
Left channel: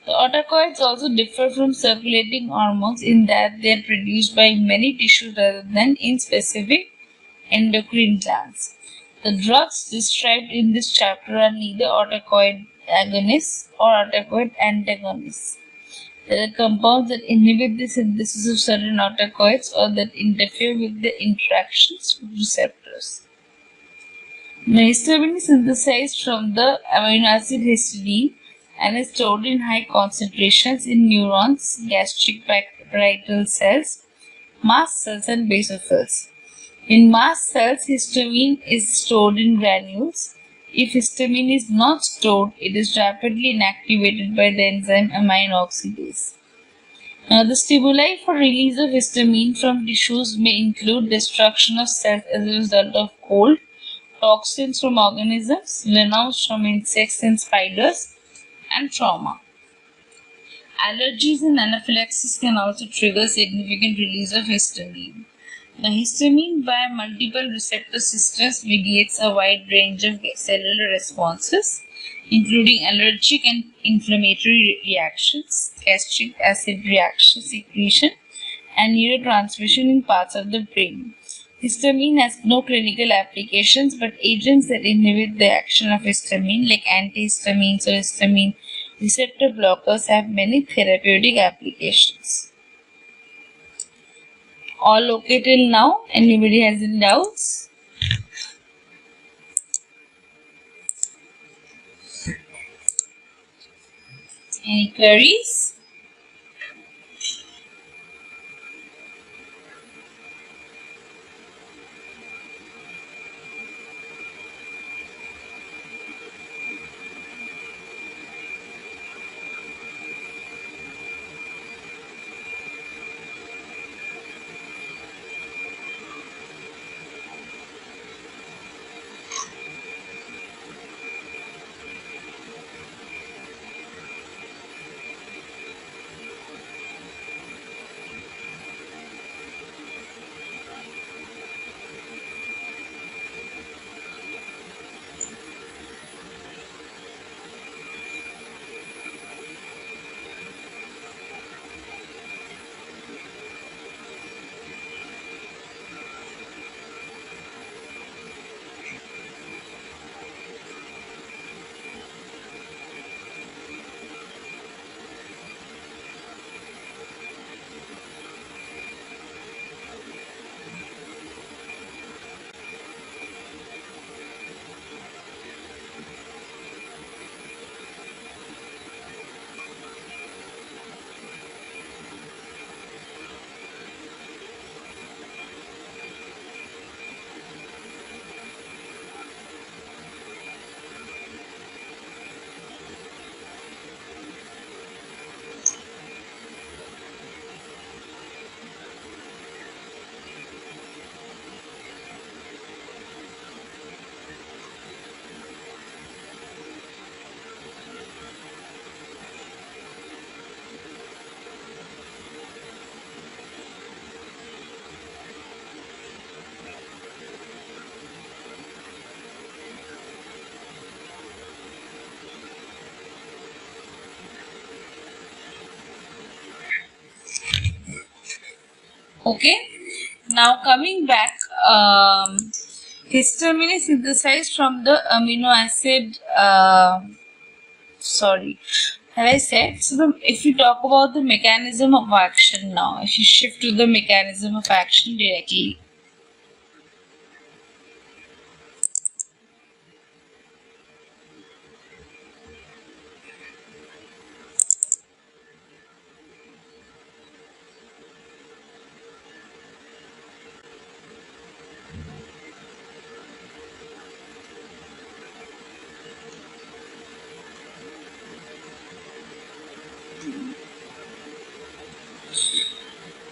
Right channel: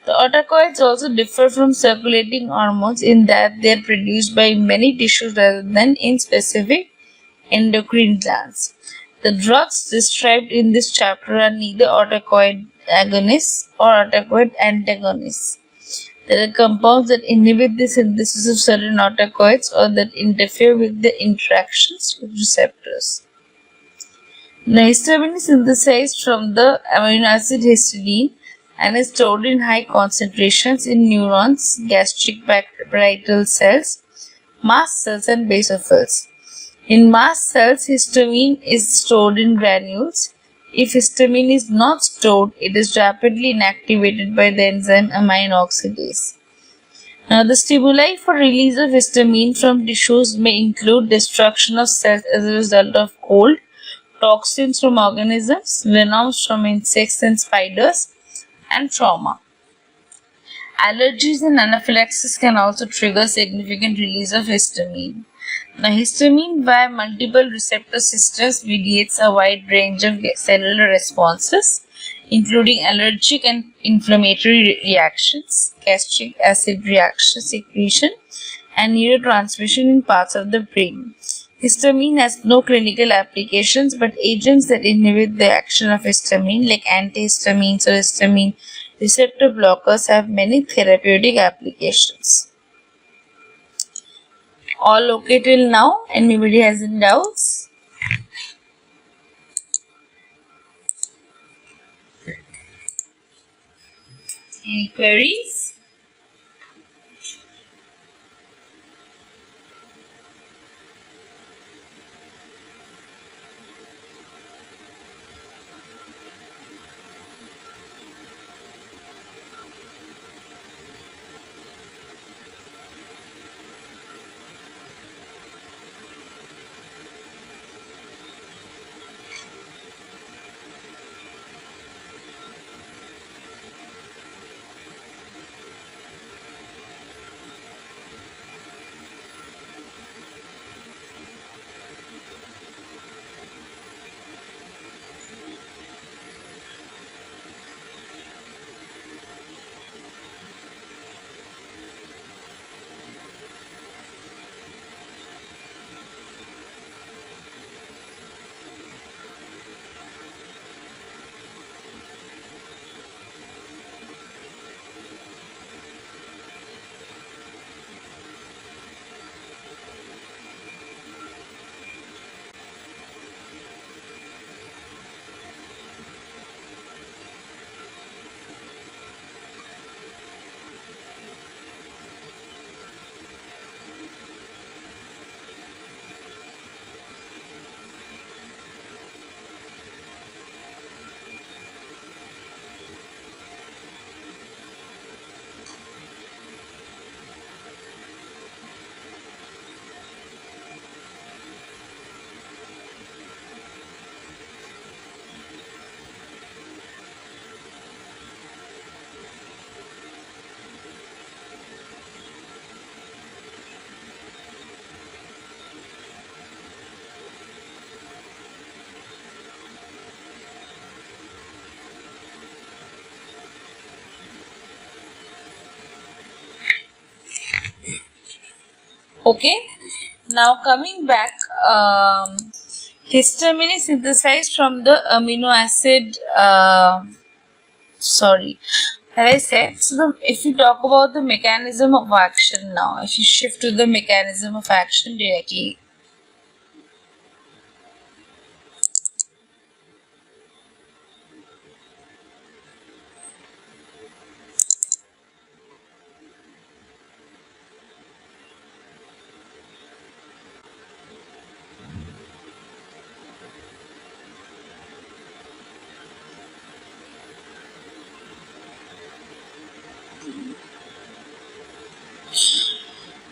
The autocoids also differ from circulating hormones in that they are produced by many tissues rather than in specific endocrine glands. The drugs described in this chapter are neither autocoid agonists or autocoid antagonists. There are compounds that inhibit the synthesis of certain autocoids or that interfere with the interactions with receptors. Now, histamine is synthesized from the amino acid histidine and is stored in high concentrations in neurons, gastric parietal cells, mast cells, and basophils. In mast cells, histamine is stored in granules. If histamine is not stored, it is rapidly inactivated by the enzyme amine oxidase. Now, the stimuli for release of histamine from tissues may include destruction of cells as a result of cold, toxins from organisms, venoms from insects and spiders, and trauma. Allergies and anaphylaxis can also trigger significant release of histamine. Now, histamine via multiple receptor systems mediates a wide range of cellular responses, including allergic and inflammatory reactions, gastric acid reaction secretion, and neurotransmission in parts of the brain. Histamine has no clinical applications, but agents that inhibit the action of histamine, like antihistamines or histamine receptor blockers, have many therapeutic applications. All okay till now? Anybody has any doubts? Any queries? Okay. Now coming back, histamine is synthesized from the amino acid. As I said, so if you talk about the mechanism of action now, if you shift to the mechanism of action directly.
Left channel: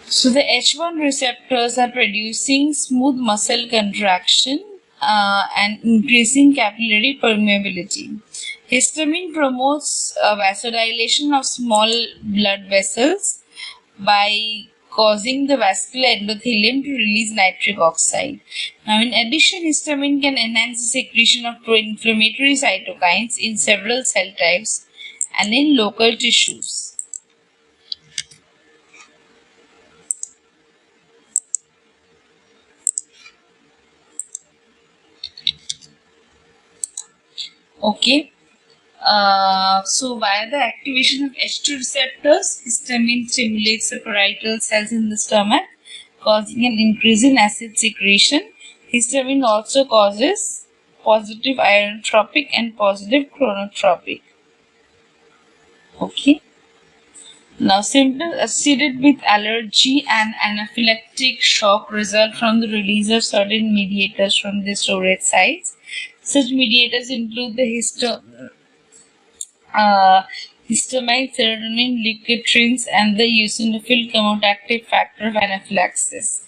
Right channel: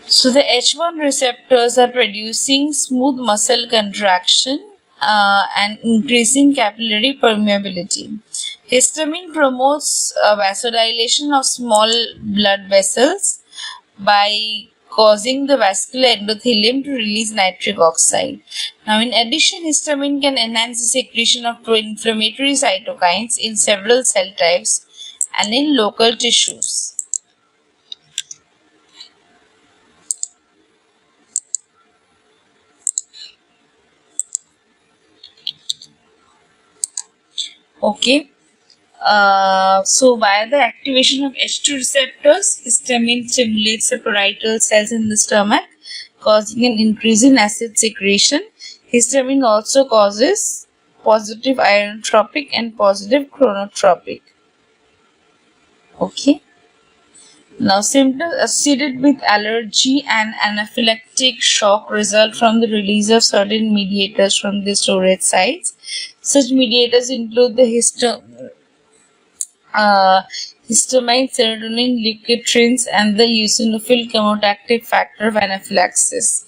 So the H1 receptors are producing smooth muscle contraction and increasing capillary permeability. Histamine promotes vasodilation of small blood vessels by causing the vascular endothelium to release nitric oxide. Now, in addition, histamine can enhance the secretion of pro-inflammatory cytokines in several cell types and in local tissues. Okay. So via the activation of H2 receptors, histamine stimulates the parietal cells in the stomach, causing an increase in acid secretion. Histamine also causes positive ionotropic and positive chronotropic. Okay. Now, symptoms associated with allergy and anaphylactic shock result from the release of certain mediators from the storage sites. Such mediators include the histamine, serotonin, leukotrienes, and the eosinophil chemotactic factor of anaphylaxis.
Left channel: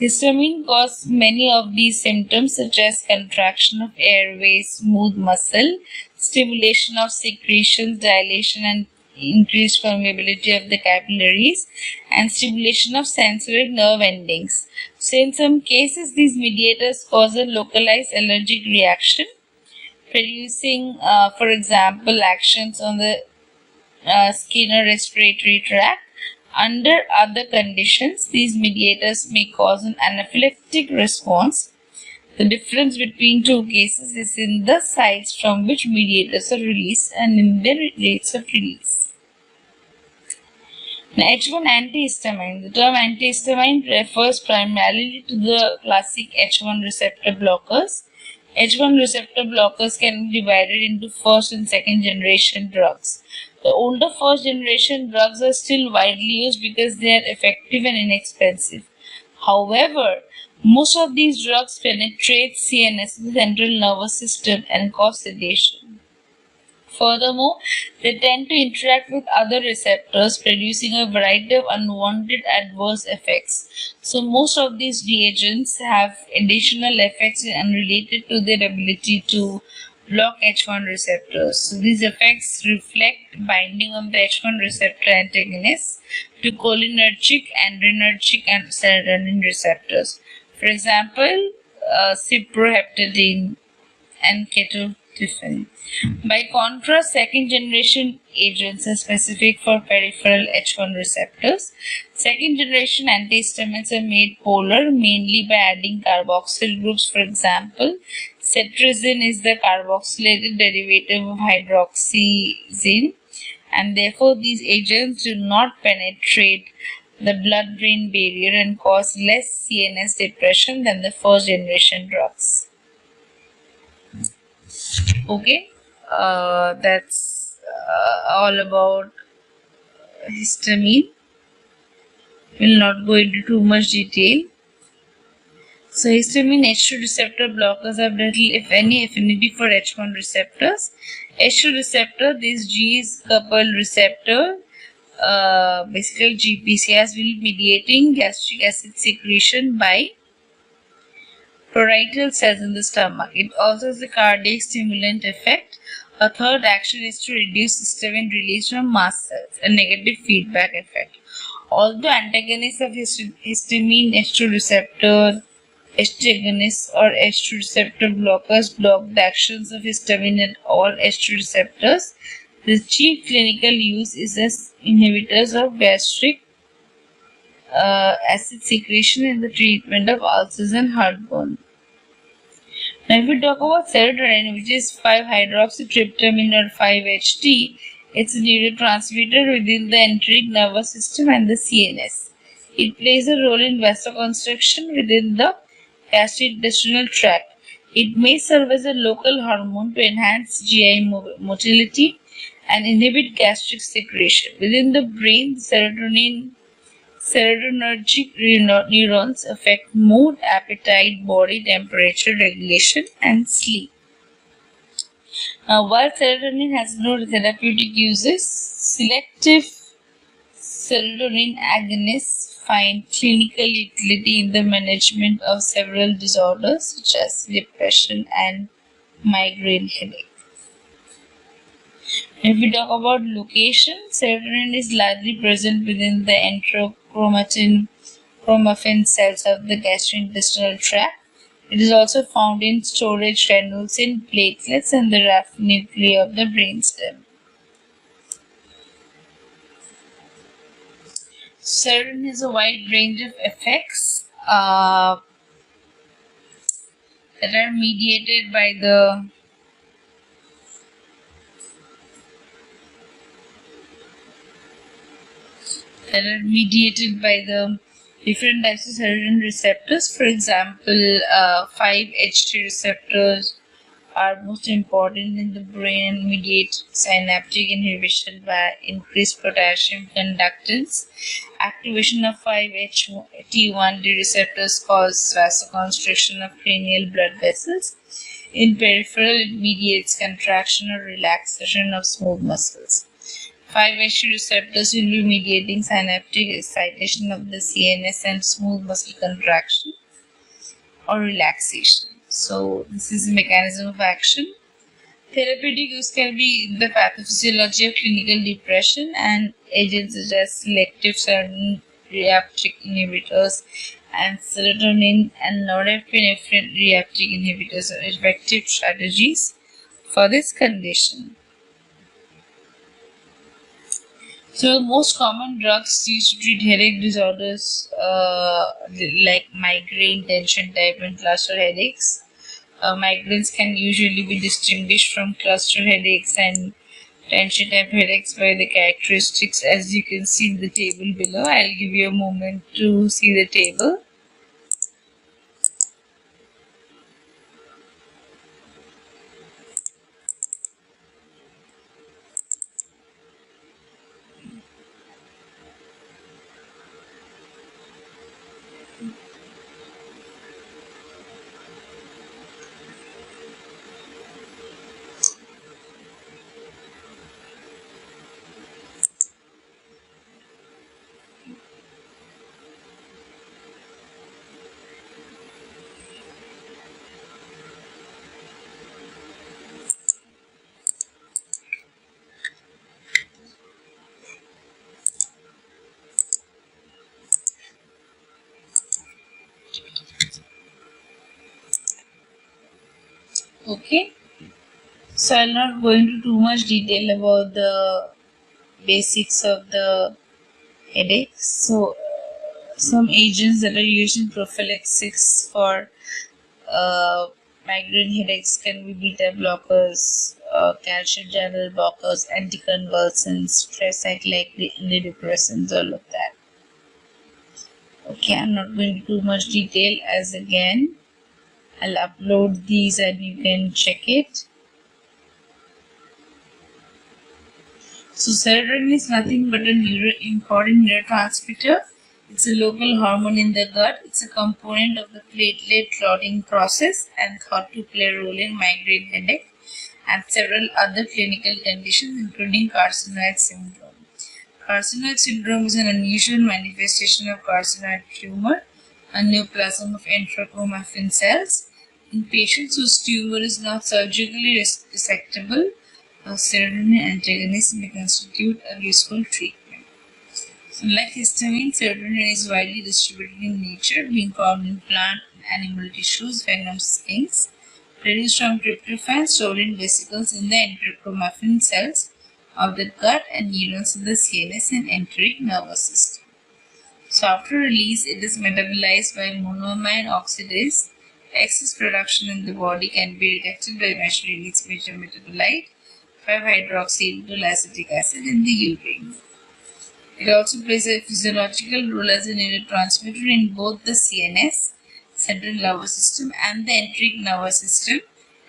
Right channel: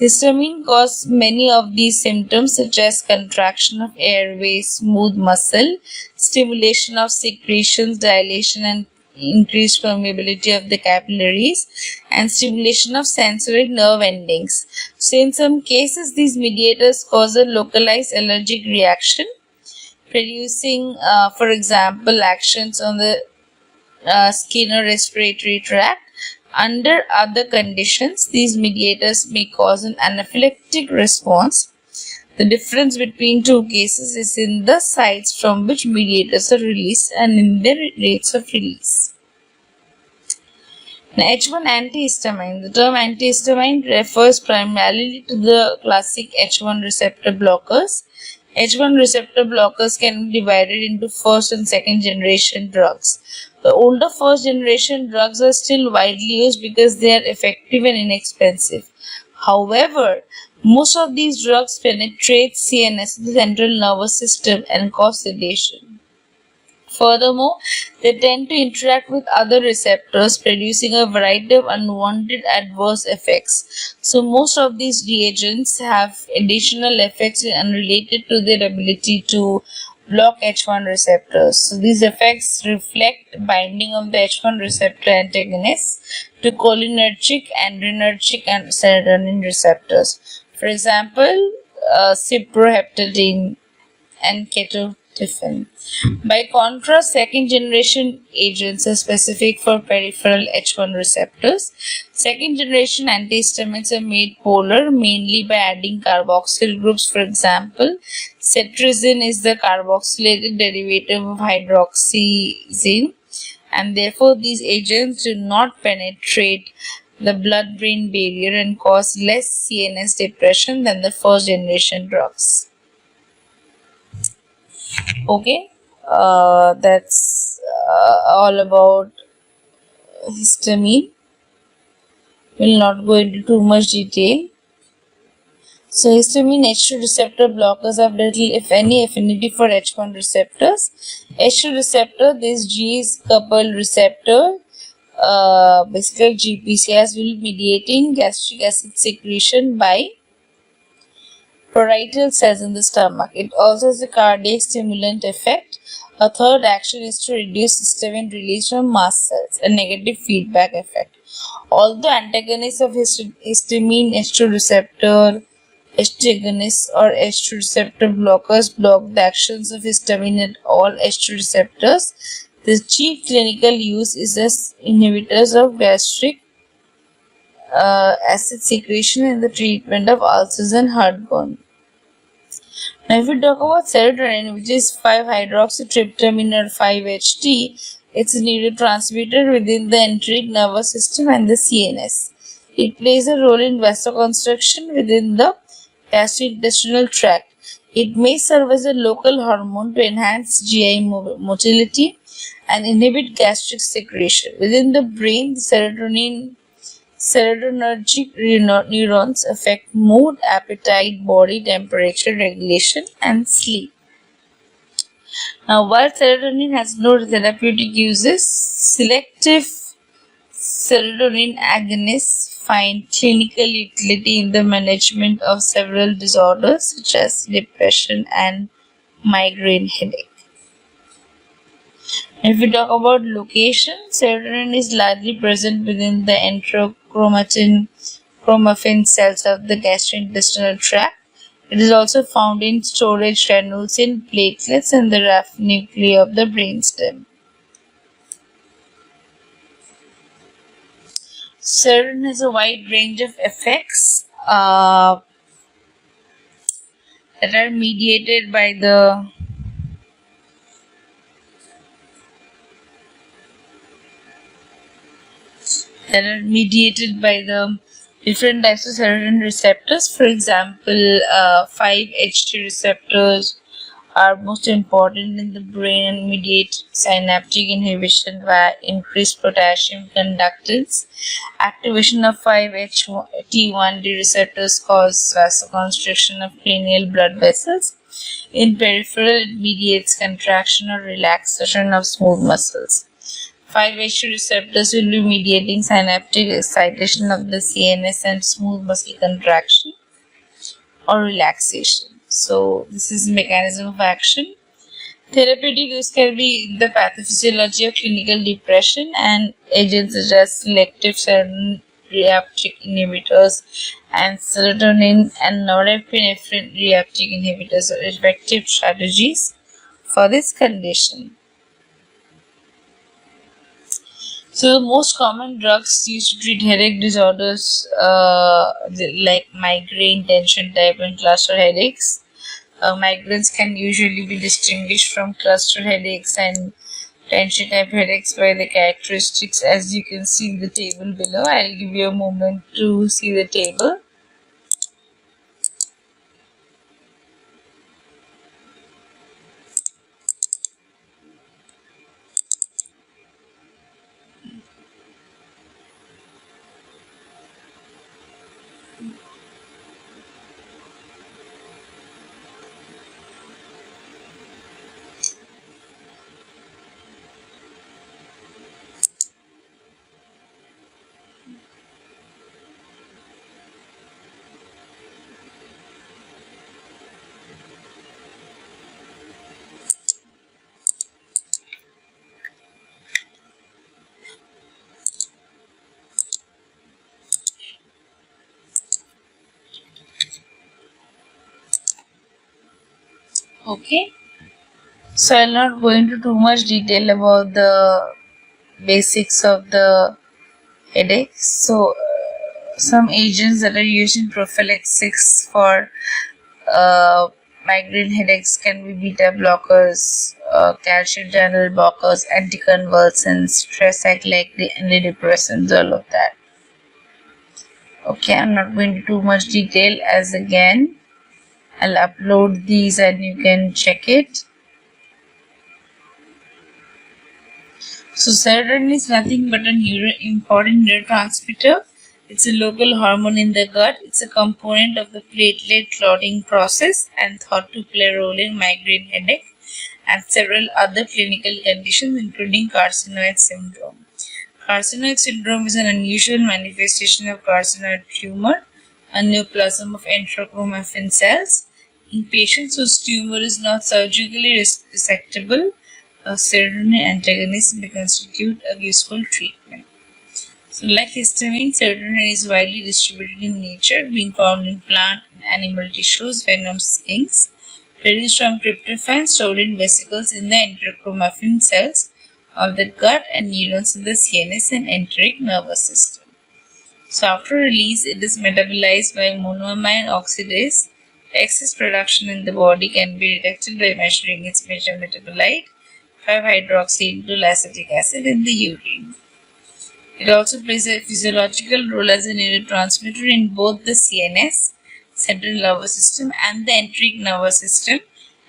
Histamine causes many of these symptoms, such as contraction of airway, smooth muscle, stimulation of secretions, dilation and increased permeability of the capillaries, and stimulation of sensory nerve endings. So, in some cases, these mediators cause a localized allergic reaction, producing, for example, actions on the skin or respiratory tract. Under other conditions, these mediators may cause an anaphylactic response. The difference between two cases is in the sites from which mediators are released and in their rates of release. Now, H1 antihistamine. The term antihistamine refers primarily to the classic H1 receptor blockers. H1 receptor blockers can be divided into first and second generation drugs. The older first generation drugs are still widely used because they are effective and inexpensive. However, most of these drugs penetrate CNS, the central nervous system, and cause sedation. Furthermore, they tend to interact with other receptors, producing a variety of unwanted adverse effects. So, most of these reagents have additional effects unrelated to their ability to block H1 receptors. So, these effects reflect binding of the H1 receptor antagonists to cholinergic, adrenergic, and serotonin receptors. For example, cyproheptadine and ketotifen. By contrast, second generation agents are specific for peripheral H1 receptors. Second generation antihistamines are made polar mainly by adding carboxyl groups. For example, cetirizine is the carboxylated derivative of hydroxyzine, and therefore these agents do not penetrate the blood-brain barrier and cause less CNS depression than the first generation drugs. Okay, that's all about histamine. Will not go into too much detail. So, histamine H2 receptor blockers have little, if any, affinity for H1 receptors. H2 receptor, this G is coupled receptor, basically GPCRs will be mediating gastric acid secretion by parietal cells in the stomach. It also has a cardiac stimulant effect. A third action is to reduce histamine release from mast cells, a negative feedback effect. Although antagonists of histamine H2 receptor agonists or H2 receptor blockers block the actions of histamine at all H2 receptors, the chief clinical use is as inhibitors of gastric acid secretion in the treatment of ulcers and heartburn. Now, if we talk about serotonin, which is 5-hydroxytryptamine or 5-HT, it's a neurotransmitter within the enteric nervous system and the CNS. It plays a role in vasoconstriction within the gastrointestinal tract. It may serve as a local hormone to enhance GI motility and inhibit gastric secretion. Within the brain, the serotonergic neurons affect mood, appetite, body temperature regulation, and sleep. Now, while serotonin has no therapeutic uses, selective serotonin agonists find clinical utility in the management of several disorders such as depression and migraine headache. If we talk about location, serotonin is largely present within the enterochromatin cells of the gastrointestinal tract. It is also found in storage granules in platelets and the rough nuclei of the brainstem. Serotonin has a wide range of effects that are mediated by the that are mediated by the different types of serotonin receptors. For example, 5-HT receptors are most important in the brain and mediate synaptic inhibition via increased potassium conductance. Activation of 5-HT1D receptors cause vasoconstriction of cranial blood vessels. In peripheral, it mediates contraction or relaxation of smooth muscles. 5-HT receptors will be mediating synaptic excitation of the CNS and smooth muscle contraction or relaxation. So this is the mechanism of action. Therapeutic use can be in the pathophysiology of clinical depression, and agents such as selective serotonin reuptake inhibitors and serotonin and norepinephrine reuptake inhibitors are effective strategies for this condition. So the most common drugs used to treat headache disorders like migraine, tension type, and cluster headaches. Migraines can usually be distinguished from cluster headaches and tension type headaches by the characteristics as you can see in the table below. I'll give you a moment to see the table. Okay. So I'll not go into too much detail about the basics of the headaches. So some agents that are used in prophylaxis for migraine headaches can be beta blockers, calcium channel blockers, anticonvulsants, stress antidepressants, all of that. Okay, I'm not going into too much detail as again I'll upload these and you can check it. So serotonin is nothing but a important neurotransmitter. It's a local hormone in the gut. It's a component of the platelet clotting process and thought to play a role in migraine headache and several other clinical conditions including carcinoid syndrome. Carcinoid syndrome is an unusual manifestation of carcinoid tumor, a neoplasm of enterochromaffin cells. In patients whose tumor is not surgically resectable, a serotonin antagonist may constitute a useful treatment. So, like histamine, serotonin is widely distributed in nature, being found in plant and animal tissues, venom stings, produced from tryptophan stored in vesicles in the enterochromaffin cells of the gut and neurons in the CNS and enteric nervous system. So, after release, it is metabolized by monoamine oxidase. Excess production in the body can be detected by measuring its major metabolite, 5-hydroxyindoleacetic acetic acid, in the urine. It also plays a physiological role as a neurotransmitter in both the CNS, central nervous system, and the enteric nervous system,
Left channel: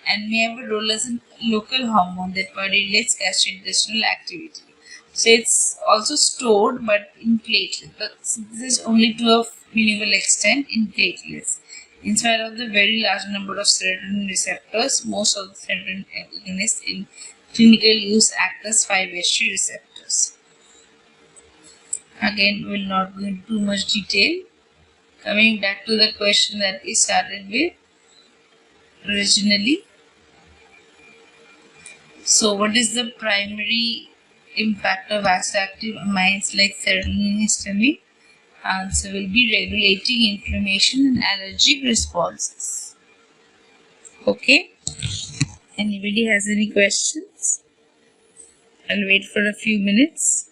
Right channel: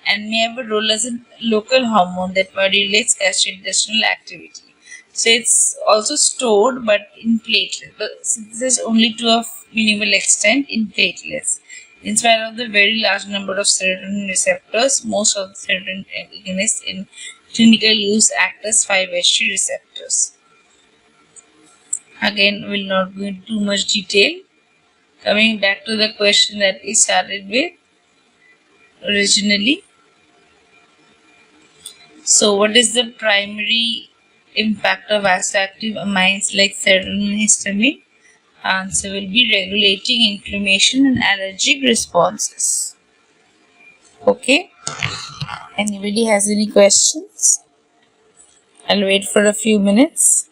and may have a role as a local hormone that modulates gastrointestinal activity. So it's also stored but in platelets, but synthesis only to a minimal extent in platelets. In spite of the very large number of serotonin receptors, most of the serotonin agonists in clinical use act as 5-HT receptors. Again, we'll not go into too much detail. Coming back to the question that we started with originally. So, what is the primary impact of vasoactive amines like serotonin and histamine? Answer will be regulating inflammation and allergic responses. Okay. Anybody has any questions? I'll wait for a few minutes.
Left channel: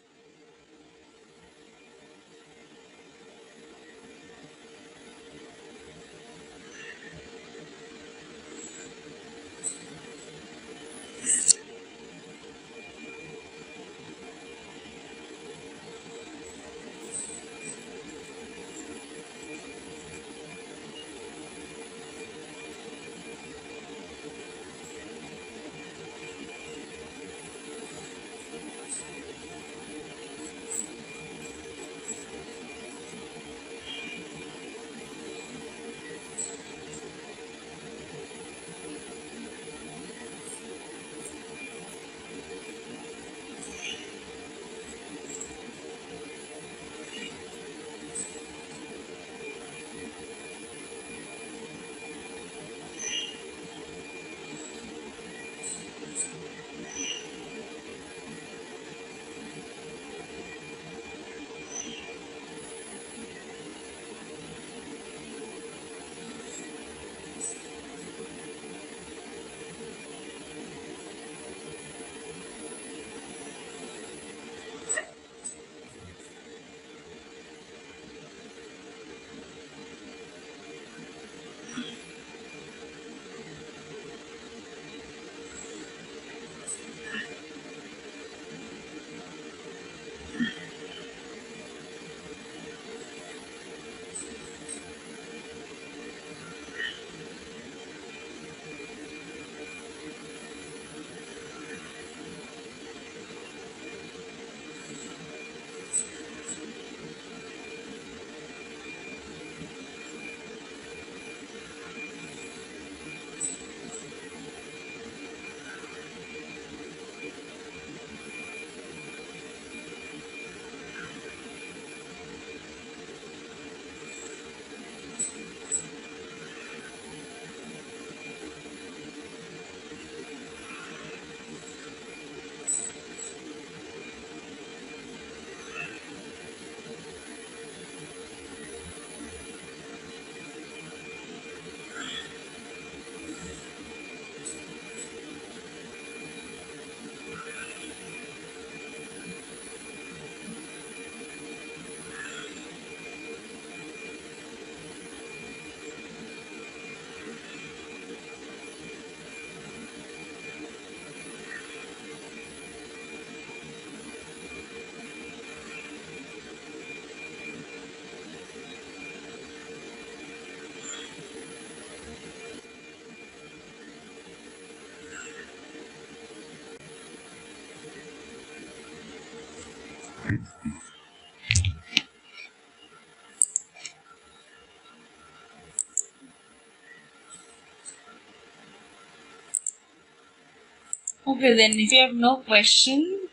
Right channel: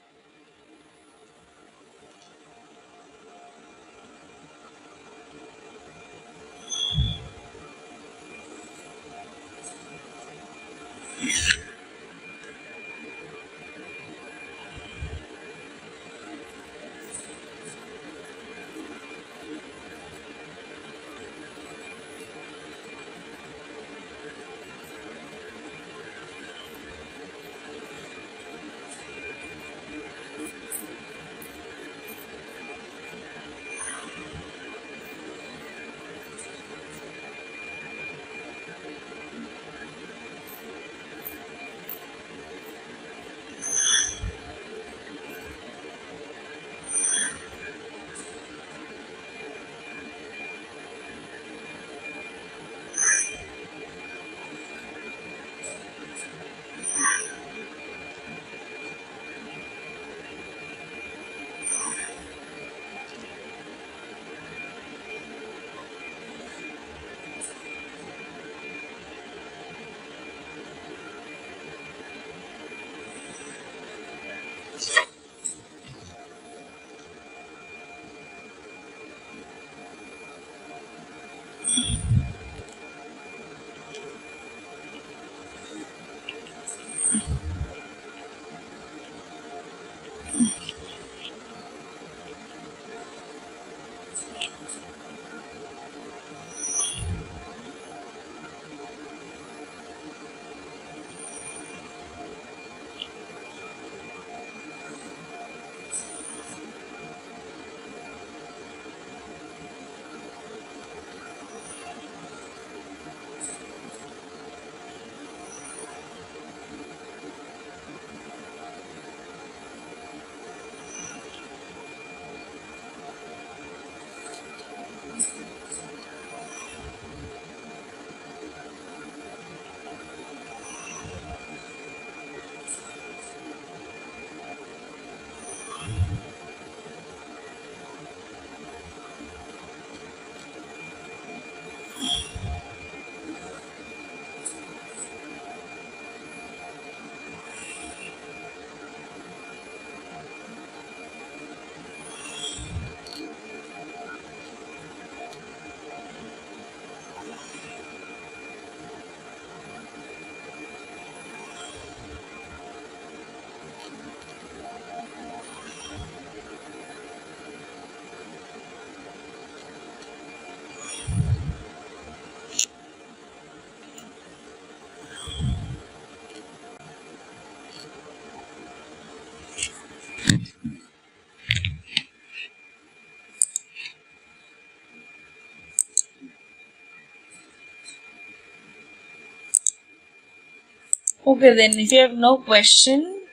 Okay, then if you have no question,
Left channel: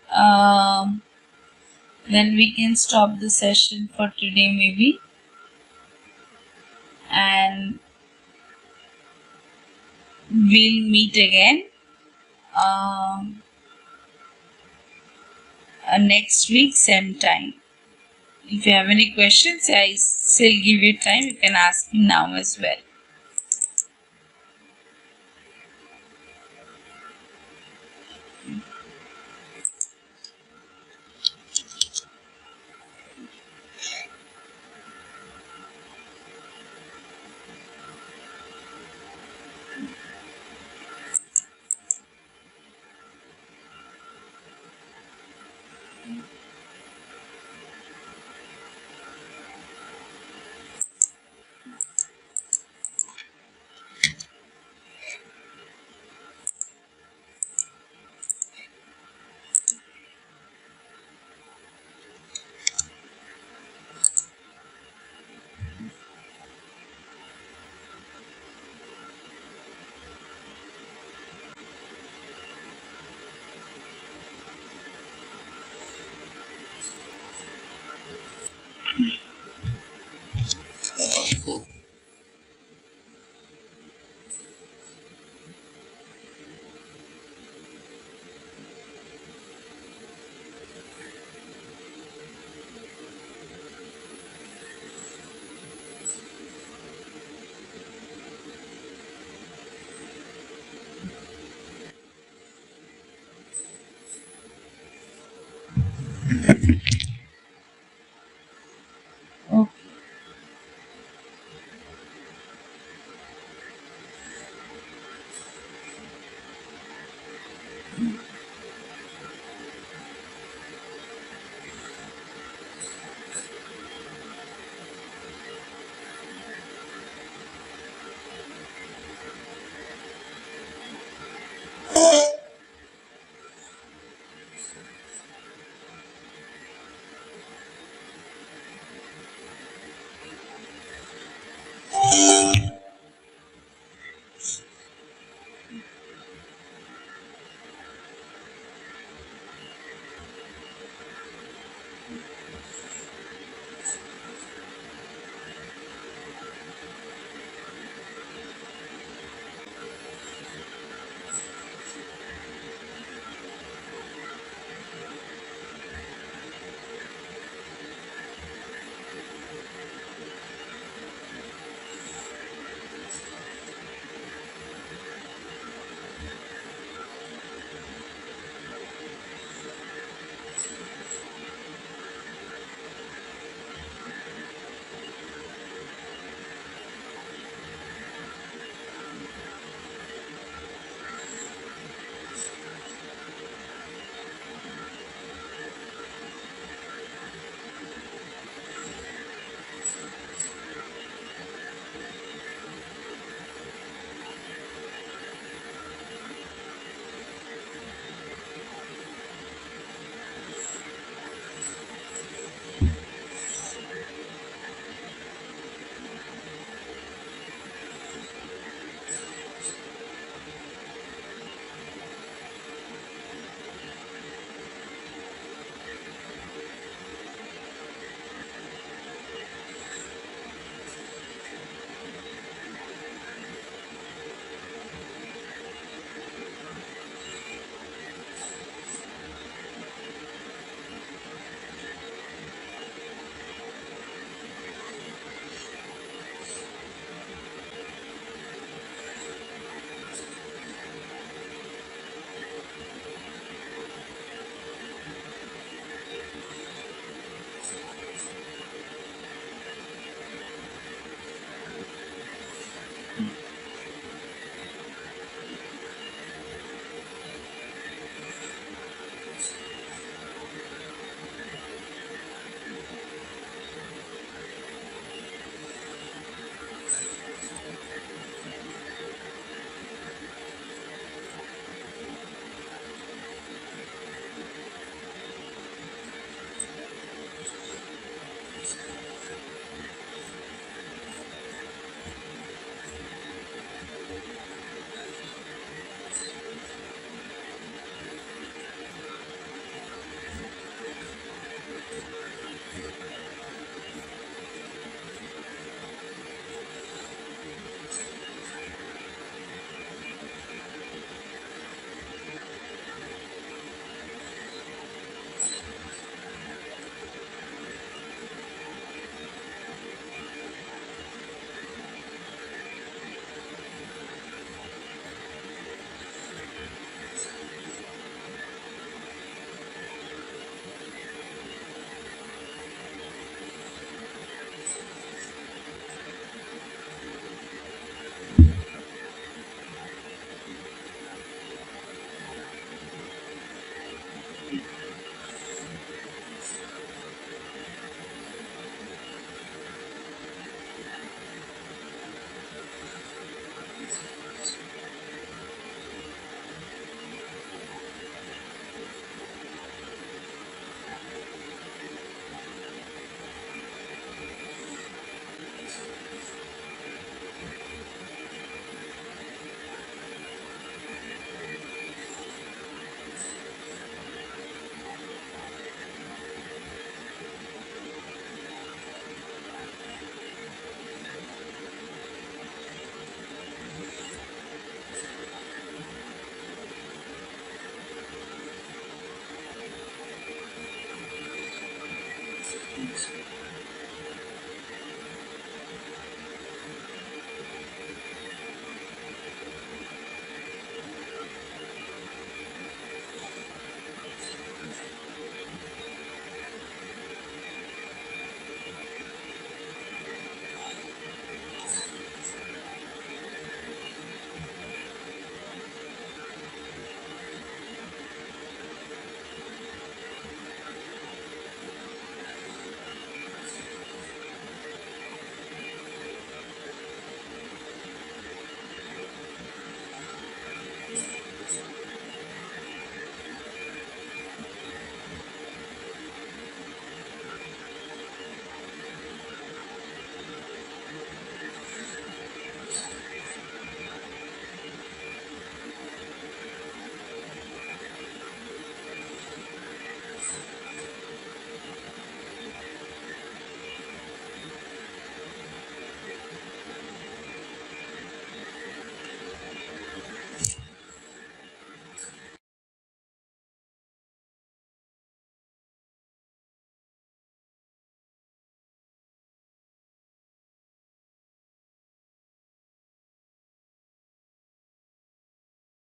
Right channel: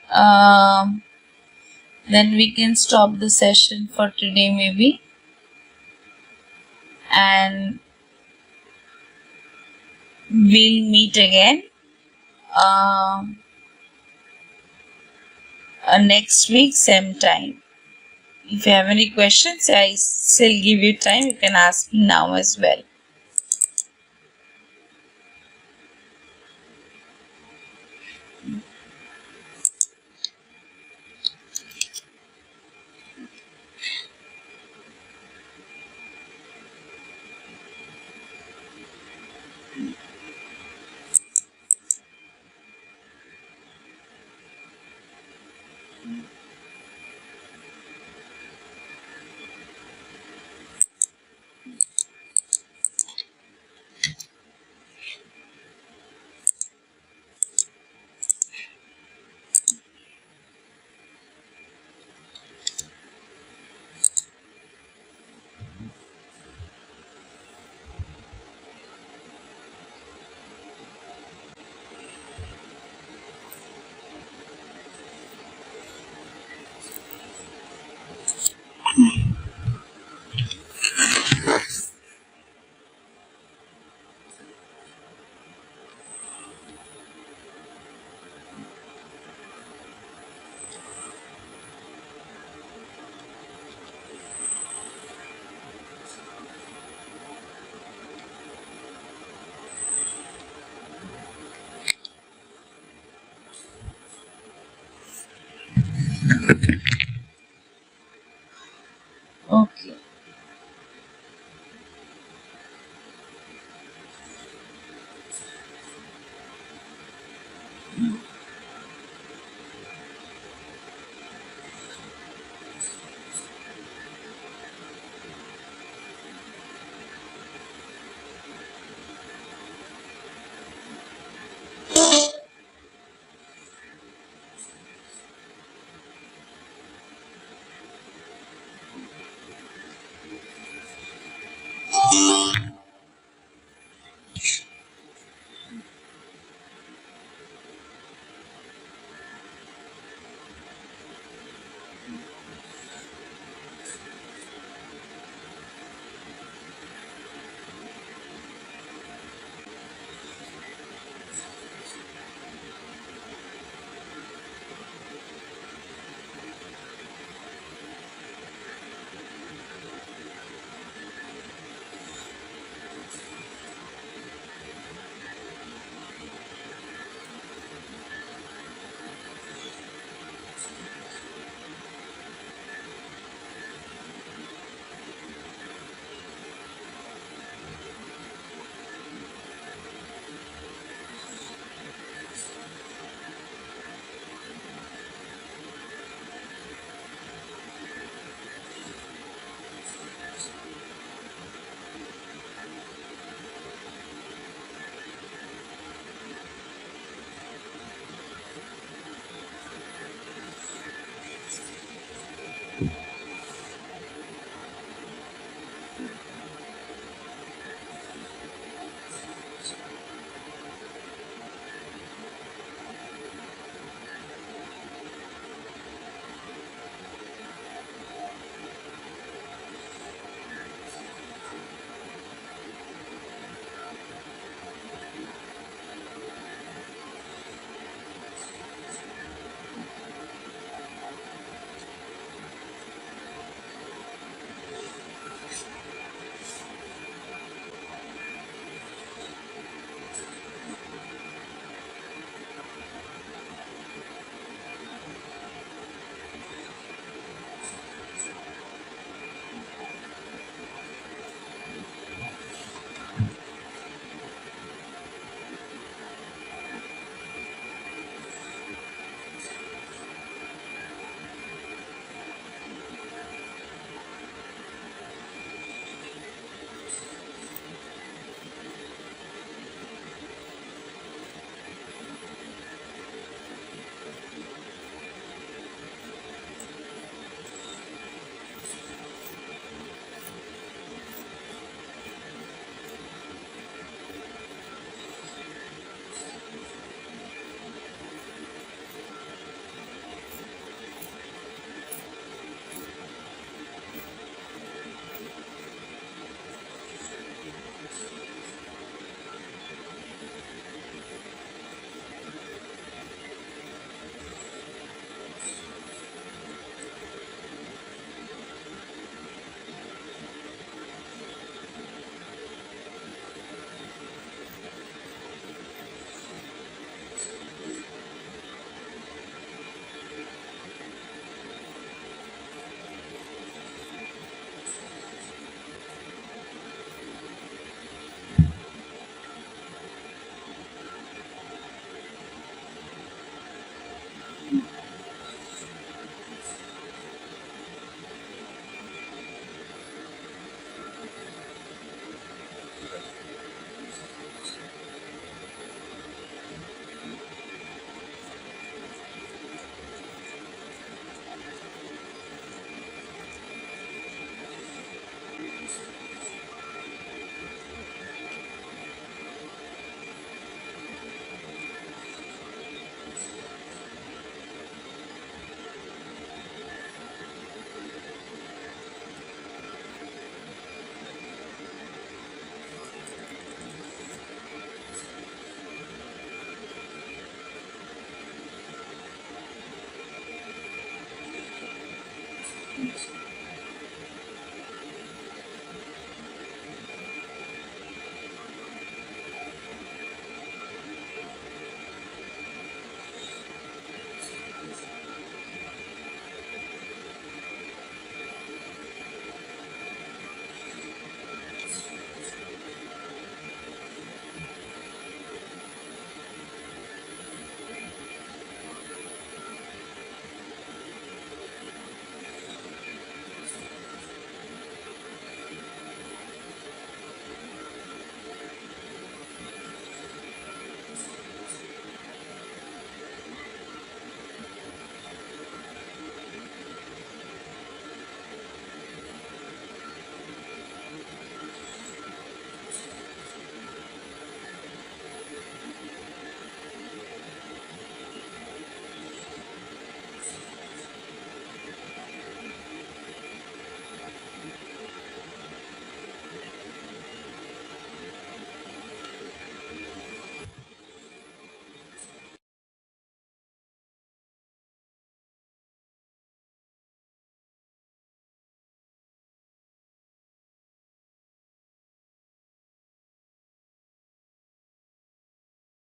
then we can stop the session for today maybe, and we'll meet again next week same time. If you have any questions, I still give you time, you can ask me now as well.